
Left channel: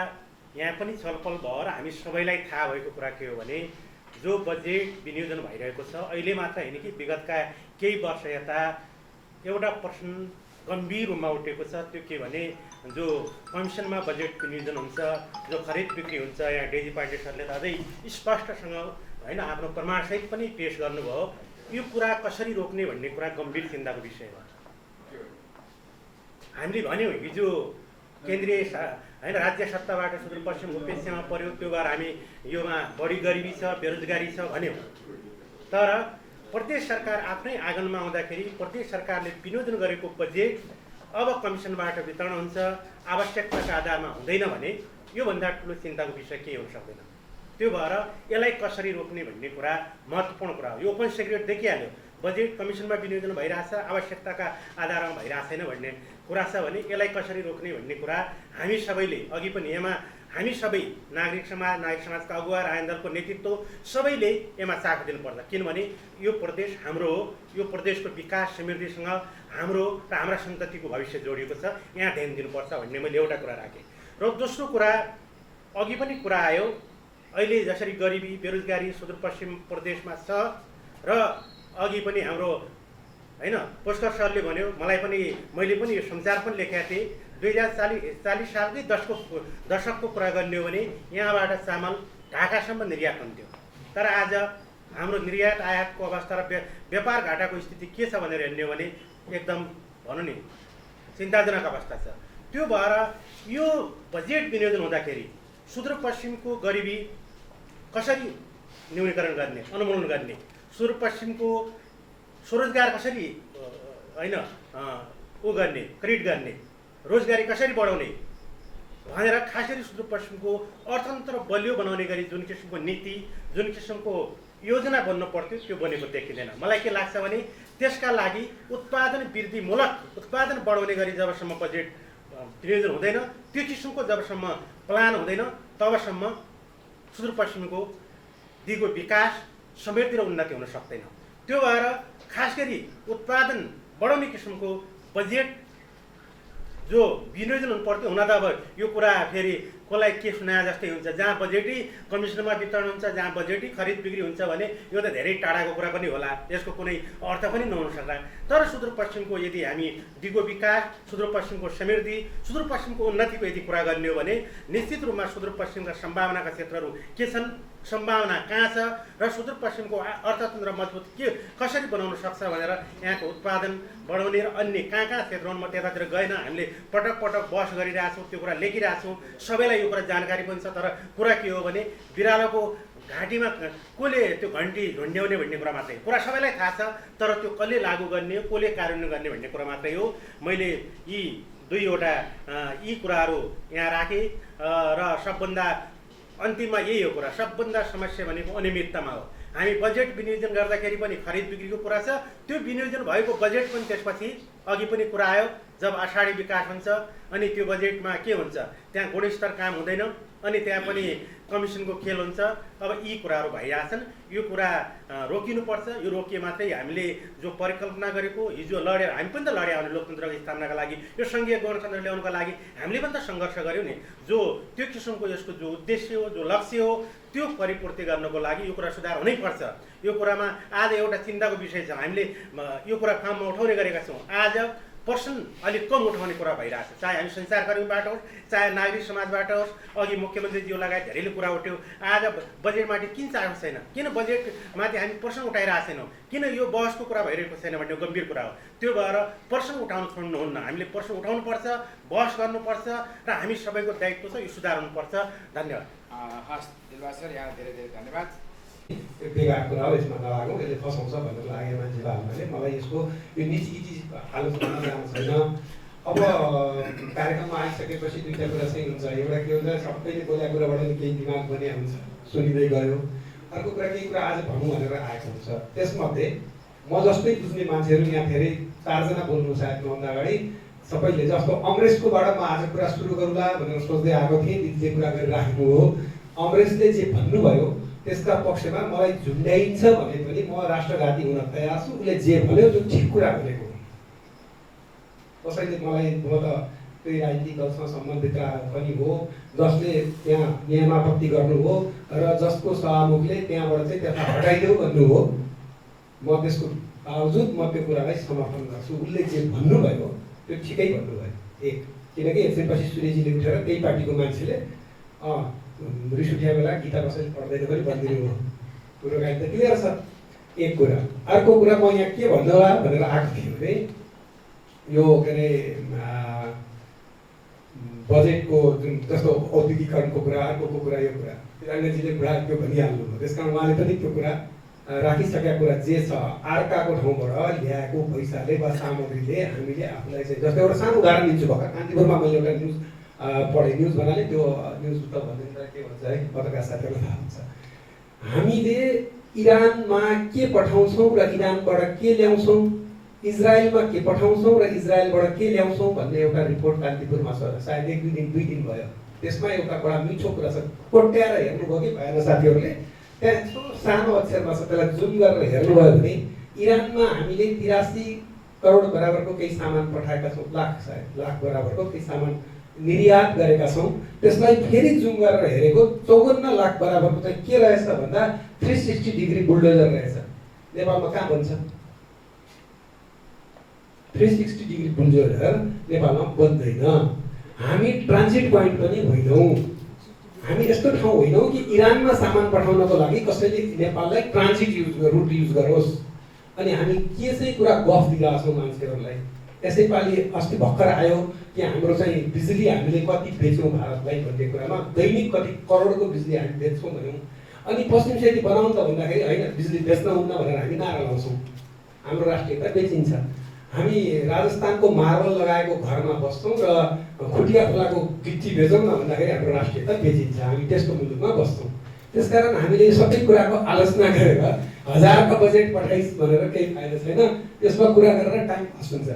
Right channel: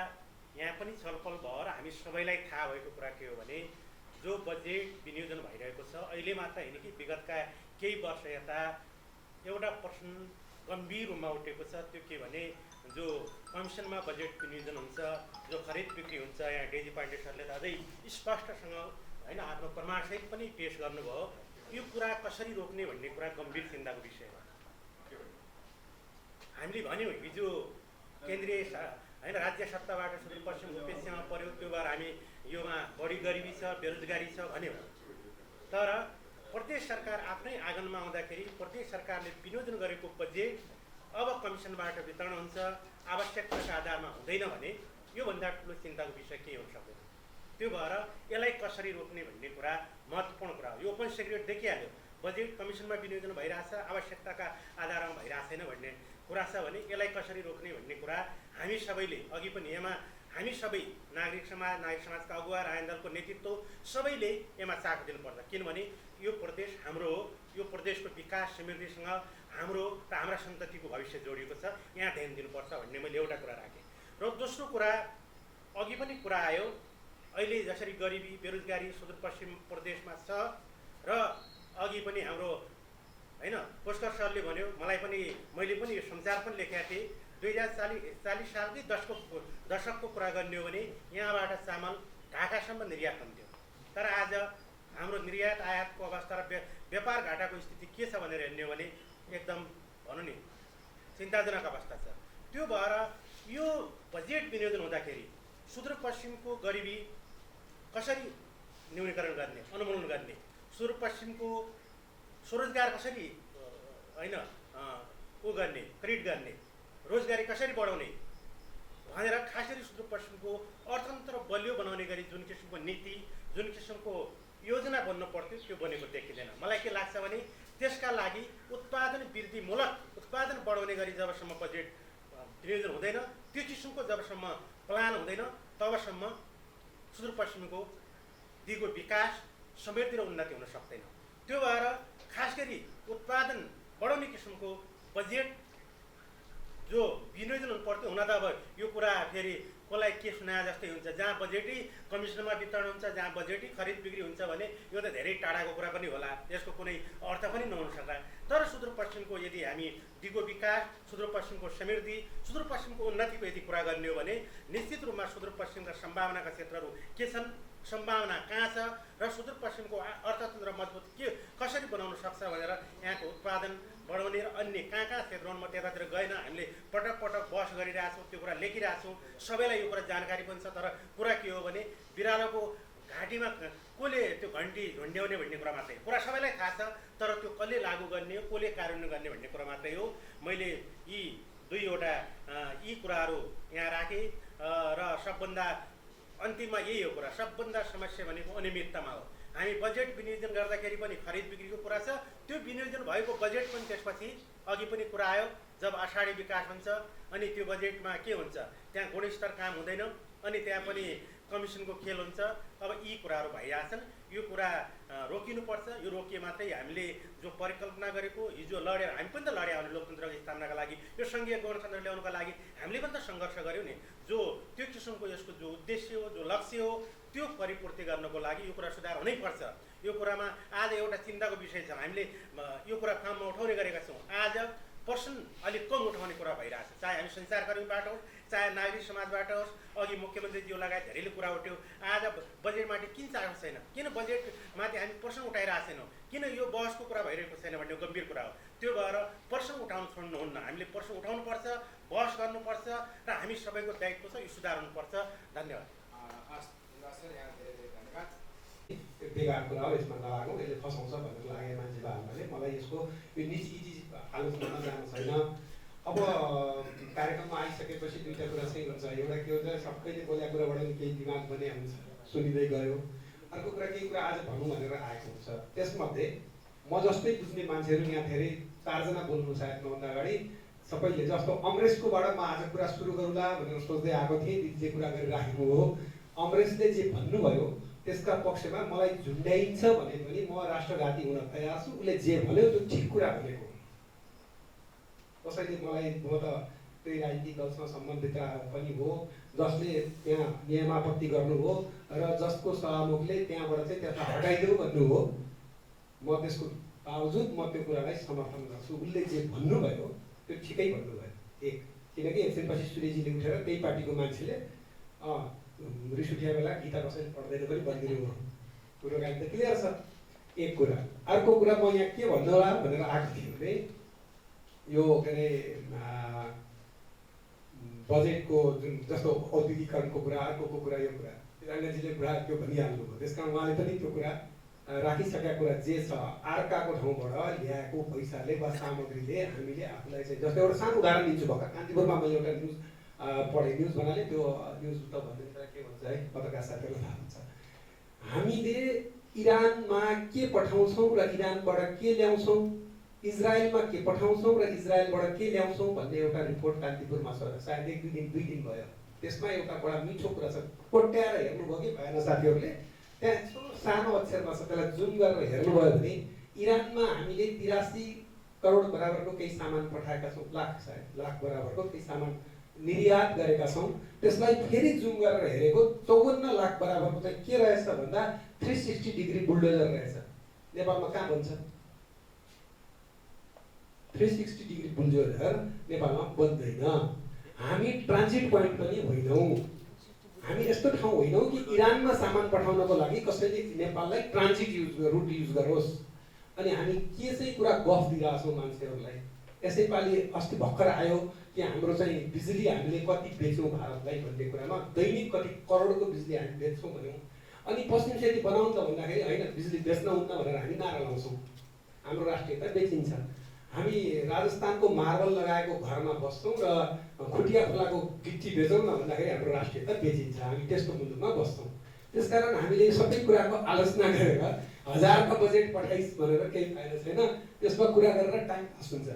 यहाँ पनि छलफल भयो र हामी सबैलाई थाहा भएको कुरा के हो भने जो बजेट विनियोजन भइरहेको छ अहिले मात्र होइन कि विगतका केही वर्ष यता एउटा प्रश्न गम्भीर रूपमा उठेको छ। त्यो के भने जो कमिसनमा बजेट विनियोजन हुन्छ, जो खरिद बिक्री हुन्छ, यहाँ डेजी पाण्डे सरले त अझै स्पष्टसँग होइन आफ्नो प्रमाणसहित पनि पेश गर्नुभयो। यो कुरा कसरी रोक्ने भन्ने कुरा गम्भीर चिन्ताको विषय हो। हामीले भन्यौँ हिजो केन्द्रीय होइन राज्य सत्ताबाट सुदूरपश्चिम भूपेक्षमा पर्यो, त्यो भएर हामी योमा बढी गरिबी छ, बेरोजगारी छ भन्यौँ। तर प्रदेश सरकार आफ्नै आँगनमा आउँदाखेरि प्रदेश सरकारले विनियोजन गरेको बजेट अब कमिसनबाट वितरण हुन्छ, आवश्यकताका आधारमा हुँदैन भने योभन्दा ठुलो चिन्ताको विषय केही हुन सक्दैन। त्यो भएर यसलाई कसरी रोक्ने भन्ने कुरा महत्त्वपूर्ण कुरा हो। यो ओपन सिक्रेट देखिहाल्यो, बजेट कमिसनमा विनियोजन भइरहेछ, आवश्यकताका आधारमा भइरहेको छैन भन्ने कुरा छ भने यसलाई कसरी रोक्ने भन्ने कुरा हामी सबैले अघि पनि यसमा हामी सबै नागरिक समाजका अगुवा राजनीतिक दलको नेतृत्व सबैले यसमा साथ दिनुपर्छ। किनभने यो प्रदेश हाम्रो हो, यो प्रदेशको विकास समृद्धिसँग हाम्रो र हाम्रा सन्ततिको भविष्य जोडिएको छ, यहाँ ध्यान दिनुपर्छ भन्ने मैले एउटा कुरा राखेँ। र दोस्रो कुरा अघि पनि कुरा आयो, अहिले जसरी गरिबी बेरोजगारी सुदूरपश्चिम प्रदेशमा छ र अघि पनि हाम्रो होइन पुष्कर सरले भन्यो, मैले पनि यो संसार पनि लेखेका थिएँ। 2040 सालकै दशकको कुरा गर्ने हो भने यहाँबाट चामल ढाकासम्म निर्यात हुन्थ्यो। तर आज हाम्रो निर्यात आयातको अवस्था र व्यापार घाटाको स्थिति के छ भनेर हेर्ने हो भने एकदम भनौँ नि चिन्ताजनक अवस्था छ। त्यो भएर यो बजेट विनियोजन हुँदाखेरि सुदूरपश्चिमको गरिबी कसरी न्यूनीकरण गर्ने, अनुमूलन गर्ने, सुदूरपश्चिमको स्वरोजगार कसरी होइन गर्ने, क्रिएट गर्ने, रोजगारी कसरी बढाउने भनेर खास गरी सुदूरपश्चिमको अर्थतन्त्र बलियो बनाउने गरी जुन किसिमको नीति, जुन किसिमको योजना बन्नु पर्थ्यो त्यो बनेको देखिँदैन। मलाई के लाग्छ भने त्यसका लागि उत्पादन वृद्धिमूलक उत्पादन बढाउने गरी जबसम्म बजेट विनियोजन हुँदैन, त्यो किसिमको जबसम्म प्लान हुँदैन, तबसम्म सुदूरपश्चिमको दिगो विकास समृद्धि र उन्नति हुन सक्दैन। त्यो भएर खास गरी उत्पादन बढाउने किसिमको बजेट जो विनियोजन हुनु पर्थ्यो हुन त अब यो कुरा फेरि कसलाई के सुनाए जस्तै हुन्छ। जहाँ बजेटै कमिसनमा वितरण हुन्छ, जहाँ बजेटै खरिद बिक्री हुन्छ भने यो त धेरै टाढाको कुरा पनि होला, यसको कुनै अर्थ पनि नहुन सक्ला। तर सुदूरपश्चिमको यदि हामी दिगो विकास, सुदूरपश्चिमको समृद्धि, सुदूरपश्चिमको उन्नतिको यदि कुरा गर्ने हो भने निश्चित रूपमा सुदूरपश्चिमका सम्भावनाका क्षेत्रहरू के छन्, सम्भावना कहाँ छ र सुदूरपश्चिमको अर्थतन्त्र मजबुत कसरी बनाउन सक्छ भनेर यहाँको उत्पादन बढाउने र अन्य कहाँ क्षेत्रमा म त्यतातिर गएन, हामीले पटक पटक बहस गरिरहेछौँ, त्यो कुरा लेखिरहेछौँ, सबैलाई यो कुरा जानकारी पनि छ। तर कुरा के हो भने बिरालोको घाँटीमा कसले त्यो घन्टी झुन्ड्याउने भन्ने कुरा मात्रै, कुरा सबैलाई थाहा छ, तर त्यो कसले लागू गर्ने, कसले कार्यान्वयन गर्ने भन्ने कुरा मात्रै हो। मैले यी दुईवटा यी कुराहरू यहाँ राखेँ र सबभन्दा अन्तिममा यही हो कुरा, सबभन्दा समस्या भनेको अनियमिततामा हो। हामी बजेट विनियोजन गर्दाखेरि पनि खरिद बिक्रीको कुरा छ, त्यो विनियोजन भएको बजेट पनि त्यसपछि अघि पनि कुरा आयो, जब आषाढी विकास हुन्छ अनि त्यो बजेटमा के हुन्छ, त्यहाँ गुणस्तर काम हुँदैन अनि त्यहाँ पनि कमिसनको खेल हुन्छ। अब यी कुराहरू भइरहेछन्, यो कुरा रोकिनुपर्छ। यो रोकिए मात्रै हामीले जो परिकल्पना गरेको, हिजो लडेर हामी पनि त लड्या हो लोकतन्त्रको स्थापनाका लागि, यो सङ्घीय गणतन्त्र ल्याउनुको लागि हामीले पनि त सङ्घर्ष गऱ्यौँ नि। जो त्यो किसिमको यसको जो उद्देश्य हो, जो लक्ष्य हो, त्यो परिपूर्ति गर्नको लागि यो कुरा सुधार हुनैपर्छ। यो कुरामा आज एउटा चिन्ताको विषय छ, हामीले यो कुरा काममा उठाउने गरेका छौँ। आज पर्सन अलिक कम उठाउने कुरा भइरहेछ, चाहे हामी सञ्चारकर्मीबाट होस्, चाहे नागरिक समाजबाट होस्। अघि मुख्यमन्त्रीज्यू लगायत धेरैले कुरा उठ्यो, आज बजेटमाथि किन चासो छैन, किन बजेटमाथि हामी पर्सन उठाइरहेको छैनौँ, किन यो बहसको कुरा भइरहेको छैन भन्ने गम्भीर कुरा हो। त्यो भएर पर्सन उठाउनु छोड्नुहुन्न, हामीले पर्सन उठाउनुपर्छ, बहस गर्नुपर्छ र हामी सबैको दायित्व छ, यो सुधार हुनुपर्छ। धन्यवाद। हस् दिलबाग सर, यहाँ धेरै धेरै धन्यवाद। यो बेकार कुरा हो, यसमा नलागौँ, यसले फसाउँछ भनेर लाग्यो मान्छेहरूले। मलाई यसको यो निजी आलोचना जानु छैन। अब कार्यक्रममा आइसकेपछि दुईवटा कुरा चाहिँ हुन्छ, एउटा के हुन्छ सबैले बोलेको कुराबाट केही दिमाग बनिया हुन्छ, सुनिँदै गयो। अर्को कुरा केही कुरा आज भनौँ भनेर आएको हुन्छ। त्यसमध्ये म जस्तै बुझ्ने मान्छेहरू यहाँ धेरै 4 जना बोल्नु सायद मभन्दा अगाडि सबैले, जस्तो अङ्ग्रेजकोबाट म आज कुरा सुरु गरौँला भनेर सोच्दै आएको थिएँ, दिदीले कुरा गरिराखेको हो। अङ्ग्रेजले जे भन्नुभयो त्यसका पक्षमा मलाई झुन्ड्याइन्छ भने पनि म राष्ट्रघाती हुन तयार छु। उसले जे भन्यो त्यो ठिक कुरा भनेको, कसैले मलाई म त त्यही राजनीतिक दलसँग सम्बन्धित पनि हो, जसले त्यहाँ नियमापत्ति गर्नु हो र जसको सभामुखले त्यहाँबाट चाहिँ त्यसलाई हटाइदेऊ भन्नु हो, म त्यसको बावजुद म त्यो कुरालाई समर्थन गर्छु। उसले जे भन्नुभयो त्यो ठिकै भन्नुभयो। एक, किनकि एकछिनपछि सूर्यजीले उठेर त्यही पार्टीको मान्छेले रिस उठ्या बेला गीता कसैले पढ्दैन पनि भनिदिनु हो, कुरो गाडी त क्लियर छ। एक कुरा। अर्को कुरा म यहाँ के भन्नु होला भनेर आएको थिएँ भने यो के अरे बजेटको जुन जस्तो औद्योगिकरणको कुरा, अर्को कुरा, यो कुरा तिरङ्गाजीले कुरा त्यो भनिहाल्नुभयो। त्यस कारण उहाँले पनि त्यो कुरा राखिसकेका कुरा जे छ, अर्काको ठाउँबाट ल्याएको पैसाले वा सामग्रीले हामीले आफूलाई चाहिँ, जस्तो एउटा सानो उदाहरण दिन्छु। भर्खर कान्तिपुरमा मैले एउटा न्युज पढेँ, न्युज भन्नाले त्यो न्युज त भनिन्छ के भन्छ है, पत्रकार साथीहरूलाई थाहा हुन्छ। हामीले इरानमा के पठाउँछौँ र इरानबाट के ल्याउँछौँ, इजरायलमा के पठाउँछौँ र इजरायलबाट के ल्याउँछौँ भन्ने एउटा रिपोर्ट कान्तिपुरमा छ, सायद 1-2 दिन भयो। त्यसमा एउटा बडा मिठो कुरा छ, कोट्याएर हेर्नुभयो कि भएन साथीहरूले, त्यहाँ यस्तो सानो अक्षरमा छ, त्यसलाई जुम गरेर हेर्नुभयो भने इरानमा हामीले 83 करोड बराबरको केही सामान पठाएका छौँ, लाख बराबरको केही सामान निर्यात गरेका छौँ। त्यसलाई फेरि जुम गरेर हेरेको 54 लाख बराबरको चाहिँ के रहेछ भन्दा 360 डिग्री बुलडोजर रहेछ। नेपालमा कहाँ बन्छ? 360 डिग्री बुलडोजर नेपालमा बन्दैन। हामी ट्रान्जिट पोइन्ट पनि होइनौँ, हामी यस्तो ठाउँ होइनौँ कि इरानमा सामान पठाउनको लागि कसैले नेपाललाई ट्रान्जिट रुट युज गरोस्। अनि हामी के चाहिँ कुरा गफ दिइरहेछौँ मान्छेहरूलाई। यसैपालि अस्ति भर्खर आयो कि हाम्रो चाहिँ बिजुली हामीले कति बेच्यौँ भारतलाई भन्ने कुरामा, दैनिक कति करोडको बिजुली हामी बेच्छौँ भन्यौँ। अनि पश्चिम सेती बनाउनु त भन्दाखेरि होइन, बिजुली बेच्न हुन्न भनेर हामी नारा लाउँछौँ। हाम्रो राष्ट्रियता बेचिन्छ। हामी राजस्थानको मार्बल लगाएको घरमा बस्छौँ र खुटिया खोलाको गिट्टी बेचौँ न भन्दाखेरि हाम्रो राष्ट्रियता बेचिन्छ। हामी त्यस्तो मुलुकमा बस्छौँ। त्यसकारण हामीले सबै कुराको आलोचना गरेर 1000 का बजेट पठाइस् भनेर केही फाइदा छैन, त्यसमा कुरा गरेर टाइम पास हुन्छ।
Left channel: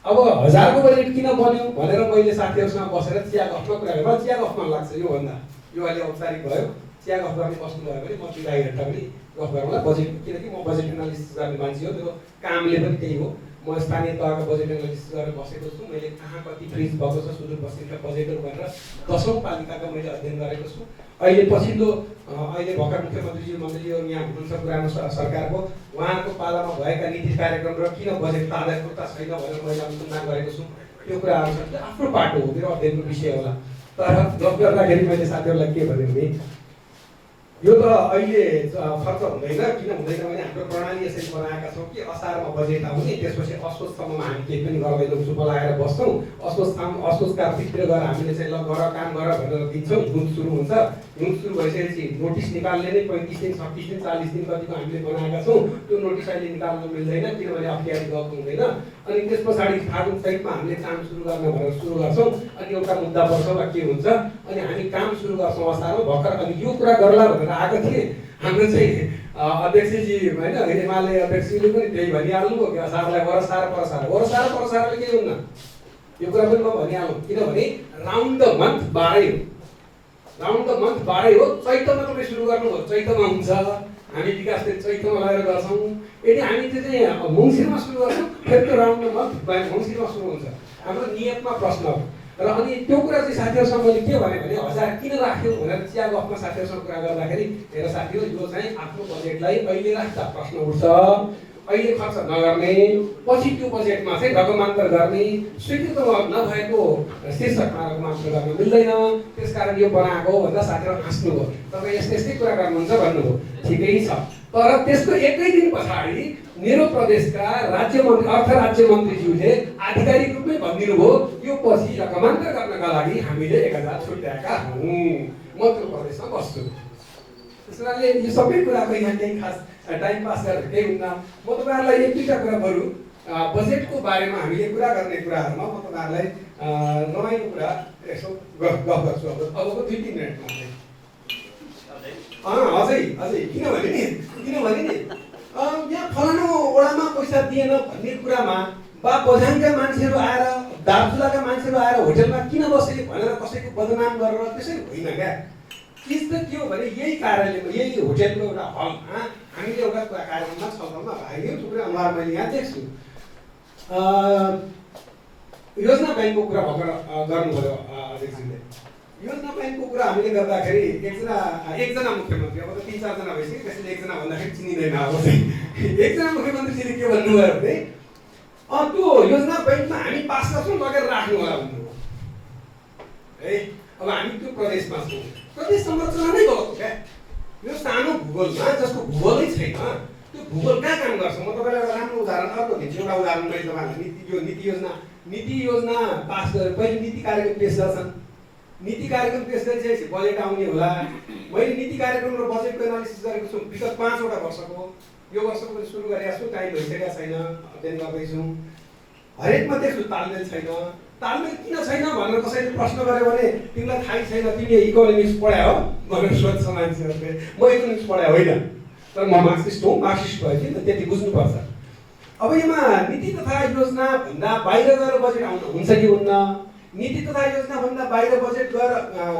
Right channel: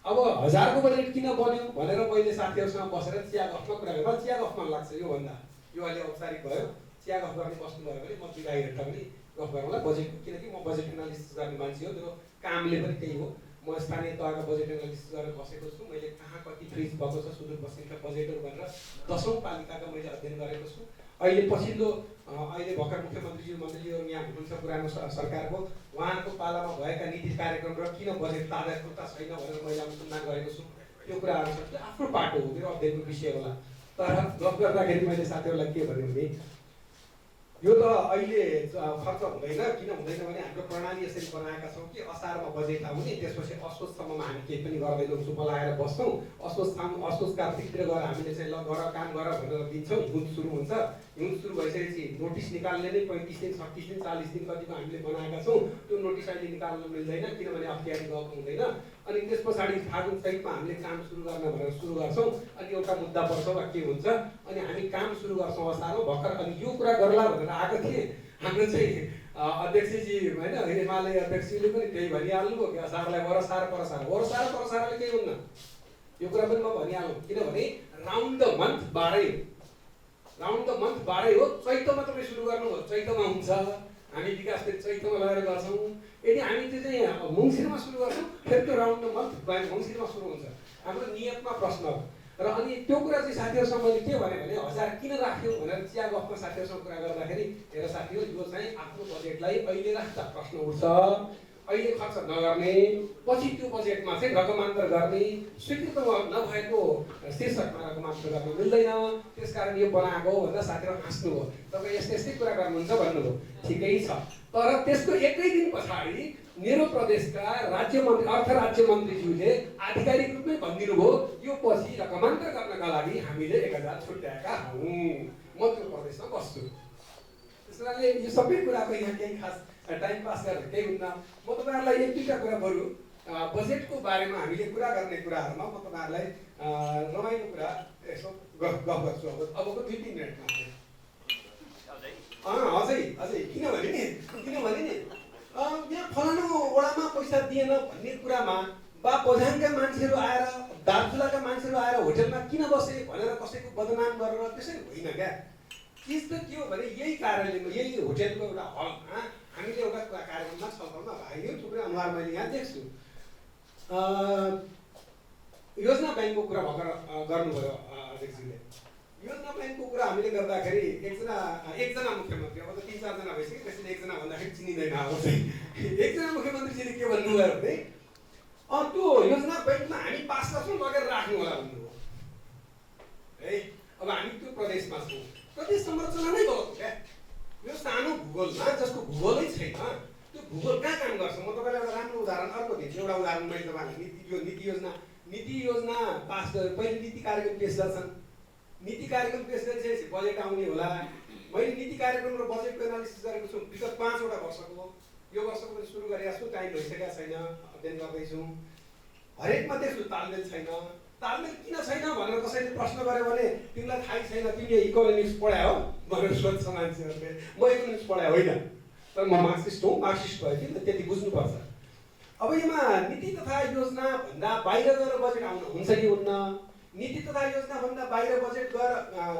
अब 1000 को बजेट किन बन्यो भनेर मैले साथीहरूसँग बसेर चिया गफमा कुरा गरेँ। चिया गफमा लाग्छ योभन्दा, यो अहिले औपचारिक भयो, चिया गफ गर्ने बस्नुभयो भने म 2 घन्टा पनि गफ गरौँला बजेट, किनकि म बजेट एनालिसिस गर्ने मान्छे हो, मेरो कामले पनि त्यही हो। म स्थानीय तहका बजेट एनालिसिस गरेर बसेको छु। मैले कहाँ कति फ्रिज भएको छ सुदूरपश्चिमका बजेटहरू भनेर 10औं पालिकाका मैले अध्ययन गरेको छु। अहिले पछिल्लो अहिले भर्खर मुख्यमन्त्रीज्यू मन्त्रीज्यूहरू यहाँ हुनुहुन्छ पुरानो सरकारको, उहाँको पालामा भएका नीति कार्यक्रम र किन बजेट तादात्म्यता छैन भनेर मैले अनुसन्धान गरेको छु। त्यो कुराहरू छ, आफ्नो पाटो हो, मेरो अध्ययनको विषय होला। तर गफ गर्दाखेरि मैले साथीहरूलाई के भने यो त अहिले खर्च हुँदैन, किन हुँदैन भने हाम्रो प्रणाली यसरी बनाएका छौँ कि असारमा बजेट आउने, त्यसपछि असोजसम्ममा हामी केही पनि गर्दैनौँ, चुप लगाएर बस्छौँ। असोज कार्तिकतिर गएर हामीले चाहिँ ल गर काम गर भनेर दिन्छौँ। हिउँद सुरु हुन्छ, हिउँद सुरु भइसकेपछि नोटिस निकाल्ने नै 35 दिन 36 दिन 40 दिन कतिको हामीले बनाएका छौँ। त्यो नोटिस अहिले निकाल्न मिल्दैन किनभने अप्ठ्यारो गएको हुँदैन। अनि त्यस पछाडि फागुन चैतमा हामीले काम सुरु गर्न भनेर सुरु गर्छौँ। अनि एउटा मुद्दा पर्छ वा के हुन्छ, अनि हामी काम सुरु गर्छौँ असारमा भर्खर। अनि यो कुरा गर्ला भनेर आएको थिएँ, हाम्रो चाहिँ अध्यक्षजी होइन एमाले अध्यक्षले पनि त्यही भनिहाल्नुभयो कि असारलाई वरसार परसारले केही हुन्न। यो कुरा पनि म भनिहालौँ, किनभने राउन्ड द मन्थ 12 हो, राउन्ड द मन्थ 12 हो। चैतमा तपाईँ सुरु गर्नुभयो, चैतमा हुन्छ, हामी विकास फेरि चैतमा लगेर गर्छौँ। यदि हामी त्यो चाहिँ मङ्सिरमा सुरु गर्छौँ फेरि त्यो राउन्ड द मन्थ मङ्सिरमा सुरु हुन्छ। हाम्रो नियतमा प्रश्न हो। र अनि त्यो कुरा चाहिँ साथीहरूसँग मैले के भने 1000 किन राख्यो भनेर चिया गफमा साथीहरूसँग कुरा गर्दाखेरि हेर साथी हो, यो चाहिँ आफ्नो बजेटलाई अहिले राख्दा प्रश्न उठ्छ, अहिले खर्च नगर्ने, पछि त्यो बजेटमा चाहिँ रकमान्तर गर्ने, स्वीकृत नभएको शीर्षकमा रकमान्तर गर्न मिल्दैन, त्यसकारण यो बनाएको भन्दा साथीहरू हाँस्नुभयो। तपाईँ यस्तै कुरा गर्नुहुन्छ भन्नुभयो, ठिकै छ। तर त्यसको एकै दिन पछाडि मेरो प्रदेशका राज्य मन्त्री अर्थ राज्य मन्त्रीज्यूले आधिकारिक रूपमै भनिदिनु भयो यो पछि रकमान्तर गर्नका लागि हामीले 1000 छुट्याएका हौँ, म त्यो प्रदेशमा बस्छु। त्यस कारणले यो सबै कुराको यहाँ केही खास टाइम पास गरेर केही हुन्न। म तपाईँहरूलाई एक दुईवटा कुरा बरु बजेटको बारेमा हामीले कुरा गर्ने कुराहरूमा म तपाईँहरूलाई रमाइलो कुरा यसो गफ गर्छु। अबको 2-3 मिनटमा अझै किनभने नि यहाँ फलानु वडामा पैसा दिएन भन्ने कुरामा बा बझाङका मान्छेहरू आएर दार्चुलाका मान्छेहरू आएर होटलमा किन बसे भनेर कसैको बदनाम गरेर त्यसै होइन क्या। चिज त के हो भने यही कार्यालयमा यही होटलको एउटा हलमा हामीले एउटा कार्यक्रममा छलफलमा भाग लियौँ। थुप्रै अनुहार मैले यहाँ देख्छु। योजना ब्याङ्कको कुरा भर्खर गर्नुभयो अध्यक्षले। योजना ब्याङ्कको कुरा हामीले गर्दाखेरि एकजना मुख्यमन्त्री, अब त 3-4 जना भइसक्यो, त्यसैले एकजना भन्दाखेरि चिनिँदैन। अब चाहिँ एकजना मुख्यमन्त्रीजीले के भन्नुभयो भने त्यो योजना ब्याङ्कमा हामी पास गर्छौँ लगेर राख्नु होला भन्नुभयो है। अब हामी त्यो प्रदेशमा छौँ, प्रदेश संरचना नै गलत हो क्या। यो सानो भूगोलमा जसको भूगोलै छैन त्यो भूगोल कहाँ काम गर्छ। म तपाईँलाई एउटा राम्रो उदाहरण अर्को दिन्छु। एउटा उदाहरण मैले तपाईँलाई नीति योजना पास गरेर पहिले नीति कार्यक्रम पेश गर्छन्। नीति कार्यक्रम पेश गरिसकेपछि बजेट आउने होला। मैले नीति कार्यक्रम र बजेटको एनालिसिस गरेको छु विगत 5वटा वर्षको। यो वर्षको पनि सुरु गरेका छु, टाइम भइसकेका छैन, अध्ययन गर्दैछौँ। हरेकमा देख्छु तालमेल छैन। तालमेल किन छैन भनेर कसैले प्रश्न गर्यो भने तिमीलाई थाहै छैन, तिमीले इकोनोमिक्स पढायो हो भनेर सोध्छ मान्छेहरूले। म इकोनोमिक्स पढायो होइन, तर म मार्क्सिस्ट हो, मार्क्सिस्ट भयो कि त्यति बुझ्नुपर्छ। अब यसमा नीति तथा योजना भन्दा बाहिर गएर बजेट आउनु हुन्छ कि हुन्न, नीति तथा योजना भन्दा बाहिर बजेट गएर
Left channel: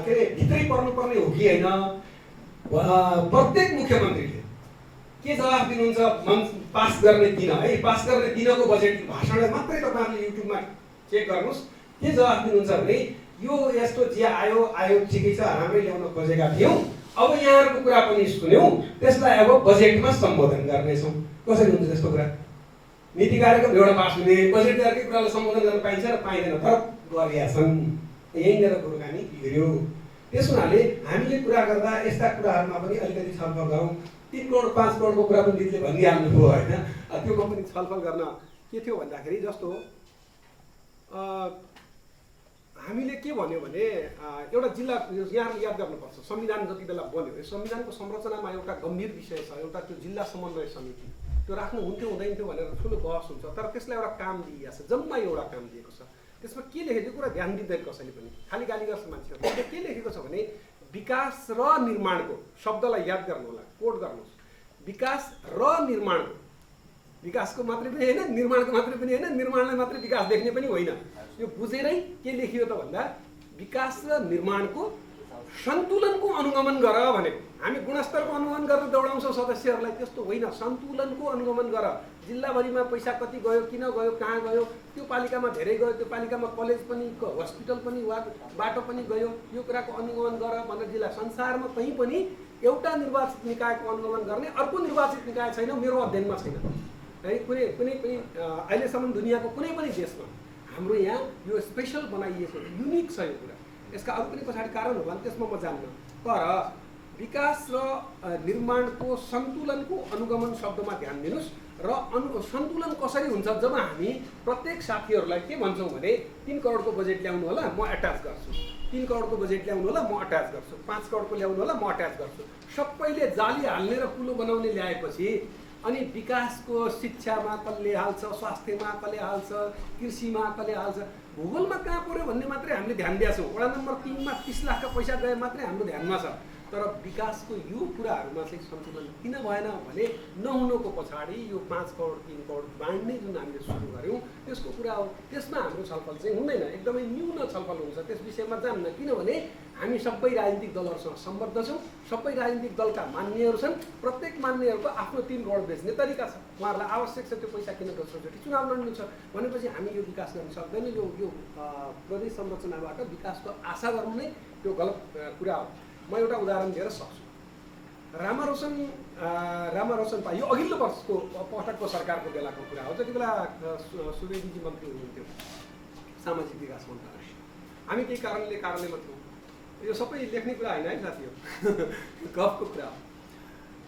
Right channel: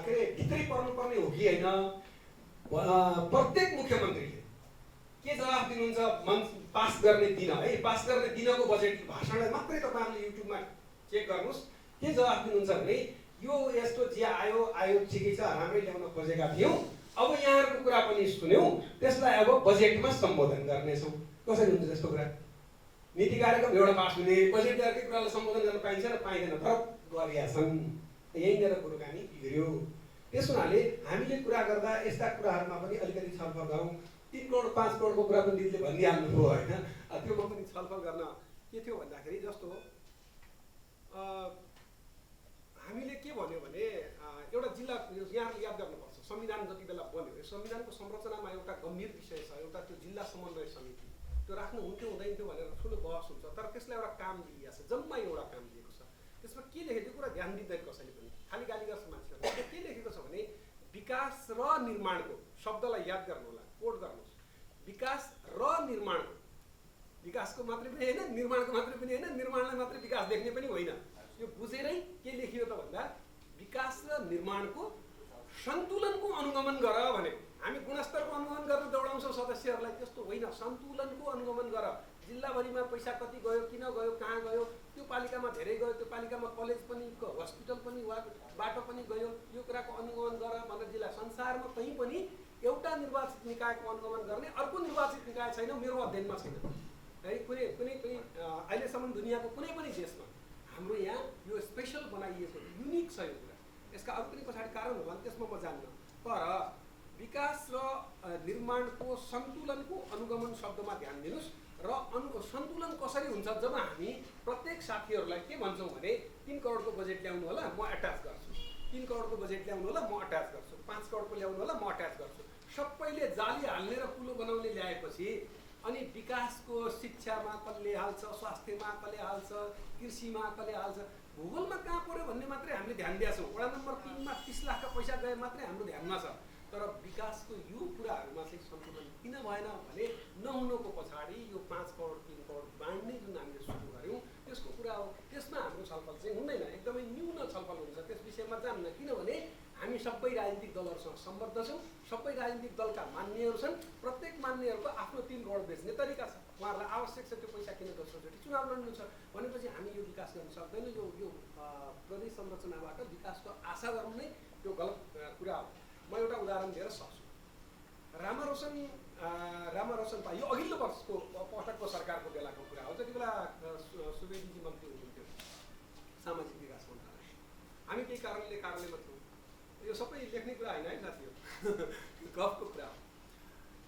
के अरे भित्रै पर्नुपर्ने हो कि होइन, प्रत्येक मुख्यमन्त्रीले के जवाफ दिनुहुन्छ पास गर्ने दिन है। पास गर्ने दिनको बजेट भाषणलाई मात्रै तपाईँहरूले युट्युबमा चेक गर्नुहोस्। के जवाफ दिनुहुन्छ भने यो यस्तो जे आयो ठिकै छ, राम्रै ल्याउन खोजेका थियौँ, अब यहाँहरूको कुरा पनि सुन्यौँ, त्यसलाई अब बजेटमा सम्बोधन गर्नेछौँ। कसरी हुन्छ त्यस्तो कुरा? नीति कार्यक्रम एउटा पास हुने, बजेटको कुरालाई सम्बोधन गर्न पाइन्छ र पाइँदैन, फरक गरिया छन्। यहीँनिर कुराकानी बिग्रियो। त्यस हुनाले हामीले कुरा गर्दा यस्ता कुराहरूमा पनि अलिकति छलफल गरौँ। 3 करोड 5 करोडको कुरा पनि दिदीले भनिहाल्नुभयो होइन। त्योमा पनि छलफल गर्न के थियो भन्दाखेरि जस्तो हामीले के भन्यो भने एउटा जिल्ला यहाँले याद गर्नुपर्छ, संविधान जति बेला बन्यो यो संविधानको संरचनामा एउटा गम्भीर विषय छ, एउटा त्यो जिल्ला समन्वय समिति त्यो राख्नु हुन्थ्यो हुँदैन थियो भनेर ठुलो बहस हुन्छ। तर त्यसलाई एउटा काम दिइएको छ, जम्मा एउटा काम दिएको छ। त्यसमा के लेखेको कुरा ध्यान दिँदैन कसैले पनि, खालि गाली गर्छ मान्छेहरूले। के लेखेको छ भने विकास र निर्माणको शब्दलाई याद गर्नु होला, कोड गर्नुहोस्। विकास र निर्माणको, विकासको मात्रै पनि होइन, निर्माणको मात्रै पनि होइन, निर्माणलाई मात्रै विकास देख्ने पनि होइन। यो बुझेरै के लेखियो त भन्दा विकास र निर्माणको सन्तुलनको अनुगमन गर भने हामी गुणस्तरको अनुगमन गरेर दौडाउँछौँ सदस्यहरूलाई, त्यस्तो होइन। सन्तुलनको अनुगमन गर। जिल्लाभरिमा पैसा कति गयो, किन गयो, कहाँ गयो, त्यो पालिकामा धेरै गयो, त्यो पालिकामा कलेज पनि, हस्पिटल पनि, बाटो पनि गयो, यो कुराको अनुगमन गर भनेर जिल्ला संसारमा कहीँ पनि एउटा निर्वाचित निकायको अनुगमन गर्ने अर्को निर्वाचित निकाय छैन, मेरो अध्ययनमा छैन है। कुनै पनि अहिलेसम्म दुनियाँको कुनै पनि देशमा हाम्रो यहाँ यो स्पेसल बनाइएको युनिक छ यो कुरा। यसका अरू पनि पछाडि कारण होला नि, त्यसमा म जान्न। तर विकास र निर्माणको सन्तुलनको अनुगमन शब्दमा ध्यान दिनुहोस्। र सन्तुलन कसरी हुन्छ? जब हामी प्रत्येक साथीहरूलाई के भन्छौँ भने 3 करोडको बजेट ल्याउनु होला, म एट्याच गर्छु, 3 करोडको बजेट ल्याउनु होला, म अट्याच गर्छु, 5 करोडको ल्याउनु होला, म अट्याच गर्छु। सबैले जाली हाल्ने र कुलो बनाउने ल्याएपछि अनि विकासको शिक्षामा कसले हाल्छ, स्वास्थ्यमा कसले हाल्छ, कृषिमा कसले हाल्छ, भूगोलमा कहाँ पऱ्यो भन्ने मात्रै हामीले ध्यान दिएका छौँ। वडा नम्बर 3 मा 30 लाखका पैसा गए मात्रै हाम्रो ध्यानमा छ। तर विकासको यो कुराहरूमा चाहिँ सन्तुलन किन भएन भने नहुनुको पछाडि यो 5 करोड 3 करोड बाँड्ने जुन हामीले सुरु गऱ्यौँ त्यसको कुरा हो। त्यसमा हाम्रो छलफल चाहिँ हुँदैन, एकदमै न्यून छलफल हुन्छ, त्यस विषयमा जान्न। किनभने हामी सबै राजनीतिक दलहरूसँग सम्बद्ध छौँ, सबै राजनीतिक दलका मान्यहरू छन्, प्रत्येक मान्यहरूको आफ्नो 3 करोड बेच्ने तरिका छ। उहाँहरूलाई आवश्यक छ त्यो पैसा किन दोस्रोचोटि चुनाव लड्नु छ भनेपछि हामी यो विकास गर्न सक्दैनौँ। यो प्रदेश संरचनाबाट विकासको आशा गर्नु नै त्यो गलत कुरा हो। म एउटा उदाहरण दिएर सक्छु। रामारोशन यो अघिल्लो वर्षको पटकको सरकारको बेलाको कुरा हो। जति बेला सुवेदीजी मन्त्री हुनुहुन्थ्यो सामाजिक विकास मन्त्रालय, हामी केही कारणले थियौँ। यो सबै लेख्ने कुरा होइन है साथीहरू, गफको कुरा हो।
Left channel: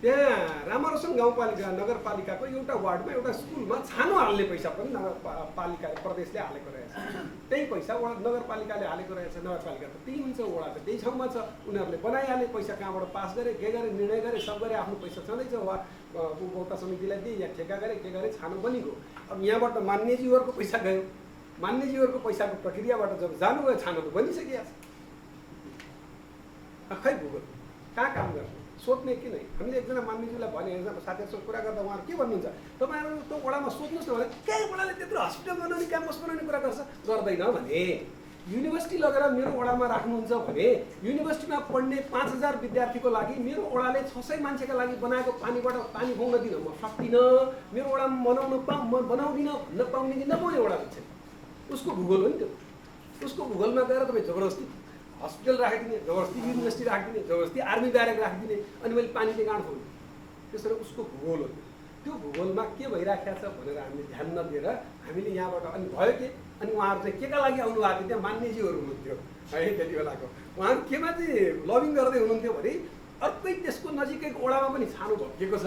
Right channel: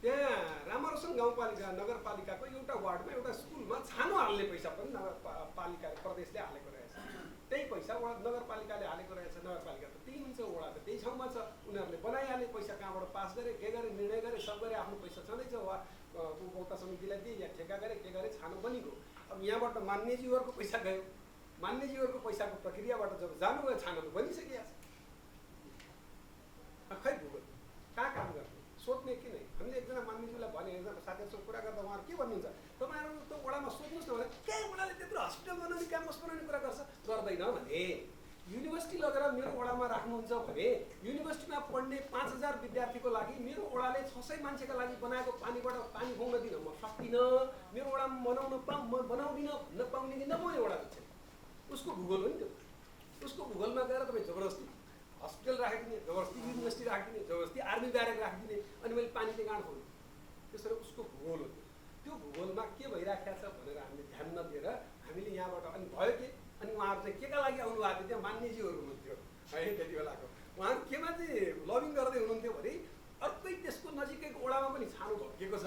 त्यहाँ रामारोशन गाउँपालिका नगरपालिकाको एउटा वार्डमा एउटा स्कुलमा छानो हाल्ने पैसा पनि नगरपालिका प्रदेशले हालेको रहेछ। त्यही पैसा नगरपालिकाले हालेको रहेछ। नगरपालिका त त्यही हुन्छ, वडा त त्यही ठाउँमा छ, उनीहरूले बनाइहाले, पैसा कहाँबाट पास गरे, के गरे, निर्णय गरे, सब गरे, आफ्नो पैसा छँदैछ। वा उपभोक्ता समितिलाई दिए या ठेका गरे, के गरे, छानो बनिगयो। अब यहाँबाट मान्यजीहरूको पैसा गयो, मान्यजीहरूको पैसाको प्रक्रियाबाट जब जानुभयो छानो त बनिसकिया छ। खै भूगोल कहाँ काम गर्ने सोध्ने कि नै? हामीले एकजना मान्यजीलाई भने, साथीहरूसँग कुरा गर्दा उहाँहरू के भन्नुहुन्छ, तपाईँहरू त्यो वडामा सोध्नुहोस् न भने कहाँ वडाले त्यत्रो हस्पिटल बनाउने, क्याम्पस बनाउने कुरा गर्दैन भने युनिभर्सिटी लगेर मेरो वडामा राख्नुहुन्छ भने युनिभर्सिटीमा पढ्ने 5000 विद्यार्थीको लागि मेरो वडाले 600 मान्छेका लागि बनाएको पानीबाट पानी खुवाउन दिन म सक्दिनँ, मेरो वडामा बनाउँदिनँ भन्न पाउने कि नपाउने वडा छ। उसको भूगोल हो नि त्यो। उसको भूगोलमा गएर तपाईँ जबरजस्ती हस्पिटल राखिदिने, जबरजस्ती युनिभर्सिटी राखिदिने, जबरजस्ती आर्मी ब्यारेक राखिदिने, अनि मैले पानीले गाँड खोल्ने, त्यसरी उसको भूगोल हो। त्यो भूगोलमा के भइराखेको छ भनेर हामीले ध्यान नदिएर हामीले यहाँबाट अनि भयो के, अनि उहाँहरू चाहिँ केका लागि आउनु भएको थियो? त्यहाँ मान्यजीहरू हुनुहुन्थ्यो है त्यति बेलाको। उहाँहरू केमा चाहिँ लबिङ गर्दै हुनुहुन्थ्यो भने अर्कै त्यसको नजिकैको वडामा पनि छानो भत्किएको छ,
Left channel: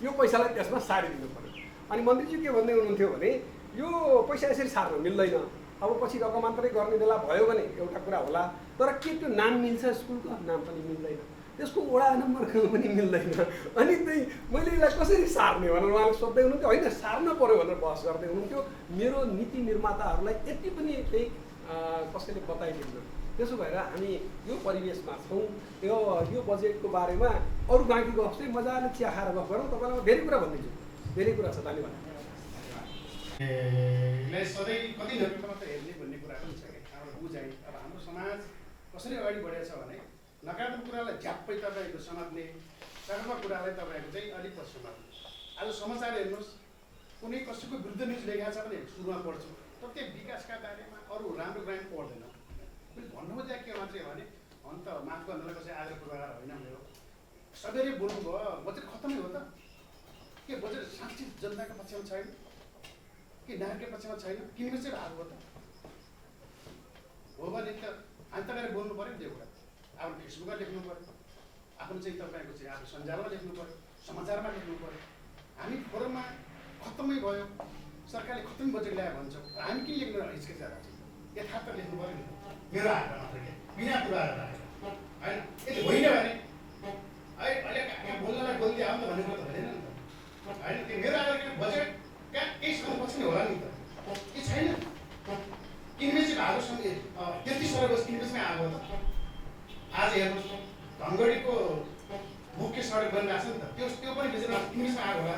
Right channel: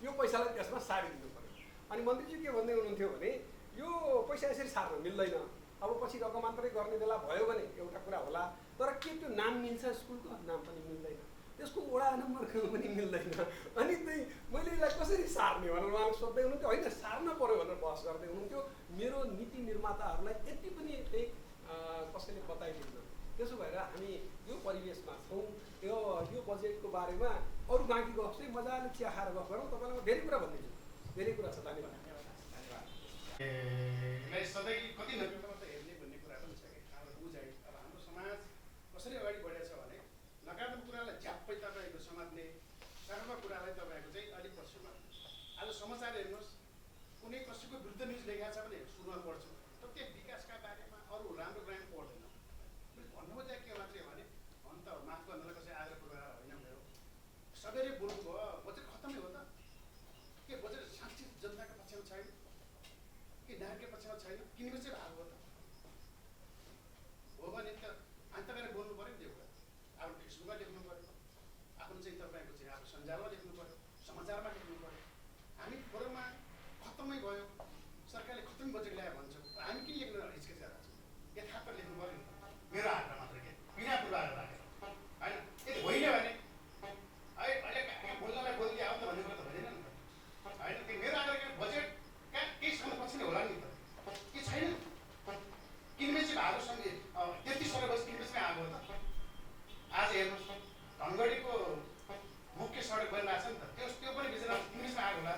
यो पैसालाई त्यसमा सारिदिनु पर्यो। अनि मन्त्रीजी के भन्दै हुनुहुन्थ्यो भने यो पैसा यसरी सार्न मिल्दैन, अब पछि रकमान्तरै गर्ने बेला भयो भने एउटा कुरा होला, तर के त्यो नाम मिल्छ? स्कुलको नाम पनि मिल्दैन, त्यसको वडा नम्बरको पनि मिल्दैन, अनि त्यही मैले यसलाई कसरी सार्ने भनेर उहाँले सोध्दै हुनुहुन्थ्यो। होइन सार्न पऱ्यो भनेर बहस गर्दै हुनुहुन्थ्यो। मेरो नीति निर्माताहरूलाई यति पनि त्यही कसैले बताइदिन्न। त्यसो भएर हामी यो परिवेशमा छौँ। यो बजेटको बारेमा अरू बाँकी गफ चाहिँ मजाले चिया खाएर गफ गरौँ। तपाईँलाई धेरै कुरा भनिदिन्छु, धेरै कुरा छ। धन्यवाद। सधैँ कति नभेटमा त हेर्ने भन्ने कुरा पनि छ कि अब बुझाइ। अब हाम्रो समाज कसरी अगाडि बढेको छ भने नकारात्मक कुरालाई झ्याप्पै तपाईँको समात्ने, सकारात्मक कुरालाई तपाईँको चाहिँ अलिक पछि समात्ने। आज समाचार हेर्नुहोस्, कुनै कसैको विरुद्ध न्युज लेखेको छ भने सुरुमा पढ्छु, प्रत्येक विकासका बारेमा अरू राम्रो कुरा पढ्दैन। मैले भन्नु चाहिँ के मात्रै भने अन्त माफ गर्नलाई कसै आदर पूर्वाधार होइन मेरो। सबैले बोल्नुभयो बजेट खत्तमै हो त के? बजेट साँच्चै जनताको पक्षमा छैन कि नागरिकको पक्षमा छैन? किनेको चाहिँ भाग हो त हो भने त अनि तपाईँले बोल्नु पऱ्यो नि त्यो कुरा। आफ्नो फेसबुकमा लेख्नु पऱ्यो, आफ्नो चाहिँ तपाईँको चाहिँ आफ्नो सञ्जालमा लेख्नु पऱ्यो, समाचारमा लेख्नु पऱ्यो। हामी फोरममा खत्तमै भयो, सरकारले खत्तमै बजेट ल्यायो भन्छौँ, हामी किन लेख्नु हिचकिचाएर यथार्थ लेख्नु पऱ्यो नि। मेरो हातमा मात्रै के बिना कुराहरू राखेर होइन, यदि होइन भने अहिले यहाँ बोल्नलाई बोलिदियो हो नि त भन्ने कुरा त हुँदैन नि त होइन। त्यो मेरो आधार बजेट कहाँ केही समयपछि नै होला नि त, के छैन? किनबेची भएको समय 33 वर्ष किनबेचमै आएको त। आज हेर्नुहोस् धनगढीको मुख्य सडक बनिरहेको छ नि त, त्यो पनि बिचमा किनबेचमा आएको होला।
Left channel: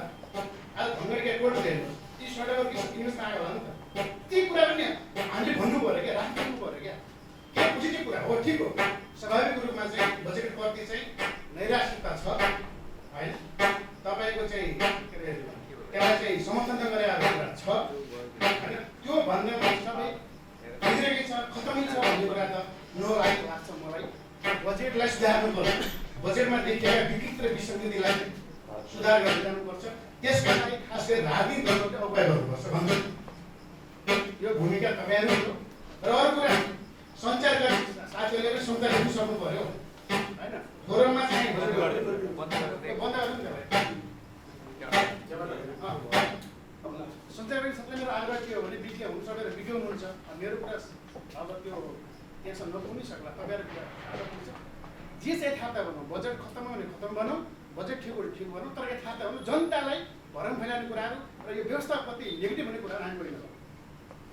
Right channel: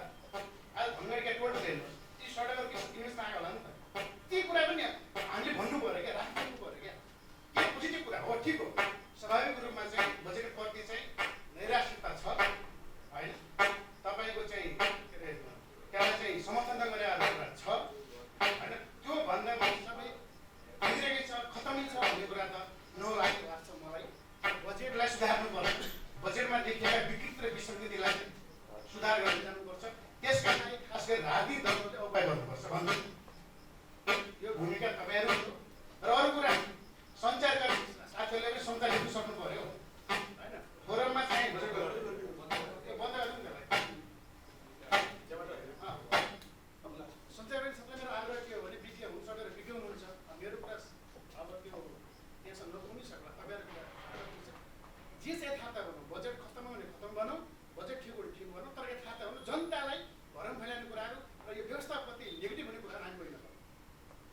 आज धनगढीको एयरपोर्ट हेर्नुहोस्, ती सडकहरू किनबेचमा आएको होला नि त। ती कुरा पनि हामीले भन्नु पऱ्यो क्या, राख्नु पऱ्यो क्या। के पोजिटिभ कुरा हो, ठिक हो, स्वाभाविक रूपमा यो भूमिका तपाईँहरू हो। र अर्को कुरा सञ्चारका साथीहरूले पनि सञ्चार गर्नु सक्नु पर्यो होइन। फोरममा चाहिँ बन्द गर्नु नि सञ्चारकारी सबैले मेरो आग्रह के हो भने विज्ञ हुनु सकेर विज्ञ हुनुहुन्छ। मेरो कुरा अब त्यो त्यहाँसम्म नपुग्नै सक्ला। तपाईँहरूको कुरा आग्रह हुन्छ जे चाहिँ यथार्थ बनाऊ, बजेट खत्तम भने खत्तम बनाऊ, बजेट ठिक हो ठिक बनाऊ, तर यथार्थ बनाऊ, जनतालाई भरम फैलाउने कुराहरू र यो व्यवस्थाप्रति नेगेटिभ हुने कुराहरू हामी पनि नगरौँ।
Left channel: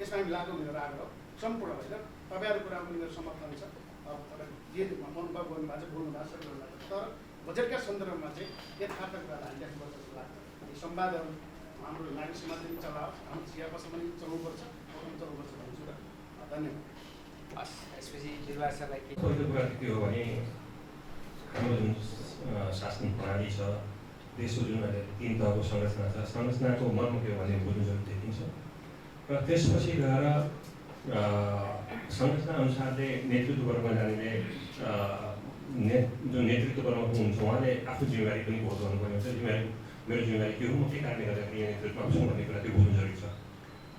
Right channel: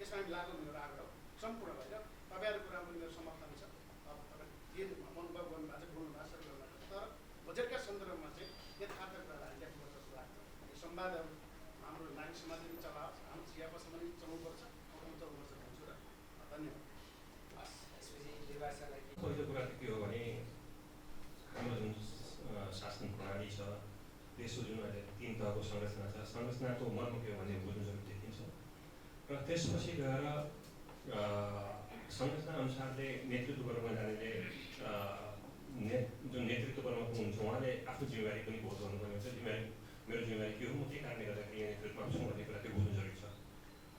यसमा हामी लागु मेरो आग्रह सम्पूर्ण होइन। तपाईँहरूको कुरामा पनि मेरो समर्थन छ। अब तपाईँ जे मनोभाव गर्नुभएको छ बोल्नु भएको छ गर्नुभएको छ, तर बजेटका सन्दर्भमा चाहिँ यथार्थ कुरालाई हामी लेख्नुपर्छ जस्तो लाग्छ। यो संवादहरू हाम्रो नागरिक समाजले पनि चलाओस्, हाम्रो चिया पसलमा पनि चलाउनुपर्छ, चलाउनुपर्छ भन्छु र धन्यवाद। यसपछि निर्वाह सरलाई के पहिलो कुरा के हो भने हाम्रो जुन शासन प्रणाली छ, देशको जुन अहिले 3 तहको संरचना छ, संरचनाको मर्म के हो भने बुझ्नु जरुरी देखिन्छ। र त्यसपछि गएर संरचना अनुसारले नेतृत्व गर्न जानेले जुन नेतृत्व गर्न हुनुहुन्छ उहाँले आफ्नो जिम्मेवारी पनि बोध गर्नुपर्ने हुन्छ। मेरो जिम्मेवारी के हो, म के कारणले गर्दाखेरि यो नेतृत्वमा छु भन्ने कुरा त्यो बुझ्नु जरुरी छ।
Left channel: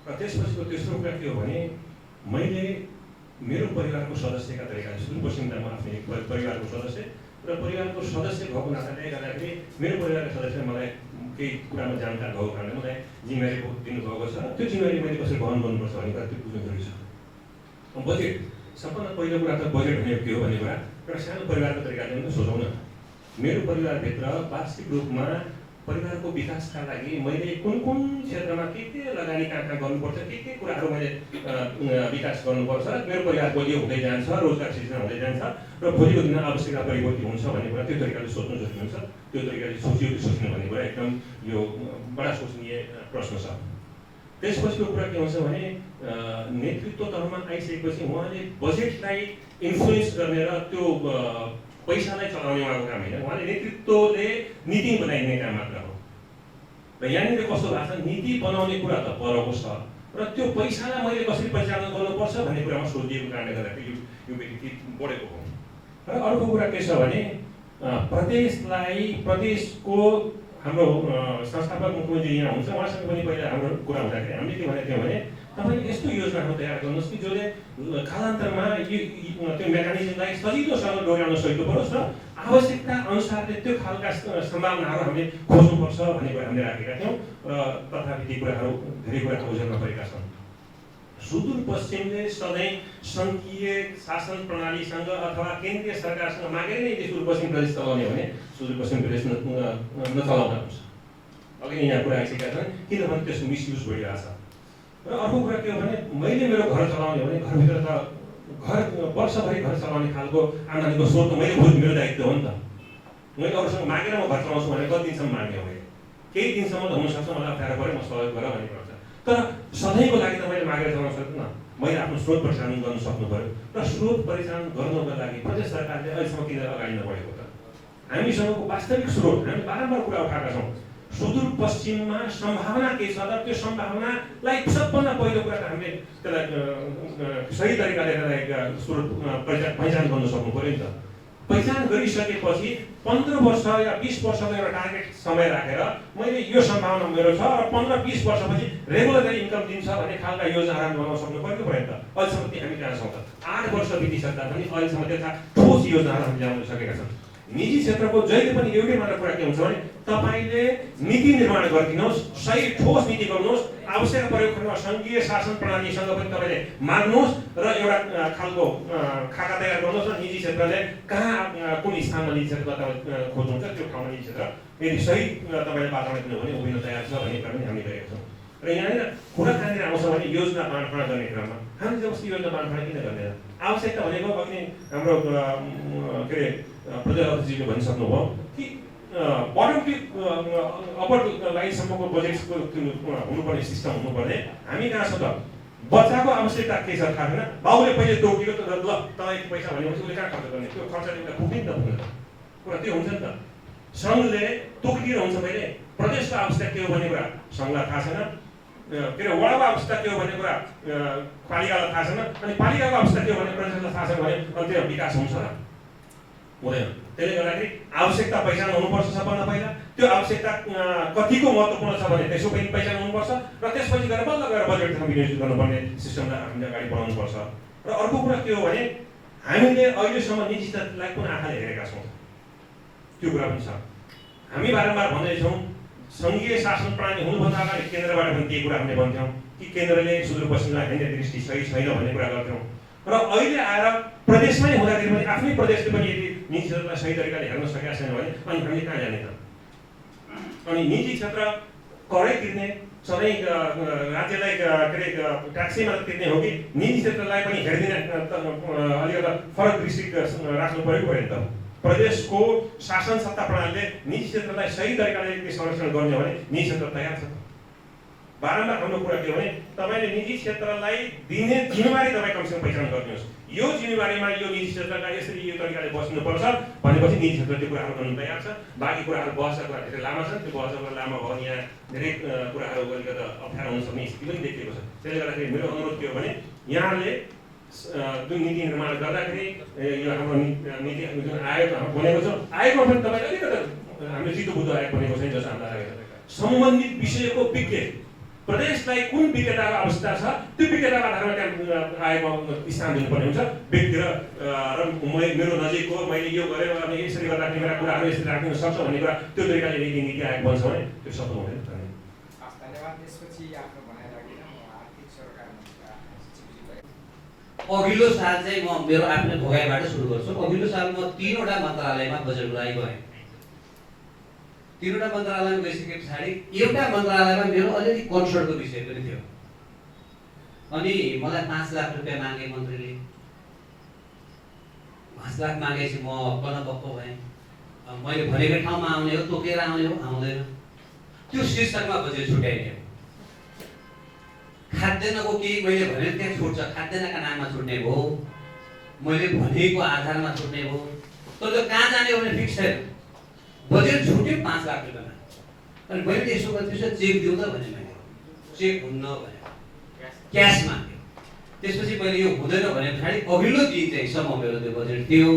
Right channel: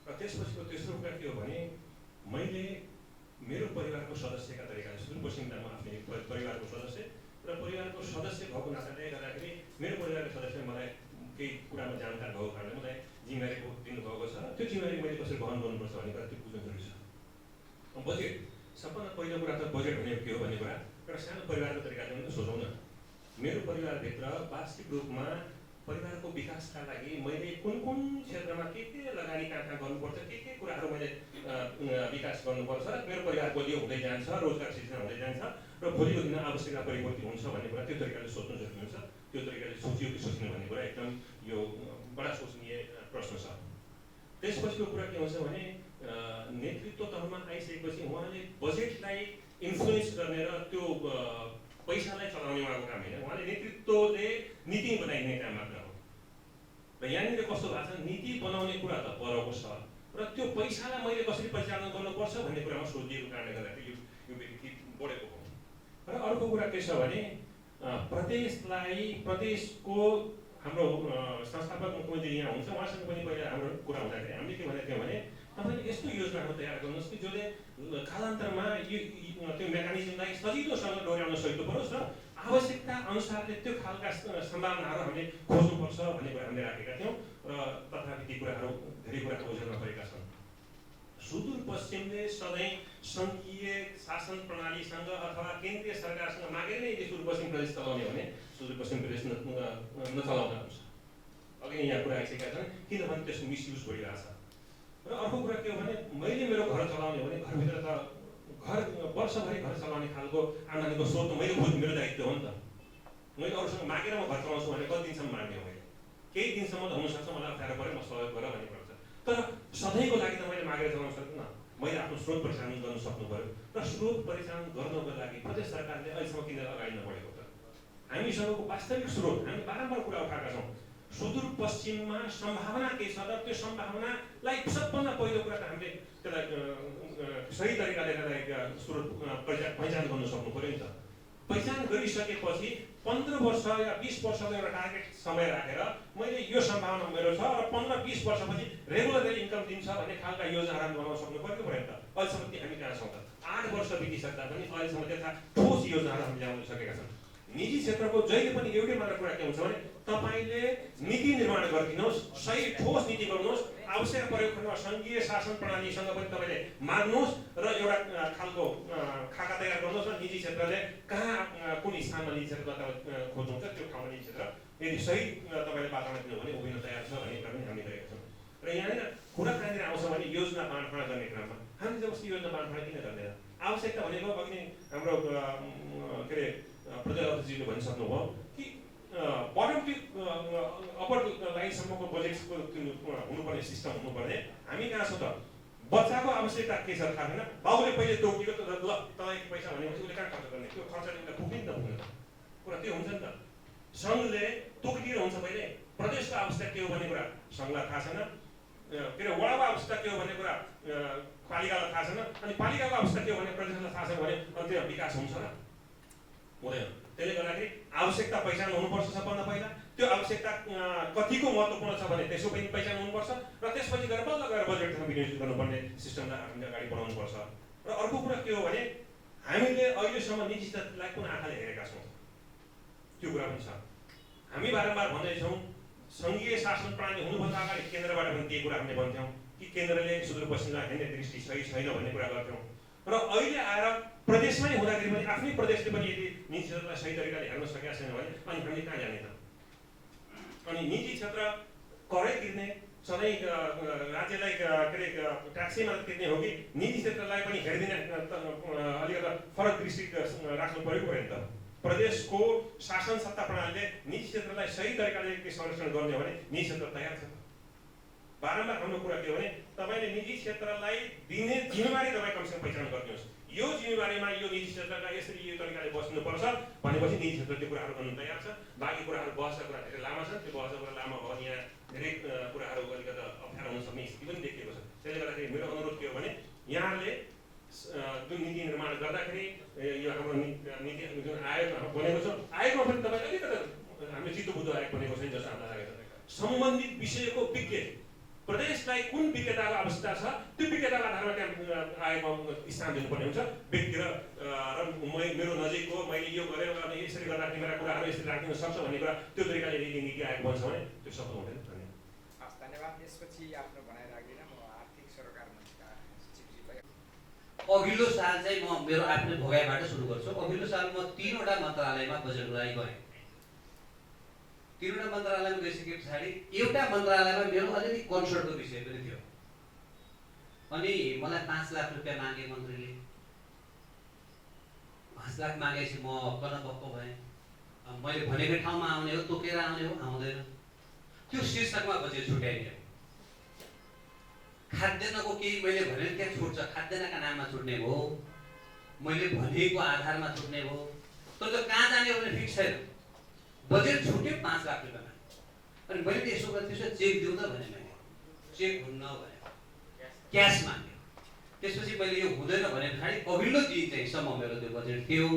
र त्यसपछिको तेस्रो कुरा के हो भने मैले मेरो परिवारको सदस्यका तरिकाले सुदूरपश्चिममा म आफ्नै परिवारको सदस्य र परिवारको सदस्य भएको नाताले गर्दाखेरि मेरो परिवारका सदस्य मलाई केही कुरामा जानकार भएको कारणले मलाई जिम्मेवारी दिनुभएको छ। त्यो जिम्मेवारी मैले कसरी वहन गर्नुपर्छ भन्ने कुरा त्यो बुझ्नु जरुरी छ। बजेट सबभन्दा पहिलो कुरा त बजेट भनेको के हो भन्ने कुरा एउटा सानो परिवारको तरिकाले पनि सोचौँ न। मेरो परिवारभित्र वार्षिक रूपमा परिवारको विकासका लागि मैले कुन क्षेत्रमा के लगानी कहाँ गर्नुपर्छ, के कुराहरू मैले विकास गर्नुपर्छ, मेरो परिवार बलियो हुँदै जान्छ, रोजगार सृजना हुँदै जान्छ र भोलिको दिनमा आवश्यकता परिवर्तन हुन्छ भन्ने कुरा त्यो तरिकाले सोच्नु जरुरी हुन्छ। त्यो तरिकाले सोचियो कि सोच्नु भन्ने कुरा एकदम यो बडा सोचनीय प्रश्न छ। त्यसपछिको कुरा के हुन्छ भने नेतृत्व तहमा आइसकेपछि उहाँले बजेटलाई इन्फ्लुएन्स गर्ने र त्यो पैसालाई चलाउने उहाँको काम होइन। उहाँले नेतृत्वले नीति बनाइने काम मात्र हो। र यहाँनिर कस्तो भएको छ, नीति बनाउने कुरा त परको छ र त्यो पैसालाई मैले कसरी परिचालन गर्नुपर्छ भन्ने कुरामा सोधिएको कारणले गर्दाखेरि यो व्यक्ति बढेको हो। र अर्को कुरा के छ भने प्रदेशको हाम्रो संस्थापक मुख्यमन्त्री यहाँ हुन्छ, उहाँसँग पनि पहिला हाम्रो कुरा हुँदाखेरि हामीले के भनेको थियौँ भने तपाईँले यस्तो योजनाहरू तयार गर्नुहोस् कि जसले कालान्तरमा त्यो मेकानिजमलाई सजिलोसँग डोर्याउन सजिलो परोस् र आवश्यकता अनुसारले त्यो खालका सम्भावनाहरू हामीले खोज्नुपर्छ भन्ने कुरा हामीले राखेका थियौँ। र तथापि ती कुराहरू धेरै कुरा ओझेलमा परेका छन्। सुदूरपश्चिमले सधैँ सङ्घीय शासन प्रणालीसँग अथवा केन्द्रीय सरकारसँग मागेर नै सुदूरपश्चिम प्रदेश चलाउने भने सुदूरपश्चिम प्रदेश नचलाउँदा हुन्छ। अघि नै यहाँ कुरा आइसकेका छन् किनभने त्यसको मिसयुज भइरहेछ। र अर्को कुरा के हो भने मैले मेरो घर चलाउने भने घरभित्र त घर वर्षभरि घर चलाउने खालको आम्दानीको स्रोत मैले बुझ्नु मेरो दायित्व हो नि त। मैले अरूसँग मागेर म घर चलाउँछु भने कति दिनसम्म माग्ने हो मैले, केही दिनसम्म त हुनसक्छ मलाई अप्ठ्यारो पऱ्यो म सहयोग गरेर भन्ने पर्छ। तर सधैँको लागि त मैले मागेर चलाउन सक्दिनँ। मैले आफ्नो स्रोत परिचालन गर्न सक्नु पऱ्यो र स्रोत परिचालन गर्नको लागि प्रदेश सरकारले अहिलेसम्म किन अगाडि नबढेको त? हामीसँगको वास्तविक स्रोत हामीले बारम्बार कुरा उठाएका छौँ। सुदूरपश्चिममा सम्भावना के छ र त्यो सम्भावनालाई सबभन्दा पहिलो कुरा त हामीले त्यसलाई सही तरिकाले स्रोत पहिचान गर्न सक्नु पऱ्यो नि त। पहिचान गरिसकेपछि 15 वर्ष या 20 वर्षको एउटा टार्गेट समय राखेर मैले यो सम्भावना मेरो छ र 15-20 वर्षपछि रेगुलर इन्कम दिन्छ भन्ने खालका योजनाहरू बनाउन सक्नु पर्यो पऱ्यो नि त। अहिलेसम्म हामी कहाँ छौँ त? 8 वर्ष बितिसक्दा पनि अहिलेसम्म त्यस्ता ठोस योजनाहरू हामीले ल्याउन सकेका छौँ। निजी क्षेत्रको जहिले पनि एउटै मात्र कुरा के हुन्छ भने तपाईँले नीति निर्माण गरिदिनुहोस्, सही ठोस नीति गर्नुहोस्, आवश्यक प्रयोग गर्न सङ्घीय शासन प्रणालीसँग पनि तपाईँले माग्नुहोस् र एउटा खालको खाका तयार गर्नुहोस् र निजी क्षेत्रले कहाँ कुन स्थानमा निजी क्षेत्र तपाईँ खोज्नुहुन्छ त्यो ठाउँमा निजी क्षेत्र यदि सही तपाईँले वातावरण दिनु भने उभिन तयार छ भन्ने कुरा पनि हामी गरेका छौँ। र यहाँनिर कुरा कहाँनिर आउँछ भने योजना बाँडफाँड गर्ने क्रममा हामीले जबसि योजना बाँडफाँड किन गर्दैन? आवश्यकता भनेको अघि नै हाम्रो के अरे प्रजापतिजीले भनिसक्नुभयो कि बटम टु अप्पर लाइनसम्मको बजेटको हुनुपर्ने सिस्टम हुनुपर्ने। हामी कहाँ छ त? बच्चाको आवश्यकता के छ थाहा छैन, बाउले पहिले तोकियो त ल तपाईँको पैसा भनेपछि उसले कहाँ खर्च गर्ने? त्यो खर्चले उसलाई पुग्ने नि त पुग्दैन कुरा त्यो हुन्छ नि त। सङ्घले तोकिदिएर हुन्छ पहिले, प्रदेशको आवश्यकता के हो भन्ने कुरा सङ्घलाई थाहा छैन, के अरे वडाको आवश्यकता के हो भन्ने कुरा पालिकालाई थाहा छैन, अनि पालिकाको आवश्यकता के हो भने प्रदेशलाई थाहा छैन भने अनि त्यो विकास हुन्छ र? हुँदैन। त्यसले गर्दाखेरि आवश्यकता पहिचान हुनुपर्छ सबभन्दा पहिला। त्यो आवश्यकता कतिको महत्त्वपूर्ण छ भने त्यसो पनि पहिचान हुनुपर्छ र त्यसपछि गएर बल्ल गएर बजेटमा विनियोजित गर्नुपर्ने सिस्टमलाई हामीले अगाडि बढाउनुपर्छ। र अर्को कुरा के हो भने हामीले अहिलेसम्म निजी क्षेत्रलाई कुन आँखाले हेरेका छौँ त्यो कुरा पनि छ। हामी बारम्बार भन्दैछौँ सङ्घीय शासन प्रणाली हुनुभन्दा अगाडि केन्द्रबाट पनि केही कुरा हामीले भन्थ्यौँ कि केन्द्रले सुदूरपश्चिमलाई हेर्ने दृष्टि सही छैन भन्ने कुरा गर्थ्यौँ। र अहिले आएर प्रदेशमै हुँदाखेरि पनि आफ्नै प्रदेशले पनि यदि निजी क्षेत्रलाई सही तरिकाले हेर्न सकेका छैन भने अनि हामीले कहाँ जाने त? अनि निजी क्षेत्र करै तिर्ने सधैँ राज्यलाई के अरे ट्याक्सै मात्र तिर्ने हो कि निजी क्षेत्रलाई पनि हेरिदिने अलिकति फरक दृष्टि राख्नु पऱ्यो नि त? प्रदेशको शासन सत्ता प्रणालीले निजी क्षेत्रलाई सही तरिकाले संरक्षण गर्ने हो भने निजी क्षेत्र तयार छ। बारम्बार हाम्रो कुरा के हो भने तपाईँले निजी क्षेत्रलाई दिने जिम्मेवारी तपाईँ कमसेकम पहिचान गरिदिनुहोस्। यो जिम्मेवारीमा यो निजी क्षेत्रलाई यसरी यो तरिकाले बस्नुपर्छ भनेपछि निजी क्षेत्र त्यो कुराहरू गर्नु तयार छ। बाँकी कुराहरू बहसका कुरा धेरै लामा छन्। त्यो बहसका कुरा लामा भयो भने यहाँ धेरै कुराहरू अलिकति अप्ठ्यारो हुन सक्ने स्थिति पनि देखिएको छ। त्यसले गर्दाखेरि मेरो अनुरोध के हो भने यहाँले जुन नीति निर्माण गर्दाखेरि यो हाम्रो नीति जुन आयोग बनेको छ आयोगमा पनि तपाईँले अलिकति हामीले चित्त बुझ्दो आयोग बनेको छैन जस्तो हामीलाई लागेको छ। सम्बन्धित विषयको विज्ञ प्रदेशलाई कुन विज्ञताको आवश्यकता छ त्यो विज्ञताको आधारमा त्यहाँ आयोगमा स्थान दिनुपर्ने हुन्छ। व्यक्ति र मेरो नजिकको मैले यो गरेर अनि यसरी गर्दाखेरि मेरा कुराहरू यसरी राख्न सक्छ भन्ने कुरा त्यो तरिकाले यदि नीति आयोग बन्छ भने त्यो सफल हुँदैन। धन्यवाद। त्यसपछि आफ्नो भनाइ राखेर म आर्थिक सरकार अघिल्लो साल चाहिँ म मेरो आफ्नो भोगाइबाट सुरु गर्छु। अघिल्लो साल म 3वटा मन्त्रालयमा बजेटको लागि गएँ। 3वटा मन्त्रालयमा गइसके पछाडि एउटा मन्त्रालयमा मेरो अलिअलि कन्सर्टको विषय पनि थियो। अनि मलाई 5 लाख रुपियाँ मागे मन्त्रीले। 5 लाख मागेपछि म कनबक्क भएँ। मैले भनेको ठाउँमा आउने हो, तोकेर आउने हो, आउँदैन। त्यो शीर्षकमा बजेट छुट्याइदियो। खाद्यान्नको केही मैले भने त्यहाँ छुट्छ, खाद्यान्नका नाममा छुट्ने भयो, मैले भनेको आधारमा छुट्ने भयो। तर त्यो कहाँ जाने हो भने फिक्स छैन। बजेट छुट्यो 5 लाख रुपियाँमा। अनि मैले यसो गर्छु चेक दिउँ त भने मैले चेक हुन्न भने क्यास माग्यो। त्यसपछि मैले यो हुँदैन भने पछाडि अघिल्लो दिन चाहिँ सम्म मेरो त्यो बजेट थियो।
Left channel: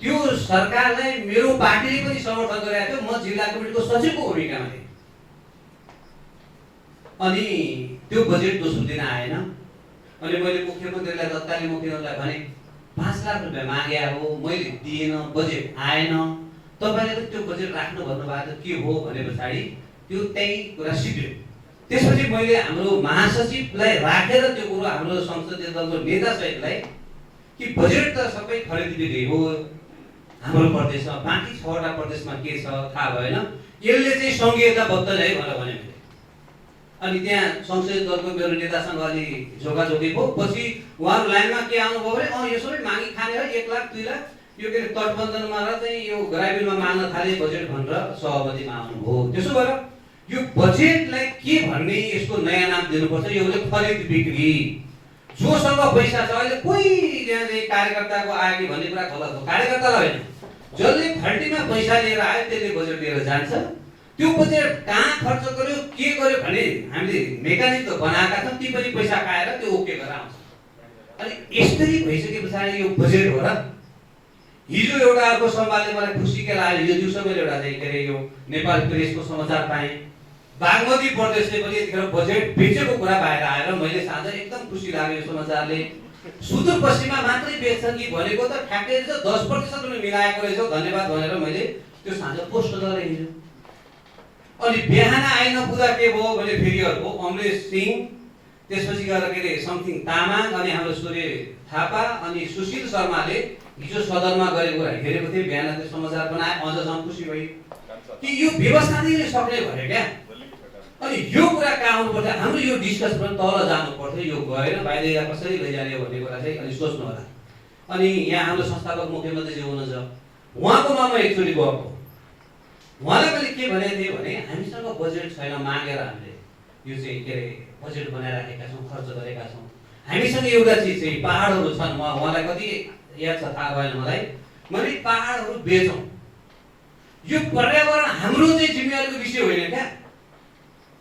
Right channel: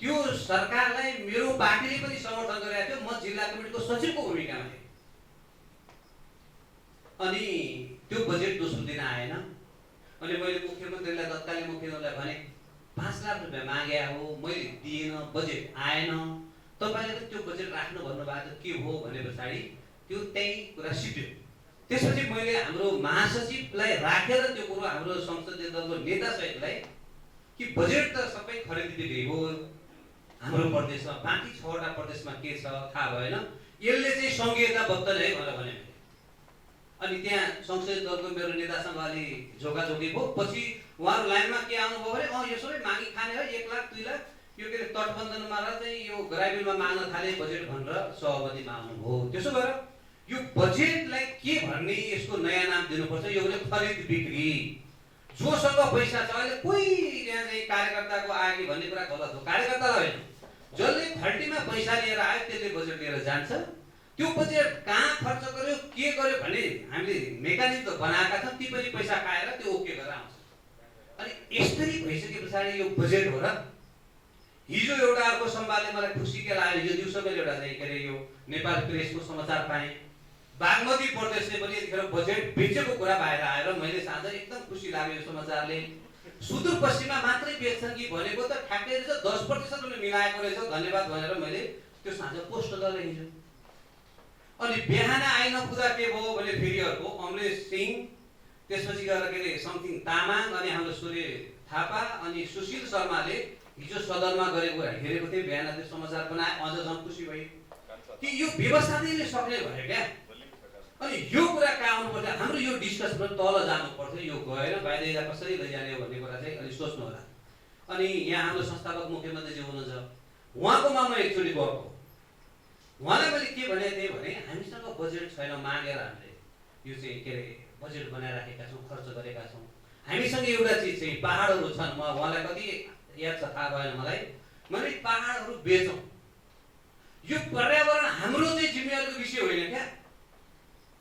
त्यो सरकारलाई मेरो पार्टीले पनि समर्थन गरेको थियो। म जिल्ला कमिटीको सचिवको भूमिकामा थिएँ। अनि त्यो बजेट दोस्रो दिन आएन। अनि मैले मुख्यमन्त्रीलाई तत्कालीन मुख्यमन्त्रीलाई भने 5 लाख रुपियाँ मागे हो, मैले दिएन, बजेट आएन, तपाईँले त त्यो बजेट राख्नु भन्नुभएको के हो भने पछाडि त्यो त्यही कुरा सिद्धियो। त्यसपछि मैले हाम्रो महासचिवलाई राखेर त्यो कुरो हाम्रो संसदीय दलको नेता सहितलाई कि बजेट त सबै खरिदी हो हाम्रो प्रदेशमा, बाँकी 6वटा प्रदेशमा के छ थाहा भएन, यसले चाहिँ सङ्घीयताबद्ध है भनेर भने। अनि त्यहाँ संसदीय दलको मेरो नेतासँग अलि झोकाझोकी भयो। पछि उहाँहरू लाइनमा के आउनुभयो भने यसो मागी खाने हो 1 लाख 2 लाख यो के तटबन्धनमा र चाहिँ यो ग्रामीणमा माग्न थाले बजेट भनेर सहमतिमा आउनुभयो। त्यसो भएर यो बजेटलाई के भन्ने यसको नयाँ नाम दिनुपर्छ। यो हो खरिद बिक्री। जोसँग पैसा छ अहिले कोही यहाँ चाहिँ कार्यकर्ताको आयो कि भन्ने कुरा गलत हो। कार्यकर्तालाई होइन, जसले खल्टीमा पैसा लिएर आयो त्यसले बजेट लिएर जान्छ। त्यो बजेट कहाँ खर्च गर्यो के गर्यो भने हामीले मेकानिजम त बनाएका छौँ, ती पनि पैसा खाएर त्यो ओके गरेर आउँछ। अनि यसरी भइसके पछाडि यो बजेट हो र। हिजो एउटा अर्को संवादले मलाई खुसी के लाग्यो। यो दिउँसो मैले एउटा चाहिँ के अरे यो नेपाल प्रेसको समाचार पाएँ। बागमती प्रदेशले पनि यतिखेर बजेट बेचेको कुरा बाहिर आएर मैले साँझ एकदम खुसी लाग्यो यो समाचारले। सुदूरपश्चिममा मात्रै बेच्छन् कि भनेको त ठ्याक्कै 10% पनि मिलाएको रहेछ, धन्यवाद भनेर मैले त्यो साँझ पोस्ट गरेँ हिजो। अनि बिहान आइन पुग्दा के भयो भने फेरि अर्को अमरेश सिंह, त्यसपछि गएर के अरे समथिङ तामाङ, अनि हाम्रो सूर्य थापा अनि सुशील शर्माले हिजो सदनमा गरेको कुरा हेरेको थिएँ। बिहान त्यो समाचार बनाए, अझसम्म खुसी भयो कि यो व्यवस्थाले सक्ने भयो क्या। अनि यो कुरा कहाँ आउनुपर्छ, हाम्रो यो डिस्कस पनि तल जानु पर्थ्यो। यो गएर बाहिर कसरी लैजाने भन्ने कुरा चाहिँ अलिक सोच्नु होला। अनि यहाँ हाम्रो संस्थापक मुख्यमन्त्रीजी हुनुहुन्छ, उहाँकोमा म एकचोटि गएको। उहाँलाई मैले के भनेको थिएँ भने हामीसँग बजेट छैन, मागेर हामीले यो चाहिँ के अरे बजेट बनाइराखेका छौँ, खर्च गरेका छौँ। हामीसँग एउटा चिज चाहिँ पहाडहरू छन्। उहाँलाई कति याद छ थाहा भएन मलाई। मैले पहाडहरू बेचौँ, यो पर्यावरण हाम्रो चाहिँ जिम्मेवारीको विषय होइन क्या।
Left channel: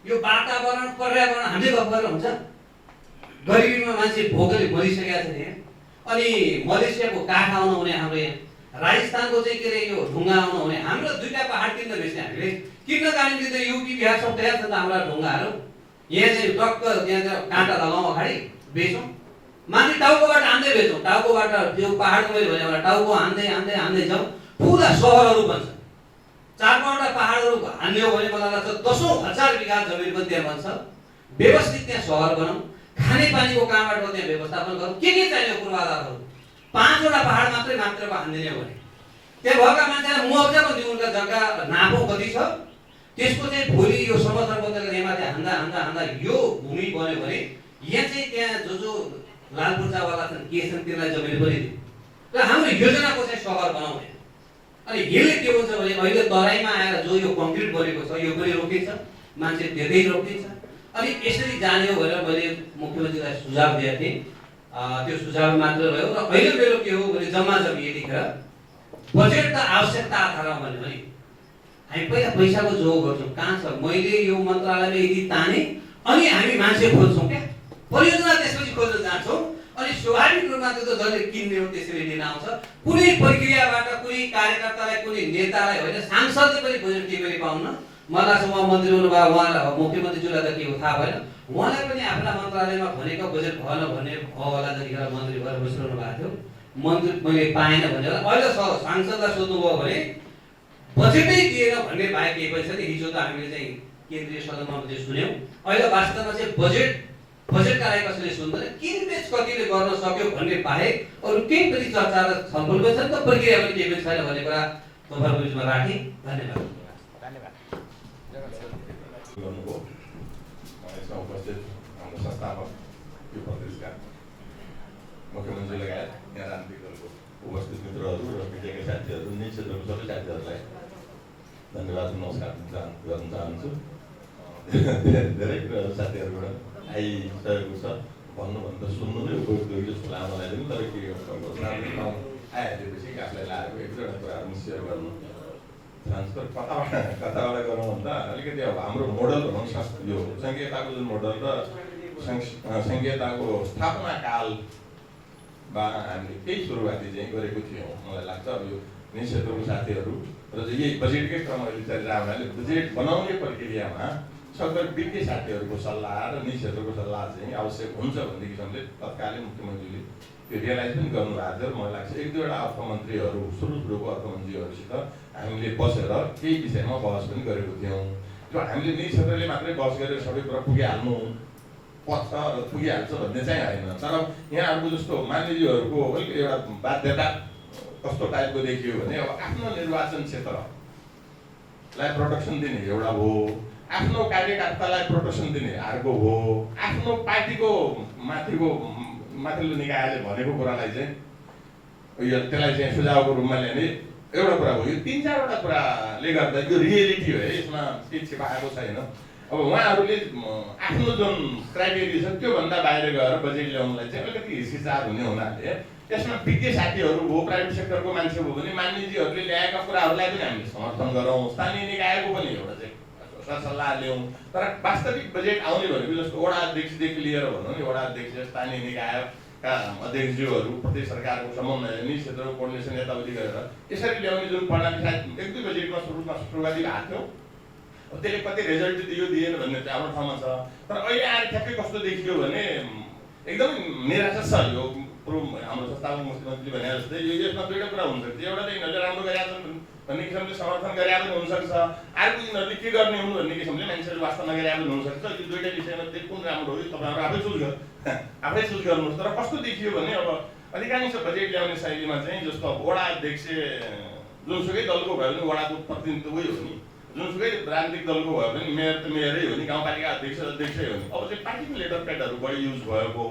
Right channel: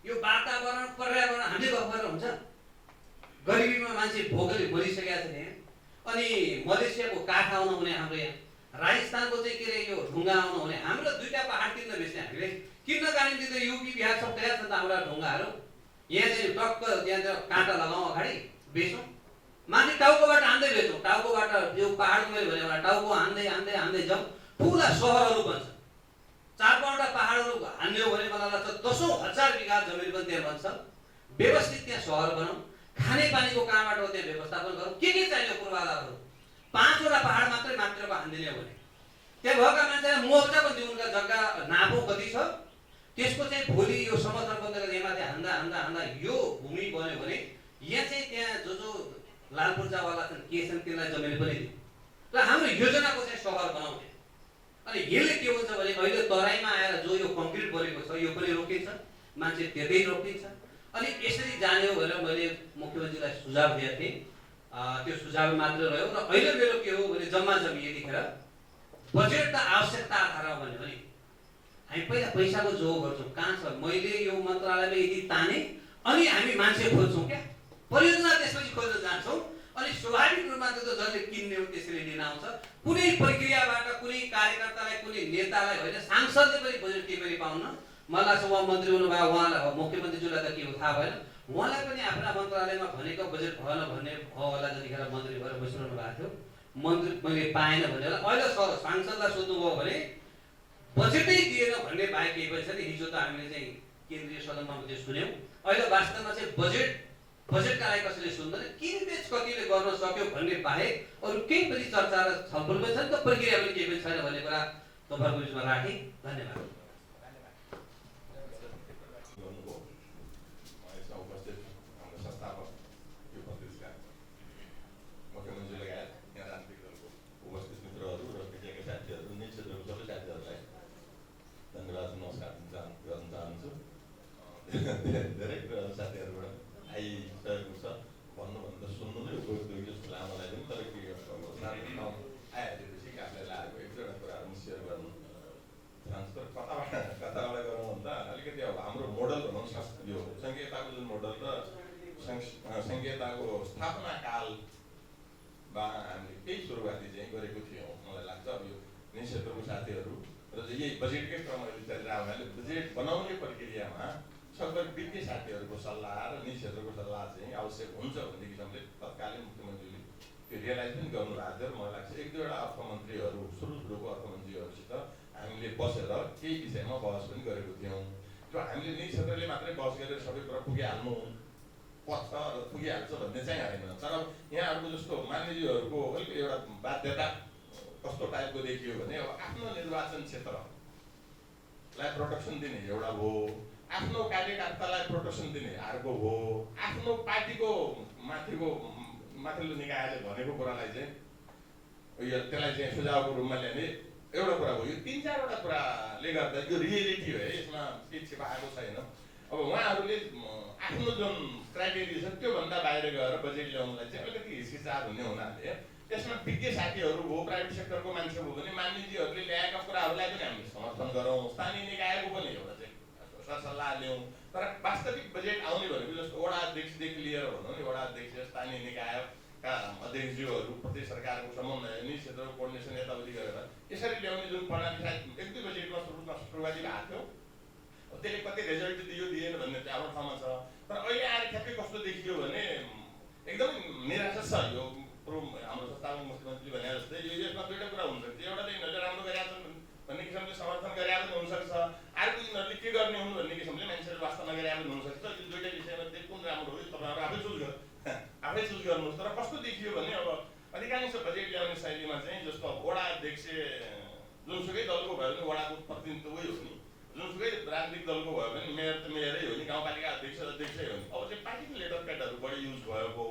यो वातावरण पर्यावरण हामीले गफ गरेर हुन्छ। गरिबीमा मान्छे भोकले मरिसकेका छन् यहाँ। अनि मलेसियाको काठ आउन हुने हाम्रो यहाँ राजस्थानको चाहिँ के अरे यो ढुङ्गा आउनु हुने हाम्रो 2टा पहाड किन्न बेच्ने हामीले किन्न जाने त युपी बिहार सब तयार छ त हाम्रा ढुङ्गाहरू यहाँ चाहिँ टक्क त्यहाँ काँटा लगाउँ अगाडि बेचौँ माथि टाउकोबाट हान्दै बेचौँ टाउकोबाट यो पहाडको मैले भने एउटा टाउको हान्दै जाउँ पुरा सहरहरू बन्छ 4-5वटा पहाडहरू हान्यो भने मलाई लाग्छ 10,000 बिघा जमिन पनि त्यहाँ बन्छ व्यवस्थित त्यहाँ सहर बनाऊँ खानेपानीको कहाँबाट त्यहाँ व्यवस्थापन गरौँ के चाहियो पूर्वाधारहरू 5वटा पहाड मात्रको हान्दिने भने त्यहाँ भएका मान्छेलाई मुआवजा पनि दिउँ उनका जग्गा नापौँ कति छ त्यसको चाहिँ भोलि यो समर्थन बदलेर यहाँमाथि हान्दा यो भूमि बन्यो भने यहाँ चाहिँ त्यहाँ जो लाल पूर्जावाला छन् के छन् तिनीलाई जमिन पनि दिउँ र हाम्रो योजनाको चाहिँ सहर बनाउने अनि यसले के हुन्छ भने अहिले तराईमा आएर जो यो कङ्क्रिट बनेको छ यो पनि रोकिन्छ मान्छे त्यतै रोकिन्छ अनि यसरी जाने हो भनेर मैले मुख्यमन्त्रीलाई सुझाव दिएको थिएँ त्यो सुझाव मात्र रह्यो र अहिले मेरो के हो भने जम्मा यतिखेर बजेट त आवश्यकता आधारमा भन्यो भने हामी पहिला पैसाको जोग गर्छौँ कहाँ छ मैले यो मन्त्रालयमा यदि ताने अनि हामी मान्छे खोज्छौँ क्या परियोजना त्यसपछि खोज्न जान्छौँ अनि स्वाभाविक रूपमा त्यो त जसले किन्ने हो त्यसरी लिन आउँछ कुनै प्रक्रियाबाट कुनै कार्यकर्तालाई कुनै नेतालाई होइन सांसदले पनि बजेट केही पाउन्न मलाई चाहिँ उहाँ मन्त्री हुनुभयो उहाँलाई मुख्यमन्त्रीज्यूलाई त के हो थाहा भएन उहाँलाई पनि आफ्ना मन्त्रालयमा भनेको बजेट भएन भन्ने होला जतिखेर मन्त्री भएर बसिरहनु भएको थियो मन्त्री मैले पाएन भनेर अहिले सांसदलाई सोध्नुभयो भने बजेटै दिएन भन्ने बाहेक केही पनि छैन हिजो त हामीले चाहिँ केन्द्रीय सदनमा मात्रै सुन्यौँ अहिले वास्तवमा चाहिँ बजेटका लागि कसैले सुन्दैन किनबेच कतिले गर्न सक्यो भन्ने बाहेक अरू केही पनि चर्चा र छलफल पनि छैन त प्रक्रिया पनि केही पनि छैन भन्ने कुरा तपाईँहरूको बिचमा राखेँ धन्यवाद गर्नुभयो यसमा उपस्थित हाम्रो संस्थापक यो प्रदेशका मुख्यमन्त्री लगायत यहाँ राजनीतिक दलको उपस्थित मित्रहरू र मिडियाका साथीहरू निज क्षेत्रको सबै साथीहरूलाई धन्यवाद नमस्कार गर्न चाहन्छु धेरै कुराहरू साथीहरूबाट आइसकेको छ भन्नुभन्दा सुन्नु नै उपयुक्त जस्तो लाग्छ मलाई पनि तर के आइहालेपछि आफूलाई लागेको एक दुईवटा कुराहरू सेयर गर्नु ट्रान्सफर कताबाट गरौँ भन्दा अलिकति अब हाम्रो मोडल भनौँ यो सङ्घीयताको जुन मोडल र सङ्घीयताको स्थापना कालमा हामीले केही सुरुवाती चाहिँ गरेको थियौँ मलाई लाग्छ अब यो निज क्षेत्रको साथीहरू र यही बजेटकै क्रम अहिले चलिरहेको हुनाले बजेट बनाउने प्रक्रियामा सबै विज्ञ साथीहरूको सल्लाह र निज क्षेत्रको सल्लाह चाहिँ आवश्यक हुन्छ भन्ने किसिमले तत्कालीन मुख्यमन्त्रीले त्यो रियलाइज पनि गर्नुभएको थियो मलाई लाग्छ एक दुईवटा अर्थमन्त्रीहरू सुरुको अर्थमन्त्रीहरूसित हामीले बसेर केही विषयमा बहस पनि गरेको थियौँ त्यो हामीले निज क्षेत्रले मात्रै बहस गरेर सबै कुरा पुगिहाल्नु पर्छ र पुगिहाल्छ भन्ने चाहिँ होइन तर यहाँहरूको जस्तो मान्यज्यूहरूको अलिक एउटा बाध्यता कस्तो टाइपको देखियो भने अब आफ्नो निर्वाचन क्षेत्रलाई प्रोटेक्सन दिने एउटा हो आफ्नो कार्यकर्तालाई प्रोटेक्सन दिने अर्को हो आफ्नो पार्टीको माथिल्लो निकायले भनेको कुरालाई चाहिँ त्यसलाई चाहिँ सुझावको रूपमा ल्याउने एउटा कुरा हो यो 3-4वटा कुराले गर्दा यो रियलिटी हो है यसमा केही छिपाएको छैन अब उहाँहरूले आफ्नो जुन क्राइटेरिया छ त्योभन्दा बाहिर गएर बजेट ल्याउनलाई चाहिँ अलिकति हिचकिचार हुने हुनाले त्यसमा विज्ञ साथीहरू हो प्राइभेट सेक्टरको मान्छे हो भने मान्यजीहरूले ल्याएका कुराहरूलाई पनि हामीले समर्थन गरौँ स्थानीय निकायको पनि एउटा चाहिँ सरसल्लाह ल्याउँ तर वास्तविक बजेट आउने भनेको जस्तो वडा अध्यक्षदेखि लिएर भनौँ नि वडा अध्यक्ष स्थानीय निकायका अध्यक्षज्यूहरू प्रदेश सरकारको समन्वय निज क्षेत्रको कोर्डिनेसन यताउति गरेर यसरी ल्याउने जुन प्रणाली सायद 1-2 बजेटमा सुरुवाती भएको थियो त्यसले कति रिजल्ट दियो दिएन भन्ने चाहिँ हाम्रो ठाउँमा छ तर अहिले आएर ठ्याक्कै कस्तो देखियो भने एकदमै निराशा छ यो हाम्रो संस्थापक मुख्यमन्त्री भने जस्तै यो यसमा दुईवटा कुरा हुनसक्छ एउटा चाहिँ यिनीहरूले राम्रो गरेका छन् भन्ने किसिमले समर्थन गरे पनि हुनसक्छ अर्को यिनीहरूले के गर्ने हुन् भन्ने किसिमले मान्छेहरू वास्तवमा गरे पनि हुनसक्छ यो दुईवटा विषयमा चाहिँ कुन राम्रो हो यो तपाईँहरू आफै चुज गर्नुहोस् तर कस्तो देखियो भने अब अधिकांश बजेट ल्याउने शैलीमा चाहिँ जस्तो अब वडा अध्यक्ष जुनसुकै दलको भयो भने वडाको प्रतिनिधित्व हो नि जुनसुकै राजनीतिक दलको भयो भने मेयर त मेयरै हो नि गाउँपालिका अध्यक्षै हो नि अब चाहिँ पार्टीको लेटर प्याडहरू बढी युज भएको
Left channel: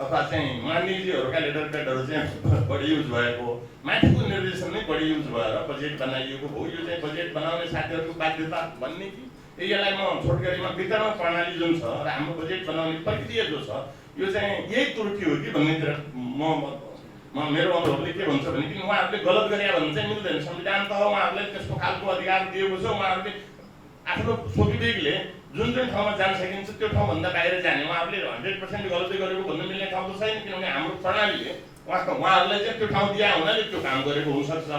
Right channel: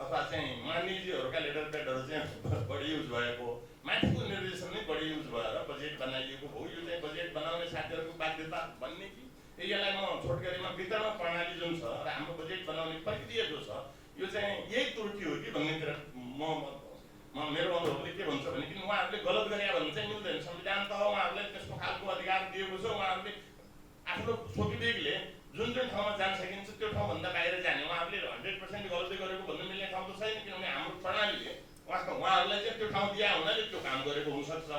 अथवा चाहिँ मान्यजीहरूका लेटर प्याडहरू चाहिँ बढी युज भएको माथिको निर्देशन नै बढी युज भएर बजेट बनाइएको हो यो चाहिँ बजेट बनाउने साथीहरूको बाध्यता भन्ने कि यसलाई म छोटकरीमा वितरण प्रणाली जुन छ र हाम्रो बजेट बनाउने प्रक्रिया जो छ यो चाहिँ यही त्रुटि हो कि भन्नेतिर मेरो अनुभवले के भन्छ भने किन उहाँहरूले गलत गरे भने चाहिँ मिल्दैन संविधान त उहाँहरूलाई त्यस्तो खालको अधिकार दिएको छ उहाँहरूले आफ्नो स्वविवेकले जुन ठाउँमा जान सकिन्छ त्यो ठाउँभन्दा बाहिर जाने उहाँहरूले 100% गलती गरेको भन्नु मिल्ने ठाउँ त छैन किनभने हाम्रो प्रणालीले उहाँहरूलाई चाहिँ त्यो ठाउँ दिए हुनाले त्यो काम गरेको हुनसक्छ।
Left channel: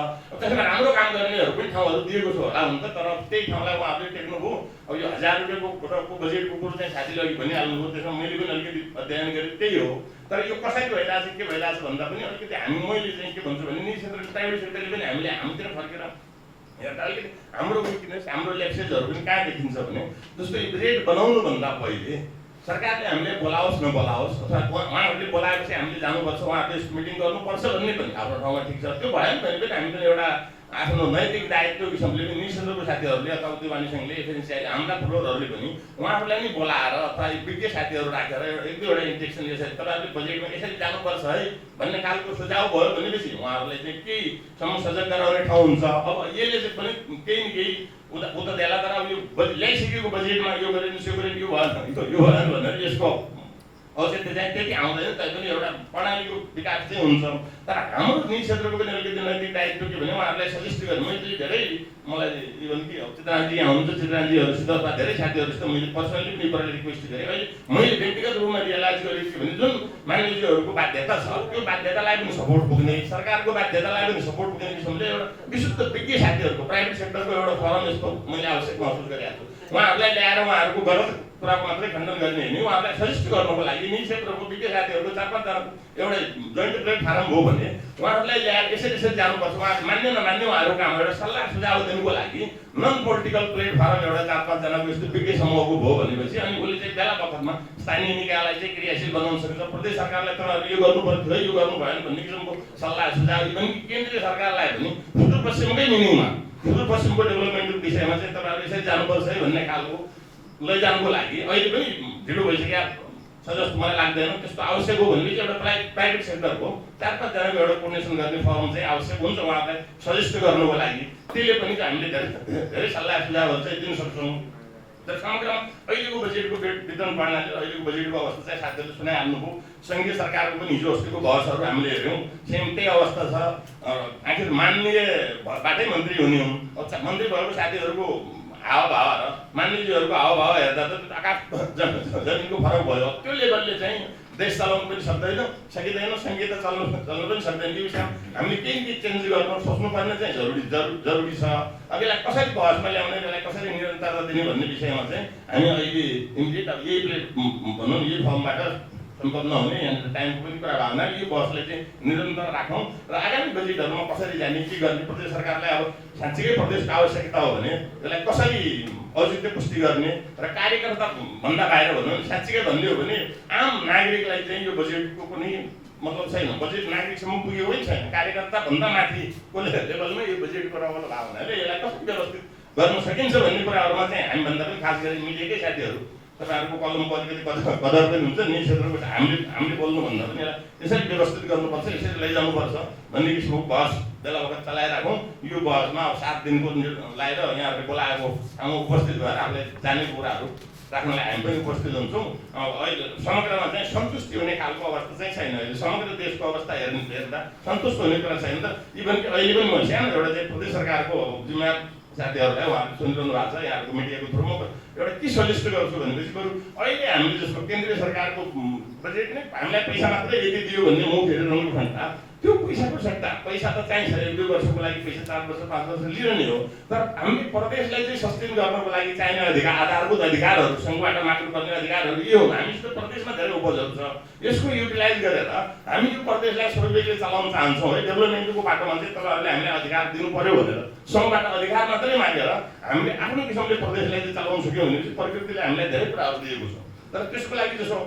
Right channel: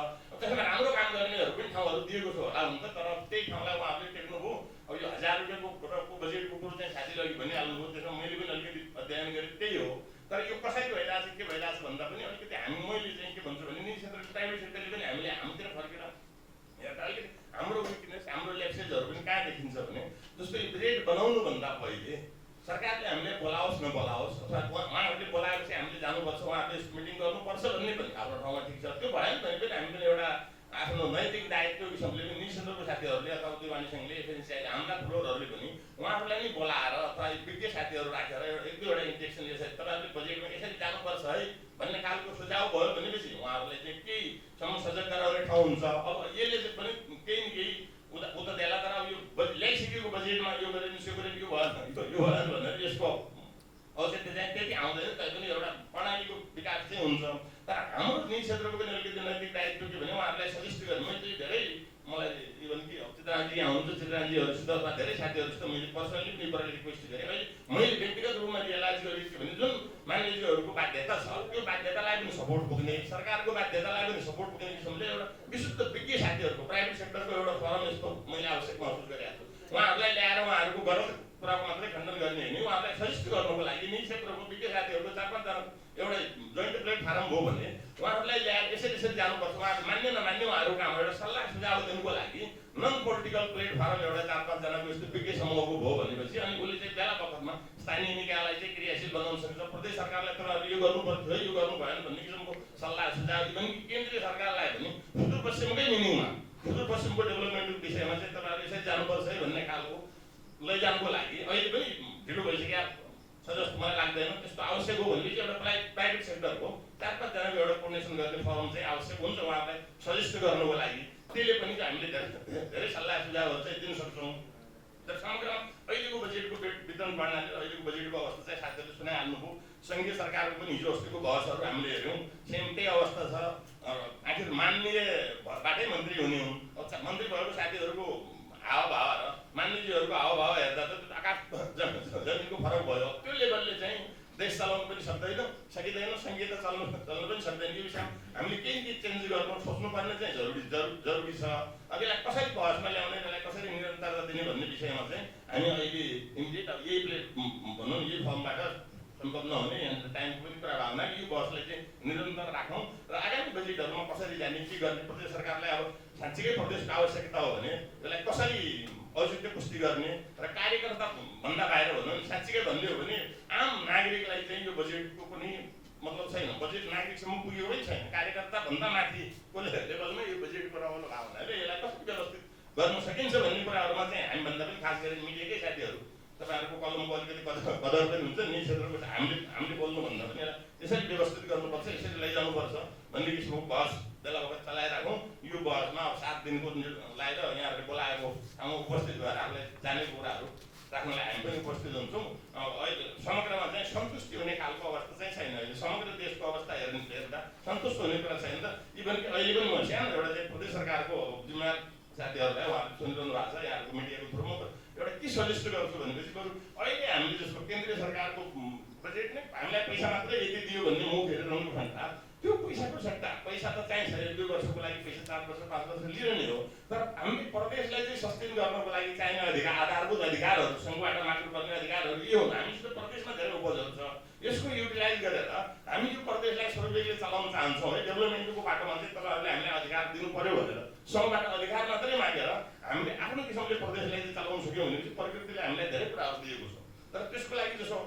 त्यसमा राम्रो काम गर्नेहरू पनि ठाउँहरू दिएको छ होला हुन त, तर त्यही ठाउँलाई उहाँहरूले टेक्नुभयो। अब यो 1000 रुपियाँको बजेटको कुरो चाहिँ साथीले अघि भनिहाल्नुभयो, त्यसमा मैले पनि अलिकति अध्ययन गरेँ, त्यही हो। तर यो कसरी भइरहेछ के भइरहेछ भन्दा पनि अलिकति मैले चाहिँ के भन्छु भने निजी क्षेत्र प्राइभेट सेक्टरले पनि हामीले हाम्रोतिर फर्केर हेर्दा अलिकति हाम्रो विकनेस हाम्रो ल्याप्सेजहरू पनि कहाँ देखिन्छ भने जस्तो रेट बनाउनुभन्दा पहिले सरकारले हामीले बोलाओस् नबोलाओस् अथवा उहाँहरूले बोलाएपछि हामीले जानुपर्छ, उहाँहरूले मिटिङ गर्नुपर्छ भन्ने पनि आफ्नो ठाउँमा ठिक छ। त्यो भएन भने पनि हामी पनि एउटा आफ्नो नैतिक दायित्व किसिमले पनि निजी क्षेत्रको साथीहरूले अथवा उद्योगवाणी सङ्घले एफएनसिआईले हाम्रा फ्लोरहरूले पनि उहाँहरूलाई नै बोलाएर अथवा विज्ञ साथीहरू राखेर एक दुईवटा इन्जेक्सन यसरी तपाईँहरूले बजेटमा यसरी जानुपर्छ है भन्ने खालको सुझाव भयो भनेपछि उहाँहरूलाई चाहिँ केही सजग गराउने ठाउँ हुन्छ। अब यसले चाहिँ पनि केही न केही उता देला, तर अब यो ल्याइसकेको बजेटमा यो गरेन यो गरेन यो भएन भनेर यसको औचित्य चाहिँ त्यति आउँदैन। तैपनि एउटा प्रणालीको विकास चाहिँ हुन्छ। तर हाम्रो निजी क्षेत्रको पनि अलिकति नैतिक दायित्व के भने उहाँहरूलाई सजेस्ट गरेँ मैले धेरै, मलाई इभन कि चित्रानजी यहाँ हुनुहुन्छ, चित्रानजीहरूसित अथवा धेरै साथीहरूसित मैले पर्सनली पनि प्रति रिक्वेस्ट गरेँ। अहिले मैले व्यक्तिगत रूपमा रियलाइज गरेँ के भने जुन मानिसहरूको बाध्यता छ त्यो बाध्यतालाई पनि सपोर्ट पुग्ने, सरकारको बाध्यतालाई पनि सपोर्ट पुग्ने किसिमले एउटा विशुद्ध विज्ञ साथीहरूको प्राइभेट सेक्टरको एउटा फरम यस्तो मैले आवश्यक महसुस गरेको छु। उहाँहरूलाई ल्याएर उहाँहरूको गलत कुराको मात्रै खण्डन गर्ने होइन, उहाँहरूलाई सजेस्ट गर्नको लागि निजी क्षेत्रको विज्ञ साथीहरूको 4-5 जना एउटा जोइन्ट प्लेटफर्म हो भने उहाँहरूलाई ल्याएर यसरी यसरी जानुपर्छ, उहाँ मान्ने नमान्ने उहाँहरूको काम एउटा सल्लाह सुझाव दिनुको लागि नन पोलिटिकल प्लेटफर्म एउटा 4-5 जनाको यस्तो विज्ञ समूहको भयो भनेपछि अनि उसले चाहिँ बेला बखतमा स्थानीय निकायलाई चाहिँ क्रियाशील बनाउन सक्छ। प्रदेश सरकारलाई तपाईँहरू यो गर्नु पर्थ्यो यो गर्नु भएन भन्ने किसिमको सल्लाह सुझाव इभन केन्द्रीय सरकारलाई पनि सुदूरपश्चिमकै मिनिङमा सुदूरपश्चिमको डेभलपमेन्टको विषयमा चाहिँ तपाईँहरू यसरी जानुपर्छ है भन्ने खालको लैजानुको लागि अहिले पनि ढिलो भइसक्यो छ जस्तो मलाई लाग्दैन। त्यस्तो आवश्यक हो भने चाहिँ एउटा प्राइभेट सेक्टरको 4-5 जनाको एउटा कोर्डिनेसन गर्ने फर्म चाहिँ आवश्यक हुन्छ उहाँहरूलाई सजेस्ट गर्नुको लागि। त्यसले पनि हामीले धेरै सल्लाह सुझावहरू चाहिँ दिन सक्छौँ। तर समग्रमा अहिलेको बजेटको वितरण प्रणाली अहिलेको बजेटको अवस्था चाहिँ साथीहरूले सुनाइहाल्नुभयो। सङ्घीय सरकारको पनि हिजो अस्तिको बहसहरू हामीले हेऱ्यौँ, सेम त्यही अवस्था छ। आखिर माननीयबाटै मन्त्री हुने हुन्, मन्त्री भएको साथीहरूको हावभाव र मान्यजीहरूको हावभाव हेर्दा त आकाश जमिनको फरक भयो। त्यो लेभलले चाहिँ देश चलाउनु पनि सकिँदैन, सङ्घीयता चल्नु पनि सक्दैन। यो विषयमा हामीले केही चेन्ज गर्नु सोच्नुपर्ने चाहिँ जरुरी छ। अब यसलाई कसरी बहसमा ल्याउने, यसलाई कसरी निरन्तरता दिने भन्ने विषयमा चाहिँ हामी अहिले इमिडिएट अब यही भनौँ यही फर्मबाट सम्भव नहुने यहाँनिर टाइमको पनि कुरा भएको हुनाले यो बहसलाई चाहिँ निरन्तर राखौँ र आगामी बजेटहरूमा कसरी जाने के गर्ने, प्रदेश सरकारलाई अब साँच्चीकै प्रदेशको आवश्यकता हो भने यसलाई कसरी औचित्य पुष्टि गर्ने र कार्यकर्ता भन्दा बाहिर भनौँ भने साँच्चीकै भन्ने हो भने आम नागरिकलाई चाहिँ यो बजेटको कुनै मतलब छैन। बजेट नागरिकसम्म पुगेको पनि छैन, कार्यकर्ता भन्दा माथिको लेभलमा यो बजेटको रगल भएको हुनाले यसलाई कसरी व्यवस्थित गर्न सकिन्छ भन्ने कुराहरूमा चाहिँ हामीभन्दा पनि खास गरी मिडियाकै साथीहरू तपाईँहरूको कलमको अलिकति कदर पनि हुन्छ। निजी क्षेत्रको हामीले बोल्नुभन्दा पनि यसलाई यसरी व्यवस्थित गर्नुपर्छ, यसरी लैजानुपर्छ भन्ने किसिमको बहस बेला बखत चलाइराखौँ। यो बहसमा अब 7 दिनको लगाएर यहाँहरूले बोलाएको ठाउँमा उपस्थित भएर आफूलाई जानेको कुराहरू राख्नलाई हामी पनि उपस्थित हुन्छौँ। अहिले समग्रमा चाहिँ सन्तुष्टि हुने खालको अवस्था चाहिँ छैन। अहिले समग्र देशको अवस्था हेर्दा सन्तुष्ट हुने कुरा छैन। त इभन कि अहिले पनि म सानो एउटा चाहिँ प्रदेश सरकारको जिम्मेवार साथीहरूलाई उहाँहरूले सुनिरहनु भएको छ यहाँहरूको मिडियाको थ्रुमा एउटा के सजेस्ट गर्छु भनेपछि बरु अहिले हामीले जस्तो केन्द्रीय सरकारको बजेट नै हामीलाई पैसा मात्रै यति दियो भन्ने मुख हेरिरहनु भन्दा त्यो पैसाको सट्टा पैसा त चाहिन्छ 1-2 वर्षको लागि पैसा 4 वर्ष 5 वर्ष लिने हो। तर हामीले प्रदेशलाई चाहिँ सस्टेन गर्नको लागि चाहिने अधिकार आधारभूत अधिकारहरू सङ्घबाट माग्नुपर्ने अधिकारहरू यो हुन्। हामीसित प्रदेशमा धेरै उपजहरू छ, यसको युटिलाइज गरेर हामी यो प्रदेशलाई सर्वेले चलाउन चाहन्छौँ है। डेभलपमेन्टको बाटोमा चाहिँ तपाईँहरूले हामीलाई अधिकार दिनु पर्यो भनेर सङ्घबाट अधिकार मात्रै मागेर हामीले आफ्नो किसिमले प्रदेशलाई चाहिँ चलाउन सक्यौँ भनेपछि प्रकृतिले हामीलाई धेरै कुराहरू दिएको छ। तर त्यसको लागि जस्तो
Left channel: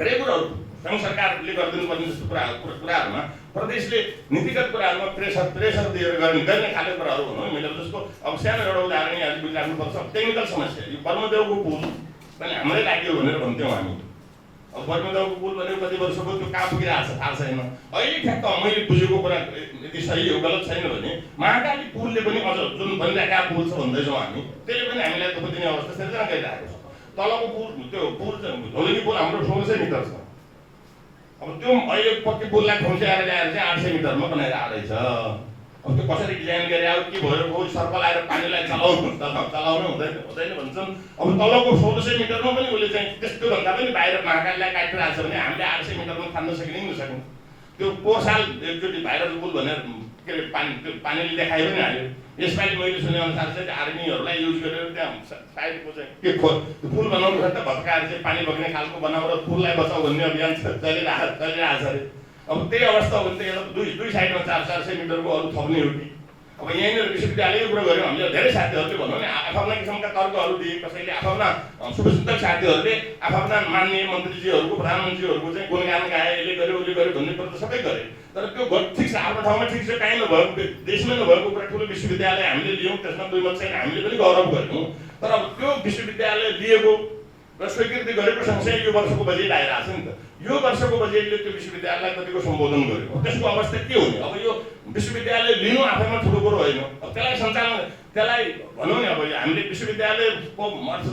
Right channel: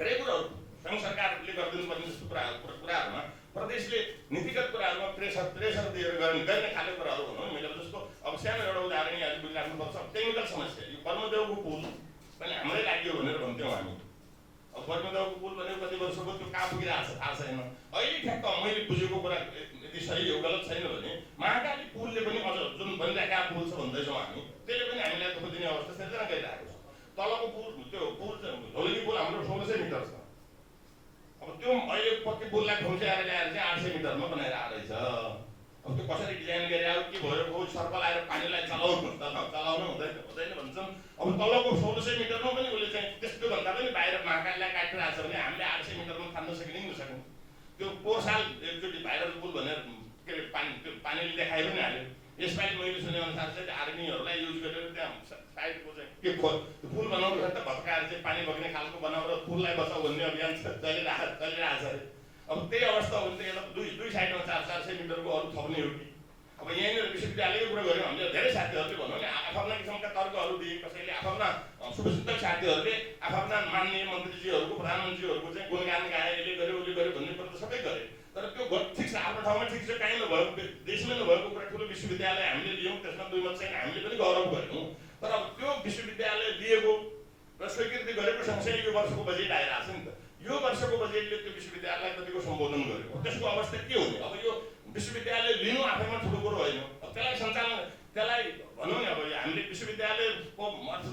धेरै कुराहरू सङ्घ सरकारले गरिदिनुपर्ने जस्तो कुराहरूमा प्रदेशले नीतिगत कुराहरूमा प्रेसर दिएर गर्ने खालको कुराहरू भनौँ। मैले जस्तो अब सानो एउटा उदाहरण यहाँले बुझिराख्नुपर्छ। टेक्निकल समस्या यो बर्मदेवको पुल पनि हाम्रै लाग्यो भनेर भन्थ्यौँ हामी। अब बर्मदेवको पुल भनेको कति वर्षको त्यो कहाँ पुगिरहेको छ थाहा छैन। अहिले ठ्याक्क मैले बुझेको कुरा यदि सही हो गलत छैन भने महाकाली पुलले पनि अझ जुन बनिरहेका पुल छ भन्दैछौँ हामी, त्यसले पनि हामीलाई दुःख दिने अवस्था सिर्जना गरिरहेको छ। तलको पुल त्यो पुल झोलुनी पुल हाम्रो 1600 मिटर छ। अब त्यो अहिले पक्की पुललाई खुम्च्याएर ल्याएर चाहिँ 800 मिटरमा बनाइरहेको रहेछ। अब त्यो कसरी डिजाइन गरे अब के भयो सर्कल आएर पानीलाई चलाउनु हुँदैन भन्छन्। अब तलको 1600 मिटरमा पनि उसले चाहिँ त्यस्तो भन्दा पनि बाहिर महाकालीलाई काटिरहेको छ भने हामीले 800 मिटरमा थान्न सकिने नसक्ने। त्यो पोहोर साल एकचोटि भाइरल पुल भनेर के अरे पानीले देखाइ पनि हाल्यो। यसपालि मैले सुनेअनुसार चाहिँ आर्मीहरूलाई युज गरेर त्यहाँ साइडको चाहिँ के पुल बनाउनु त भत्काएर चाहिँ पानी बग्ने खालको बनाऊ र पुललाई बचाऊ भन्ने अभियान चलिरहेको छ अरे। अब त्यही अवस्था हो भने त यसलाई दुई साइडमा 400 मिटरको अरू थप्ने हो कि। अब यहीँनिर विश्वविद्यालयको कुरा गऱ्यौँ हामीले धेरै साथीहरूले भनौँ नि आफ्ना किसिमका तर्कहरू दिए, कसैले आफ्ना शुभचिन्तक साथीहरूले आफ्ना माननीय मन्त्रीजीहरूको प्रधानमन्त्रीहरूको चाहिँ गुणगान गाए, यसले गर्यो उसले गर्यो भन्ने कुरा त सबै गरे। तर त्यो ठिक छ, आफ्नो ठाउँमा ठिक छ, काहीँ नभएको देशमै नभएको कुरा ठुलो विश्वविद्यालय हामीले लियौँ, त्यसमा दुई मत छैन, हामीले पनि गौरव गऱ्यौँ। तर अब त्यो विश्वविद्यालय लिएको र स्वीकृति गरेको सँगसँगै यो वर्षको बजेट आइरहेको छ नि त। यो वर्षको बजेटले त्यो विश्वविद्यालयलाई कतिको सम्बोधन गर्यो, त्यसको अवस्था के हुने? अब यो विश्वविद्यालय लिनु आफैमा ठुलो कुरो होइन। अब त्यसलाई सञ्चालन, त्यसलाई भनौँ नि, अब हामीले विश्वविद्यालयको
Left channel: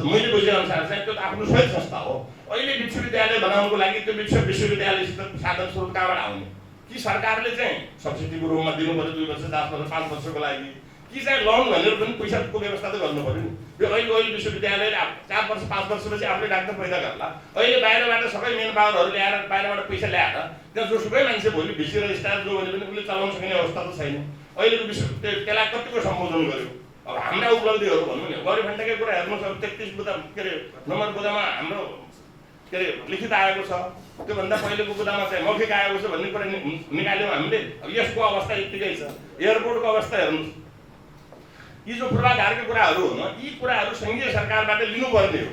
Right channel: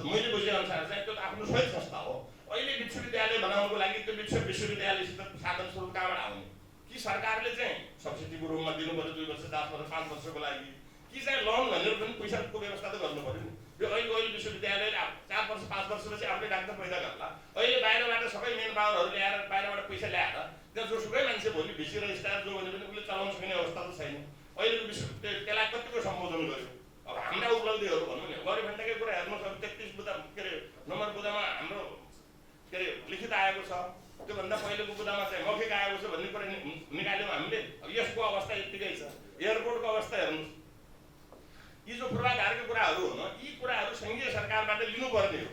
मैले बुझेअनुसार चाहिँ त्यो त आफ्नो स्वयं संस्था हो। अहिले विश्वविद्यालय बनाउनुको लागि त्यो विश्वविद्यालयसित साधन स्रोत कहाँबाट आउने? कि सरकारले चाहिँ सब्सिडीको रूपमा दिनु पर्यो 2 वर्ष 4 वर्ष 5 वर्षको लागि, कि चाहिँ लोन भनेर पनि पैसाको व्यवस्था त गर्नु पर्यो नि। यो अहिले विश्वविद्यालयले 4 वर्ष 5 वर्षपछि आफूले डाक्टर पैदा गर्ला। अहिले बाहिरबाट सबै मेन पावरहरू ल्याएर बाहिरबाट पैसा ल्याएर त्यहाँ जोसुकै मान्छे भोलि भिसी र स्टार जो भने पनि उसले चलाउन सक्ने अवस्था त छैन। अहिलेको त्यसलाई कतिको सम्बोधन गर्यो? अब हाम्रा उपलब्धिहरू भनौँ नि, गरिबभन्दाकै कुरा हेर्नुहोस्। अब 33 बुदा के अरे नम्बर बुदामा हाम्रो के अरे लिखित आएको छ, त्योभन्दा पहिलेको बुदामा चाहिँ मौखिक आएको छ भन्ने कुरा निकाल्यौँ हामीले। अब यसको अवस्था यत्तिकै छ। एयरपोर्टको अवस्था हेर्नुहोस्। यी जो पूर्वाधारका कुराहरू हो न, यी कुराहरू सङ्घीय सरकारबाट लिनुपर्ने हो।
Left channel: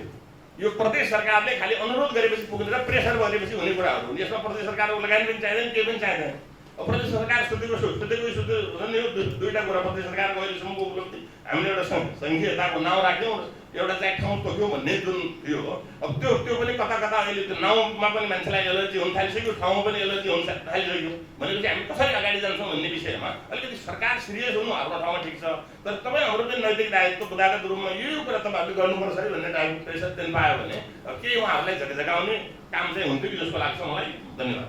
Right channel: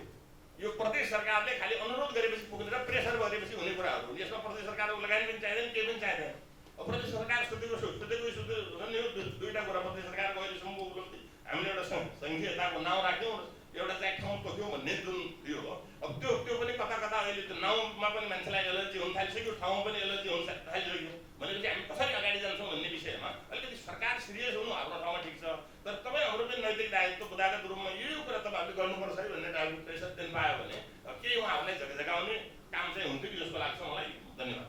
यो प्रदेश सरकारले खालि अनुरोध गरेपछि पुग्ने र प्रेसर गरेपछि हुने कुराहरू हुन्। यसमा प्रदेश सरकारको लगानी पनि चाहिँदैन, केही पनि चाहिँदैन। अब प्रदेश सरकार सुतेको झन् यो दुईवटा कुरा प्रदेश सरकारको अहिलेसम्मको उपलब्धि हामीले एउटा सङ्घीयताको नाउँ राख्यौँ, एउटा चाहिँ ठाउँ तोक्यौँ भन्ने जुन यो हो। अब त्यो पनि कता कता अहिले त्यो नाउँमा पनि मान्छेलाई एलर्जी हुन थालिसक्यो, ठाउँमा पनि एलर्जी हुन थालिसक्यो। भनेपछि हामी कसरी अगाडि जान्छौँ भन्ने विषयमा अलिकति सरकार सिरियस हुनु आफ्नो ठाउँमा ठिक छ। तर तपाईँ हाम्रो पनि नैतिक दायित्व बुदागत रूपमा यो कुरा तपाईँहरूले गर्नुपर्छ है भन्ने टाइपको प्रेसर दिन पायो भने केही उहाँहरूलाई झगझगाउने काम चाहिँ हुन्थ्यो कि जस्तो लाग्छ मलाई। धन्यवाद।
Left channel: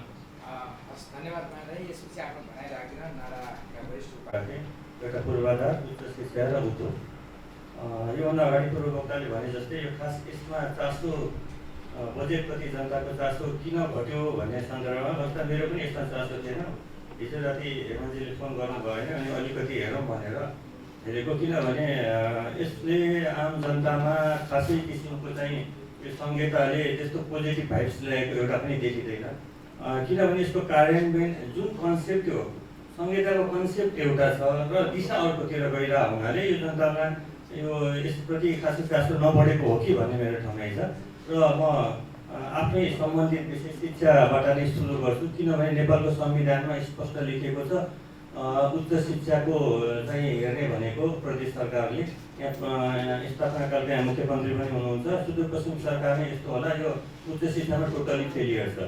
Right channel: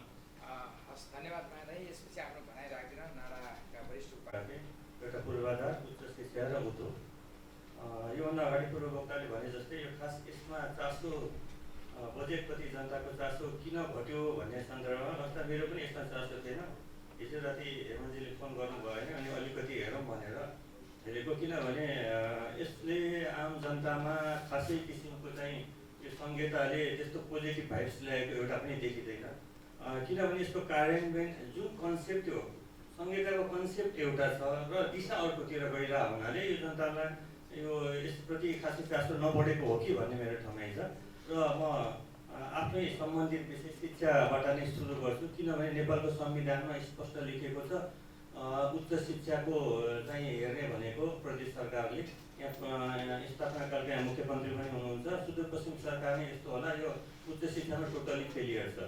हस्, धन्यवाद मानलाई। यसपछि आफ्नो भनाइ राखिदिन नाराका वरिष्ठ उपाध्याय, एउटा पूर्वाधार, उच्च शिक्षा र उद्योग। योभन्दा अगाडि पूर्व वक्ताले भने जस्तै यो खास यसमा चासो बजेटप्रति जनताको चासो किन घट्यो भन्ने सन्दर्भमा वास्तव मेरो पनि यसमा चासो थिएन। हिजो राति हेमन्तजीले फोन गर्नु भएन अनि अलिकति हेरौँ भनेर हेरेको, किनभने यसले आम जनतामा खासै किसिमको चाहिँ यो सङ्घीयताले त्यस्तो पोजिटिभ भाइब्स ल्याएको एउटा पनि देखिँदैन। किनभने यसको कार्यान्वयन जुन कन्सेप्ट हो, सङ्घीयताको कन्सेप्ट एउटा छ र दिशा अर्कोतिर गइरहेको हुनाले यो जनतामा यो यसप्रति खासै चासो नबढेको हो कि भन्ने मेरो ठमाइ छ। र म आफ्नै सम्बन्धित विषय शिक्षाबाट नै सुरु गर्छु, किनभने नेपालको संविधानमा स्पष्ट लेखिएको छ उच्च शिक्षाको चाहिँ हेर्ने भनेको प्रदेश सरकारले। यहाँ स्थापनाकालका यहाँ मुख्यमन्त्री पनि हुनुहुन्छ। सुदूरपश्चिम सरकार नै यस्तो होला, यो उच्च शिक्षामा टोटली फेलियर छ।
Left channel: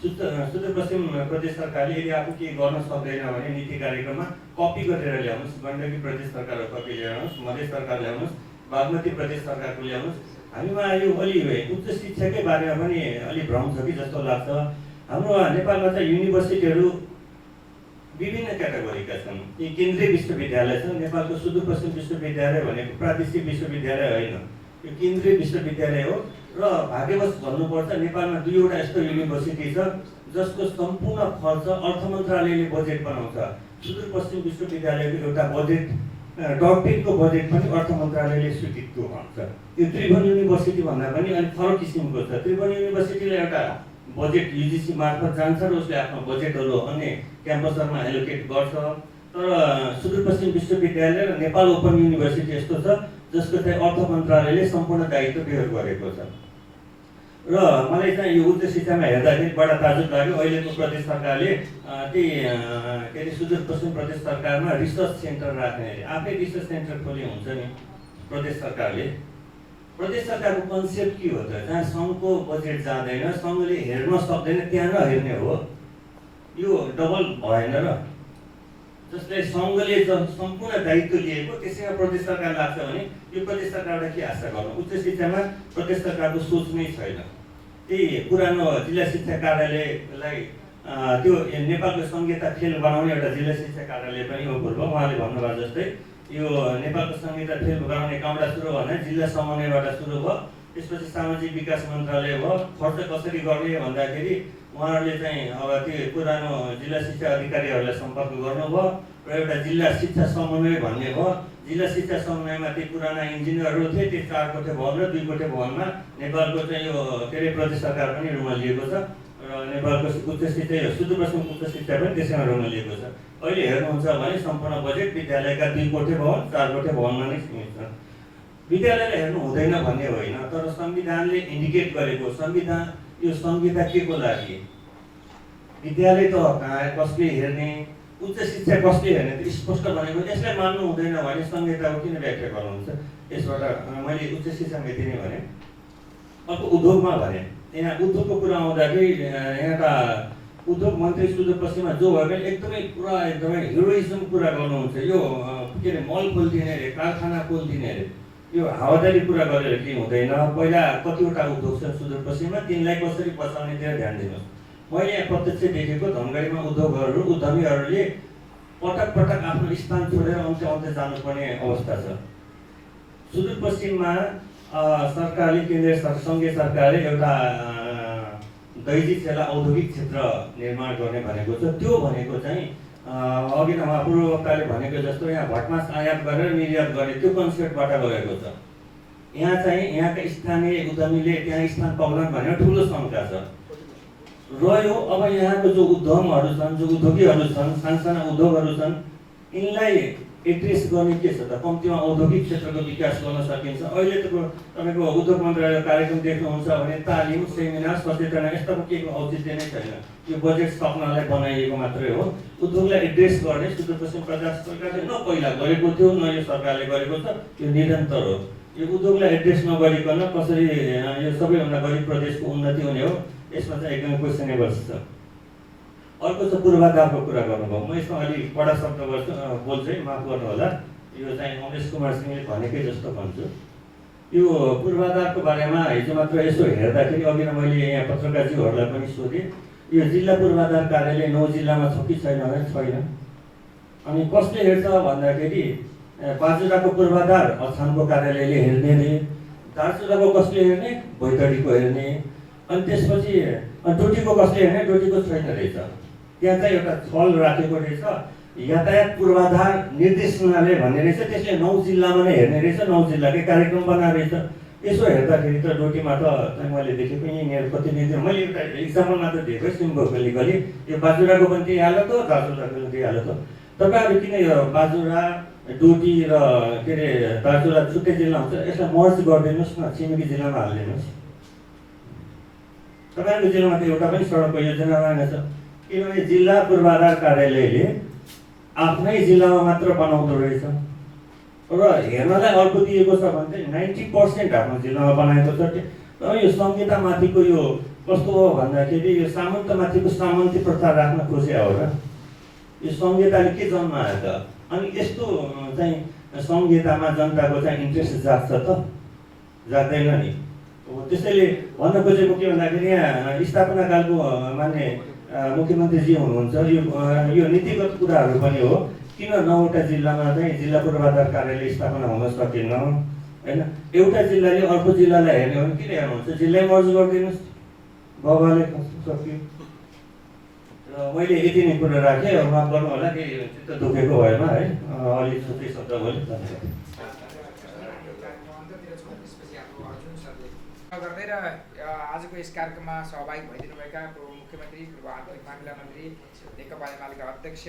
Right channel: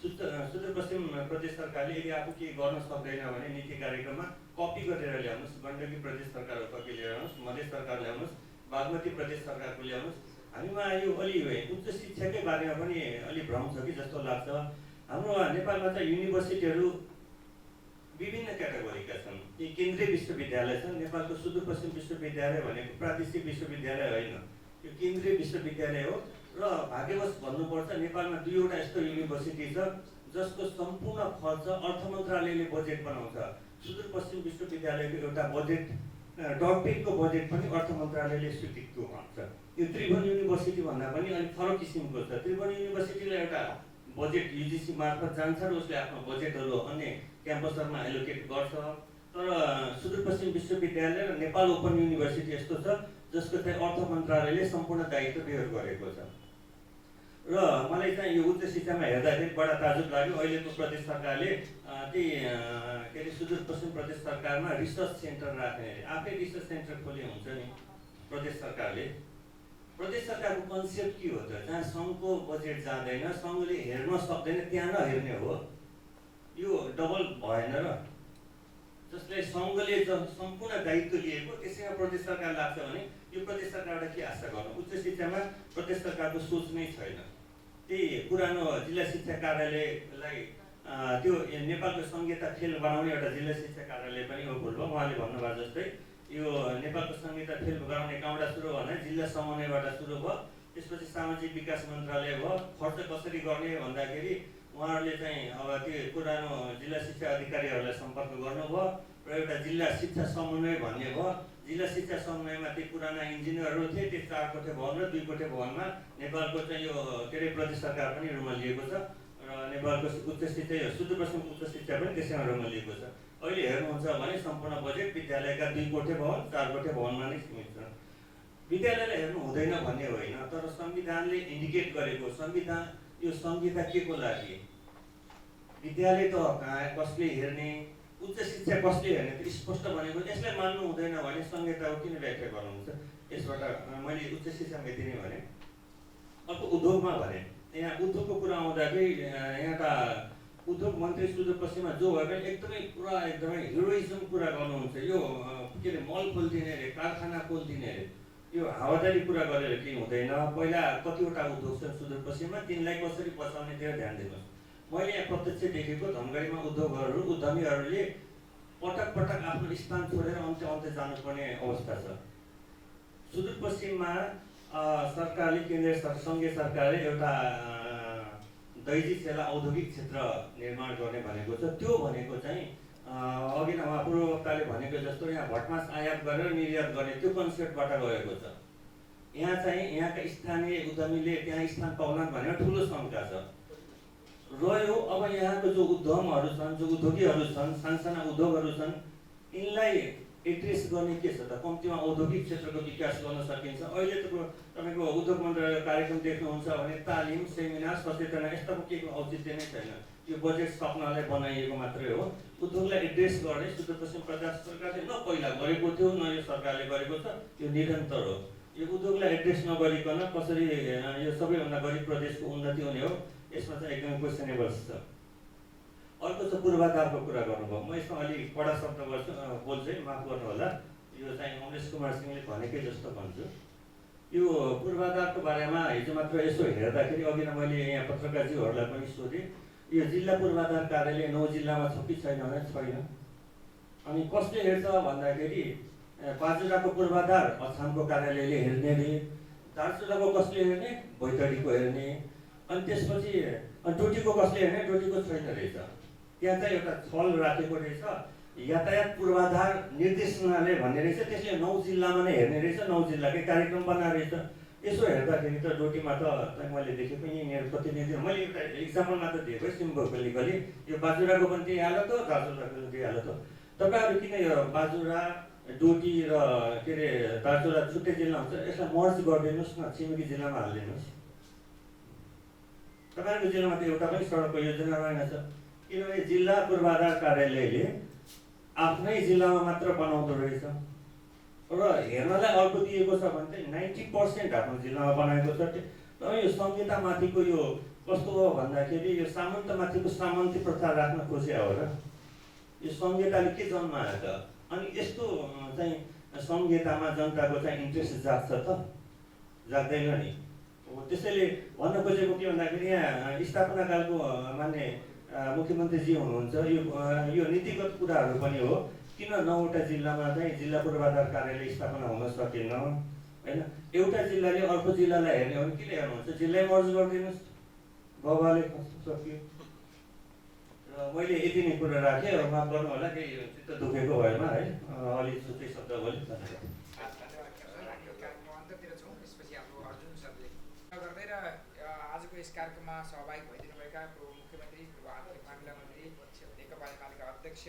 सुदूरपश्चिम प्रदेश सरकारले यदि आफू केही गर्न सक्दैन भने नीति कार्यक्रममा कपी गरेर ल्याउनुहोस्। गण्डकी प्रदेश सरकारको कपी ल्याउनुहोस्, मधेस सरकार ल्याउनुहोस्, बागमती प्रदेश सरकारको ल्याउनुहोस्। हामीमा यो अलि उच्च शिक्षाकै बारेमा पनि अलि भ्रम छ कि जस्तो लाग्छ। हाम्रो नेपालमा चाहिँ युनिभर्सिटीहरू विभिन्न क्याटेगोरीका छन्। यी केन्द्रीय विश्वविद्यालय छन्। नेपालको सुदूरपश्चिम विश्वविद्यालय भनेको प्रादेशिक विश्वविद्यालय होइन, यो केन्द्रीय विश्वविद्यालय हो। र भाग्यवश भन्नुपर्छ नेपालमा 2वटा यस्तो युनिभर्सिटी छ जसको सम्पूर्ण खर्च अर्थ मन्त्रालयले बजेट बनाउँछ। सुदूरपश्चिम विश्वविद्यालयको एउटा बजेट, डटपेडको बजेट पनि अर्थ मन्त्रालयले स्वीकृत गर्छ। यो त्रिभुवन युनिभर्सिटी भन्दा पनि अलिक फरक किसिमको छ। त्रिभुवन युनिभर्सिटीले एउटा बजेट युजिसी मार्फत जान्छ र उसले आफ्नो बजेटहरू अन्य क्याम्पसहरूमा एलोकेट गर्छ। तर सुदूरपश्चिम विश्वविद्यालय र नेपाल ओपन युनिभर्सिटी यस्तो छ जसको चाहिँ अर्थ मन्त्रालयले सम्पूर्ण दायित्व बेहोर गरेको छ। र मलाई चाहिँ यो उच्च शिक्षामा हेर्दाखेरि बडा ताजुब लाग्यो। अहिलेको प्रदेश सरकारले त्यही के अरे सुदूरपश्चिम प्रदेश सरकारमा रिसर्च सेन्टर राख्ने, आफै रिसर्च सेन्टर खोले हुन्छ नि प्रदेश सरकारले। प्रदेश सरकारको कन्सेप्ट के हो त? जहाँ सङ्घको बजेट जाँदैन, सङ्घले हेर्न सक्दैन त्यहाँ नहेर्ने हो। यो डबल भएन र? जसलाई सङ्घले सम्पूर्ण दायित्व लिएको त्यसैमा प्रदेश सरकार लाग्छ भने यो प्रदेश सरकारबाट के आशा गर्नु? उच्च शिक्षामा प्रदेश सरकारको सोच नै छैन। त्यही पुरानो जिल्ला शिक्षा कार्यालयलाई त्यो नेपालको संहिता फेल बनाउने एउटा जिल्ला शिक्षा कार्यालय पनि हो पूर्व। उहाँले भन्नुभयो जस्तै यो नेपालको संहिता फेल बनाउने कहाँबाट सुरु भने जिल्ला समन्वयबाट सुरु भयो, त्यसपछि सामाजिक विकास मन्त्रालय भयो। खर्च कसरी गर्ने भन्दाखेरि उहाँहरूले चाहिँ अब त्यो पुरानो जिल्ला शिक्षा अधिकारीहरूलाई सम्पर्क गर्नुभयो र एउटा जिल्ला शिक्षा समन्वय भन्ने भयो। जिल्ला शिक्षा समन्वयमा ती पुराना इन्जिनियरहरू थिए, त्यो 4 कोठे भवन र 2 कोठे भवनमा नेपालको चाहिँ यो के अरे प्रदेश सरकार पनि रुममा लिएको छ र नेपालको उच्च शिक्षा सुदूरपश्चिम उच्च शिक्षा पनि त्यसैमा रुममा लिएको छ। अहिले हेर्नुहुन्छ भने सम्पूर्ण बजेट विद्यालयका 2 कोठे भवन 4 कोठे भवनमा नै सीमित छ। विद्यालयलाई हेर्नु हुँदैन भन्ने होइन, तर संविधानले इन्डिकेट गरेको संविधान यो संहिता के को लागि, विद्यालय त कहाँ कसले हेर्ने, उच्च शिक्षा कसले हेर्ने, त्यो स्पष्ट भनेको। यसलाई मान्नु हुँदैन भने संहिताको किन व्याख्या गर्नुहुन्छ? यसबाट मैले उच्च शिक्षामा यति नै भने। अर्को उद्योगमा भने, यहाँ उद्योगको कुरा आउँदाखेरि यहाँका उद्योग मन्त्री सुदूरपश्चिममा जो भयो भने एकदमै हिरोइजम कुरा गर्नुहुन्छ। यो के अरे मल खोलिदिने अरे, कारखाना खोलिदिने अरे, यो हावादारी कुरा गरेर केही हुँदैन। पहिला कतिवटा उद्योग छन् सुदूरपश्चिममा, तिनलाई कसरी बचाउनेतिर ध्यान दिनुहोस्। मैले यहाँ प्रत्यक्ष देखेको धनगढीमा उद्यमीहरूले पटक आफ्नो स्थान छोडेर अन्त्य जानुपर्ने अवस्था छ। सुदूरपश्चिममा सरकारले, केन्द्रीय सङ्घीय सरकारले एउटा दैजी सेला औद्योगिक क्षेत्र निर्माण गर्ने भनेको छ। त्यो भनेको चाहिँ अघि नै उहाँ पूर्व वक्ताले भनेको जस्तो यहाँ भटमास आयात गरेर निर्यात गर्ने त्यो कन्सेप्टबाट गएको छ। यहाँ चाहिँ यहाँका स्थानीय उद्यमीले त्यहाँ स्थान पाउलान् भनेर ठुलो शङ्का छ रह्यो। अब यहाँको जो उद्यमहरू छन्, जो उद्योगीहरू छन्, सानसाना उद्योगहरू छन्, यिनलाई एड्रेस गर्ने के छ त? कम्तीमा औद्योगिक क्षेत्रको विकास गर्न सकिन्छ। अहिले तपाईँको उद्योग मन्त्रालयको कार्यक्रम देख्नुहुन्छ भने तालिम, सेमिनार, सचेतना यस्ताको केही औचित्य नै छैन। यो बजेट सक्नलाई बनाइएको मात्रै हो। उद्योगलाई एड्रेस गर्ने सुदूरपश्चिम प्रदेश सरकारले न पहिला गरेको थियो, न यो सरकारले गरेको छ। यो निरन्तर हो। यो उद्योगलाई एड्रेस नगरिकन कसरी यो सबैभन्दा गरिब प्रदेशको उन्नति हुने हो, यसमा चाहिँ एकदमै क्वेसनेबल छ। अर्को चाहिँ पूर्वाधारको कुरा गर्नुभयो। म यसमा अलिक कडा शब्द बोल्छु है, माफ गर्नु होला। यो चाहिँ अमरेश कुमार सिंहले भनेकै जस्तो भन्छु। यो पूर्वाधारको बारेमा हिजो मात्र यसो हेर्दाखेरि, अघि नै मैले यहाँ पत्रकारज्यूहरूलाई पनि सोधेँ, यो जिल्ला पूर्वाधार कार्यालय 9 जिल्लामा छ कि छैन भने छैन। अनि कसले हेर्छ भन्दाखेरि बाजुराको पूर्वाधार अछामको कार्यालयले हेर्ने रे, दार्चुलाको कसले हेर्ने, बैतडीको हेर्ने, अनि त्यसपछि डोटीको कसले हेर्ने, डोटीको छैन रहेछ। त्यहाँ चाहिँ एउटा छल राखेको रहेछ, यातायात पूर्वाधार निर्देशनालय भन्ने रहेछ, त्यसले 9 जिल्लामा नै हेर्ने रहेछ, 9 जिल्लाकै कार्यक्रम बनाएको रहेछ। यसो हेर्दाखेरि त डोटीमा त मैले देखेको यहीँनिर प्रतिनिधि, मैले एउटा इक्जाम्पल मात्र दिएको सिम्बोलिकली। यो बाजुराको पनि त्यही हालत हो, दार्चुलाको पनि त्यही हालत हो। तपाईँहरू किन यो बाजुरा, डोटी र के अरे दार्चुला छुट्टै जिल्ला हुन्छ, यसलाई मर्ज गरिदिनुहोस् न, छिमेकी जिल्लामा हालिदिनुहोस्। तपाईँहरूको जिल्लामा त एउटा पनि सडकको योजना रहेनछ, किनभने जिल्ला पूर्वाधार कार्यालयले आफ्नै जिल्लामा मात्र बनाउँदो रहेछ र हेर्नलाई अर्को दिएको छ भने चाहिँ 90% आफ्नो जिल्लामा बनाएको छ। यो संहितामाथिको यो कस्तो हो भन्दाखेरि यो सामन्तमाथिको सामन्ती प्रथा राख्न खोजे हो र। यो संहिताले के जन्मायो त? अनि यस्तो चाहिँ संहितामा जनताको चाहिँ इन्ट्रेस्ट जाग्छ त? जाग्दैन नि। त्यसैले भन्न खोजेको के भन्दाखेरि यहाँ स्थापनाकालको मान्य मुख्यमन्त्रीजी हुनुहुन्छ, यो नीतिगत कुराहरू पनि हो। किन 9वटा जिल्लामा चाहिँ जिल्ला पूर्वाधार कार्यालय स्थापना हुन सकेन होइन? एउटा जिल्लाले अर्को जिल्लालाई हेर्ने हो भने किन हेर्नुहुन्छ? जिल्लै मर्ज गरिदिनुहोस्, बाबाले सक्यो। र मैले यति नै कुरा राखेँ, माफ गर्नु होला कि चित्त दुखेको भएमा है, अलिक छुट्टै शब्द बोलेँ। गर्दै र आजको यस कार्यक्रममा सहभागी भइदिनुभएका पूर्व मुख्यमन्त्री, पूर्व आन्तरिक मामिला मन्त्री, नेकपा एमालेका अध्यक्ष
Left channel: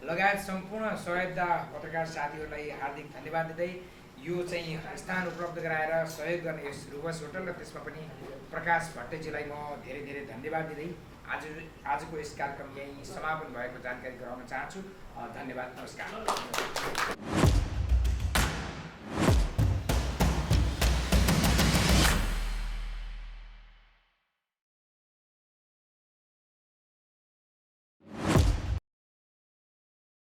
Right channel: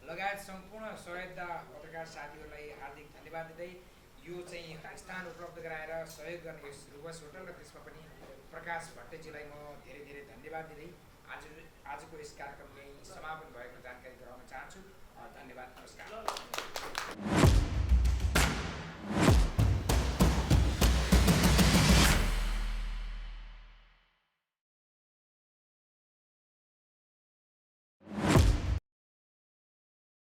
लगायत सम्पूर्ण सहयोगदा पत्रकार साथीहरूलाई हार्दिक धन्यवाद दिँदै यो चाहिँ स्थान उपलब्ध गराएर सहयोग गर्ने यस रुबस होटल र त्यसमा पनि प्रकाश भट्टजीलाई म धेरै धेरै धन्यवाद दिँदै आजको यस कार्यक्रम यहीँ समापन भएको जानकारी गराउन चाहन्छु। धन्यवाद, नमस्कार।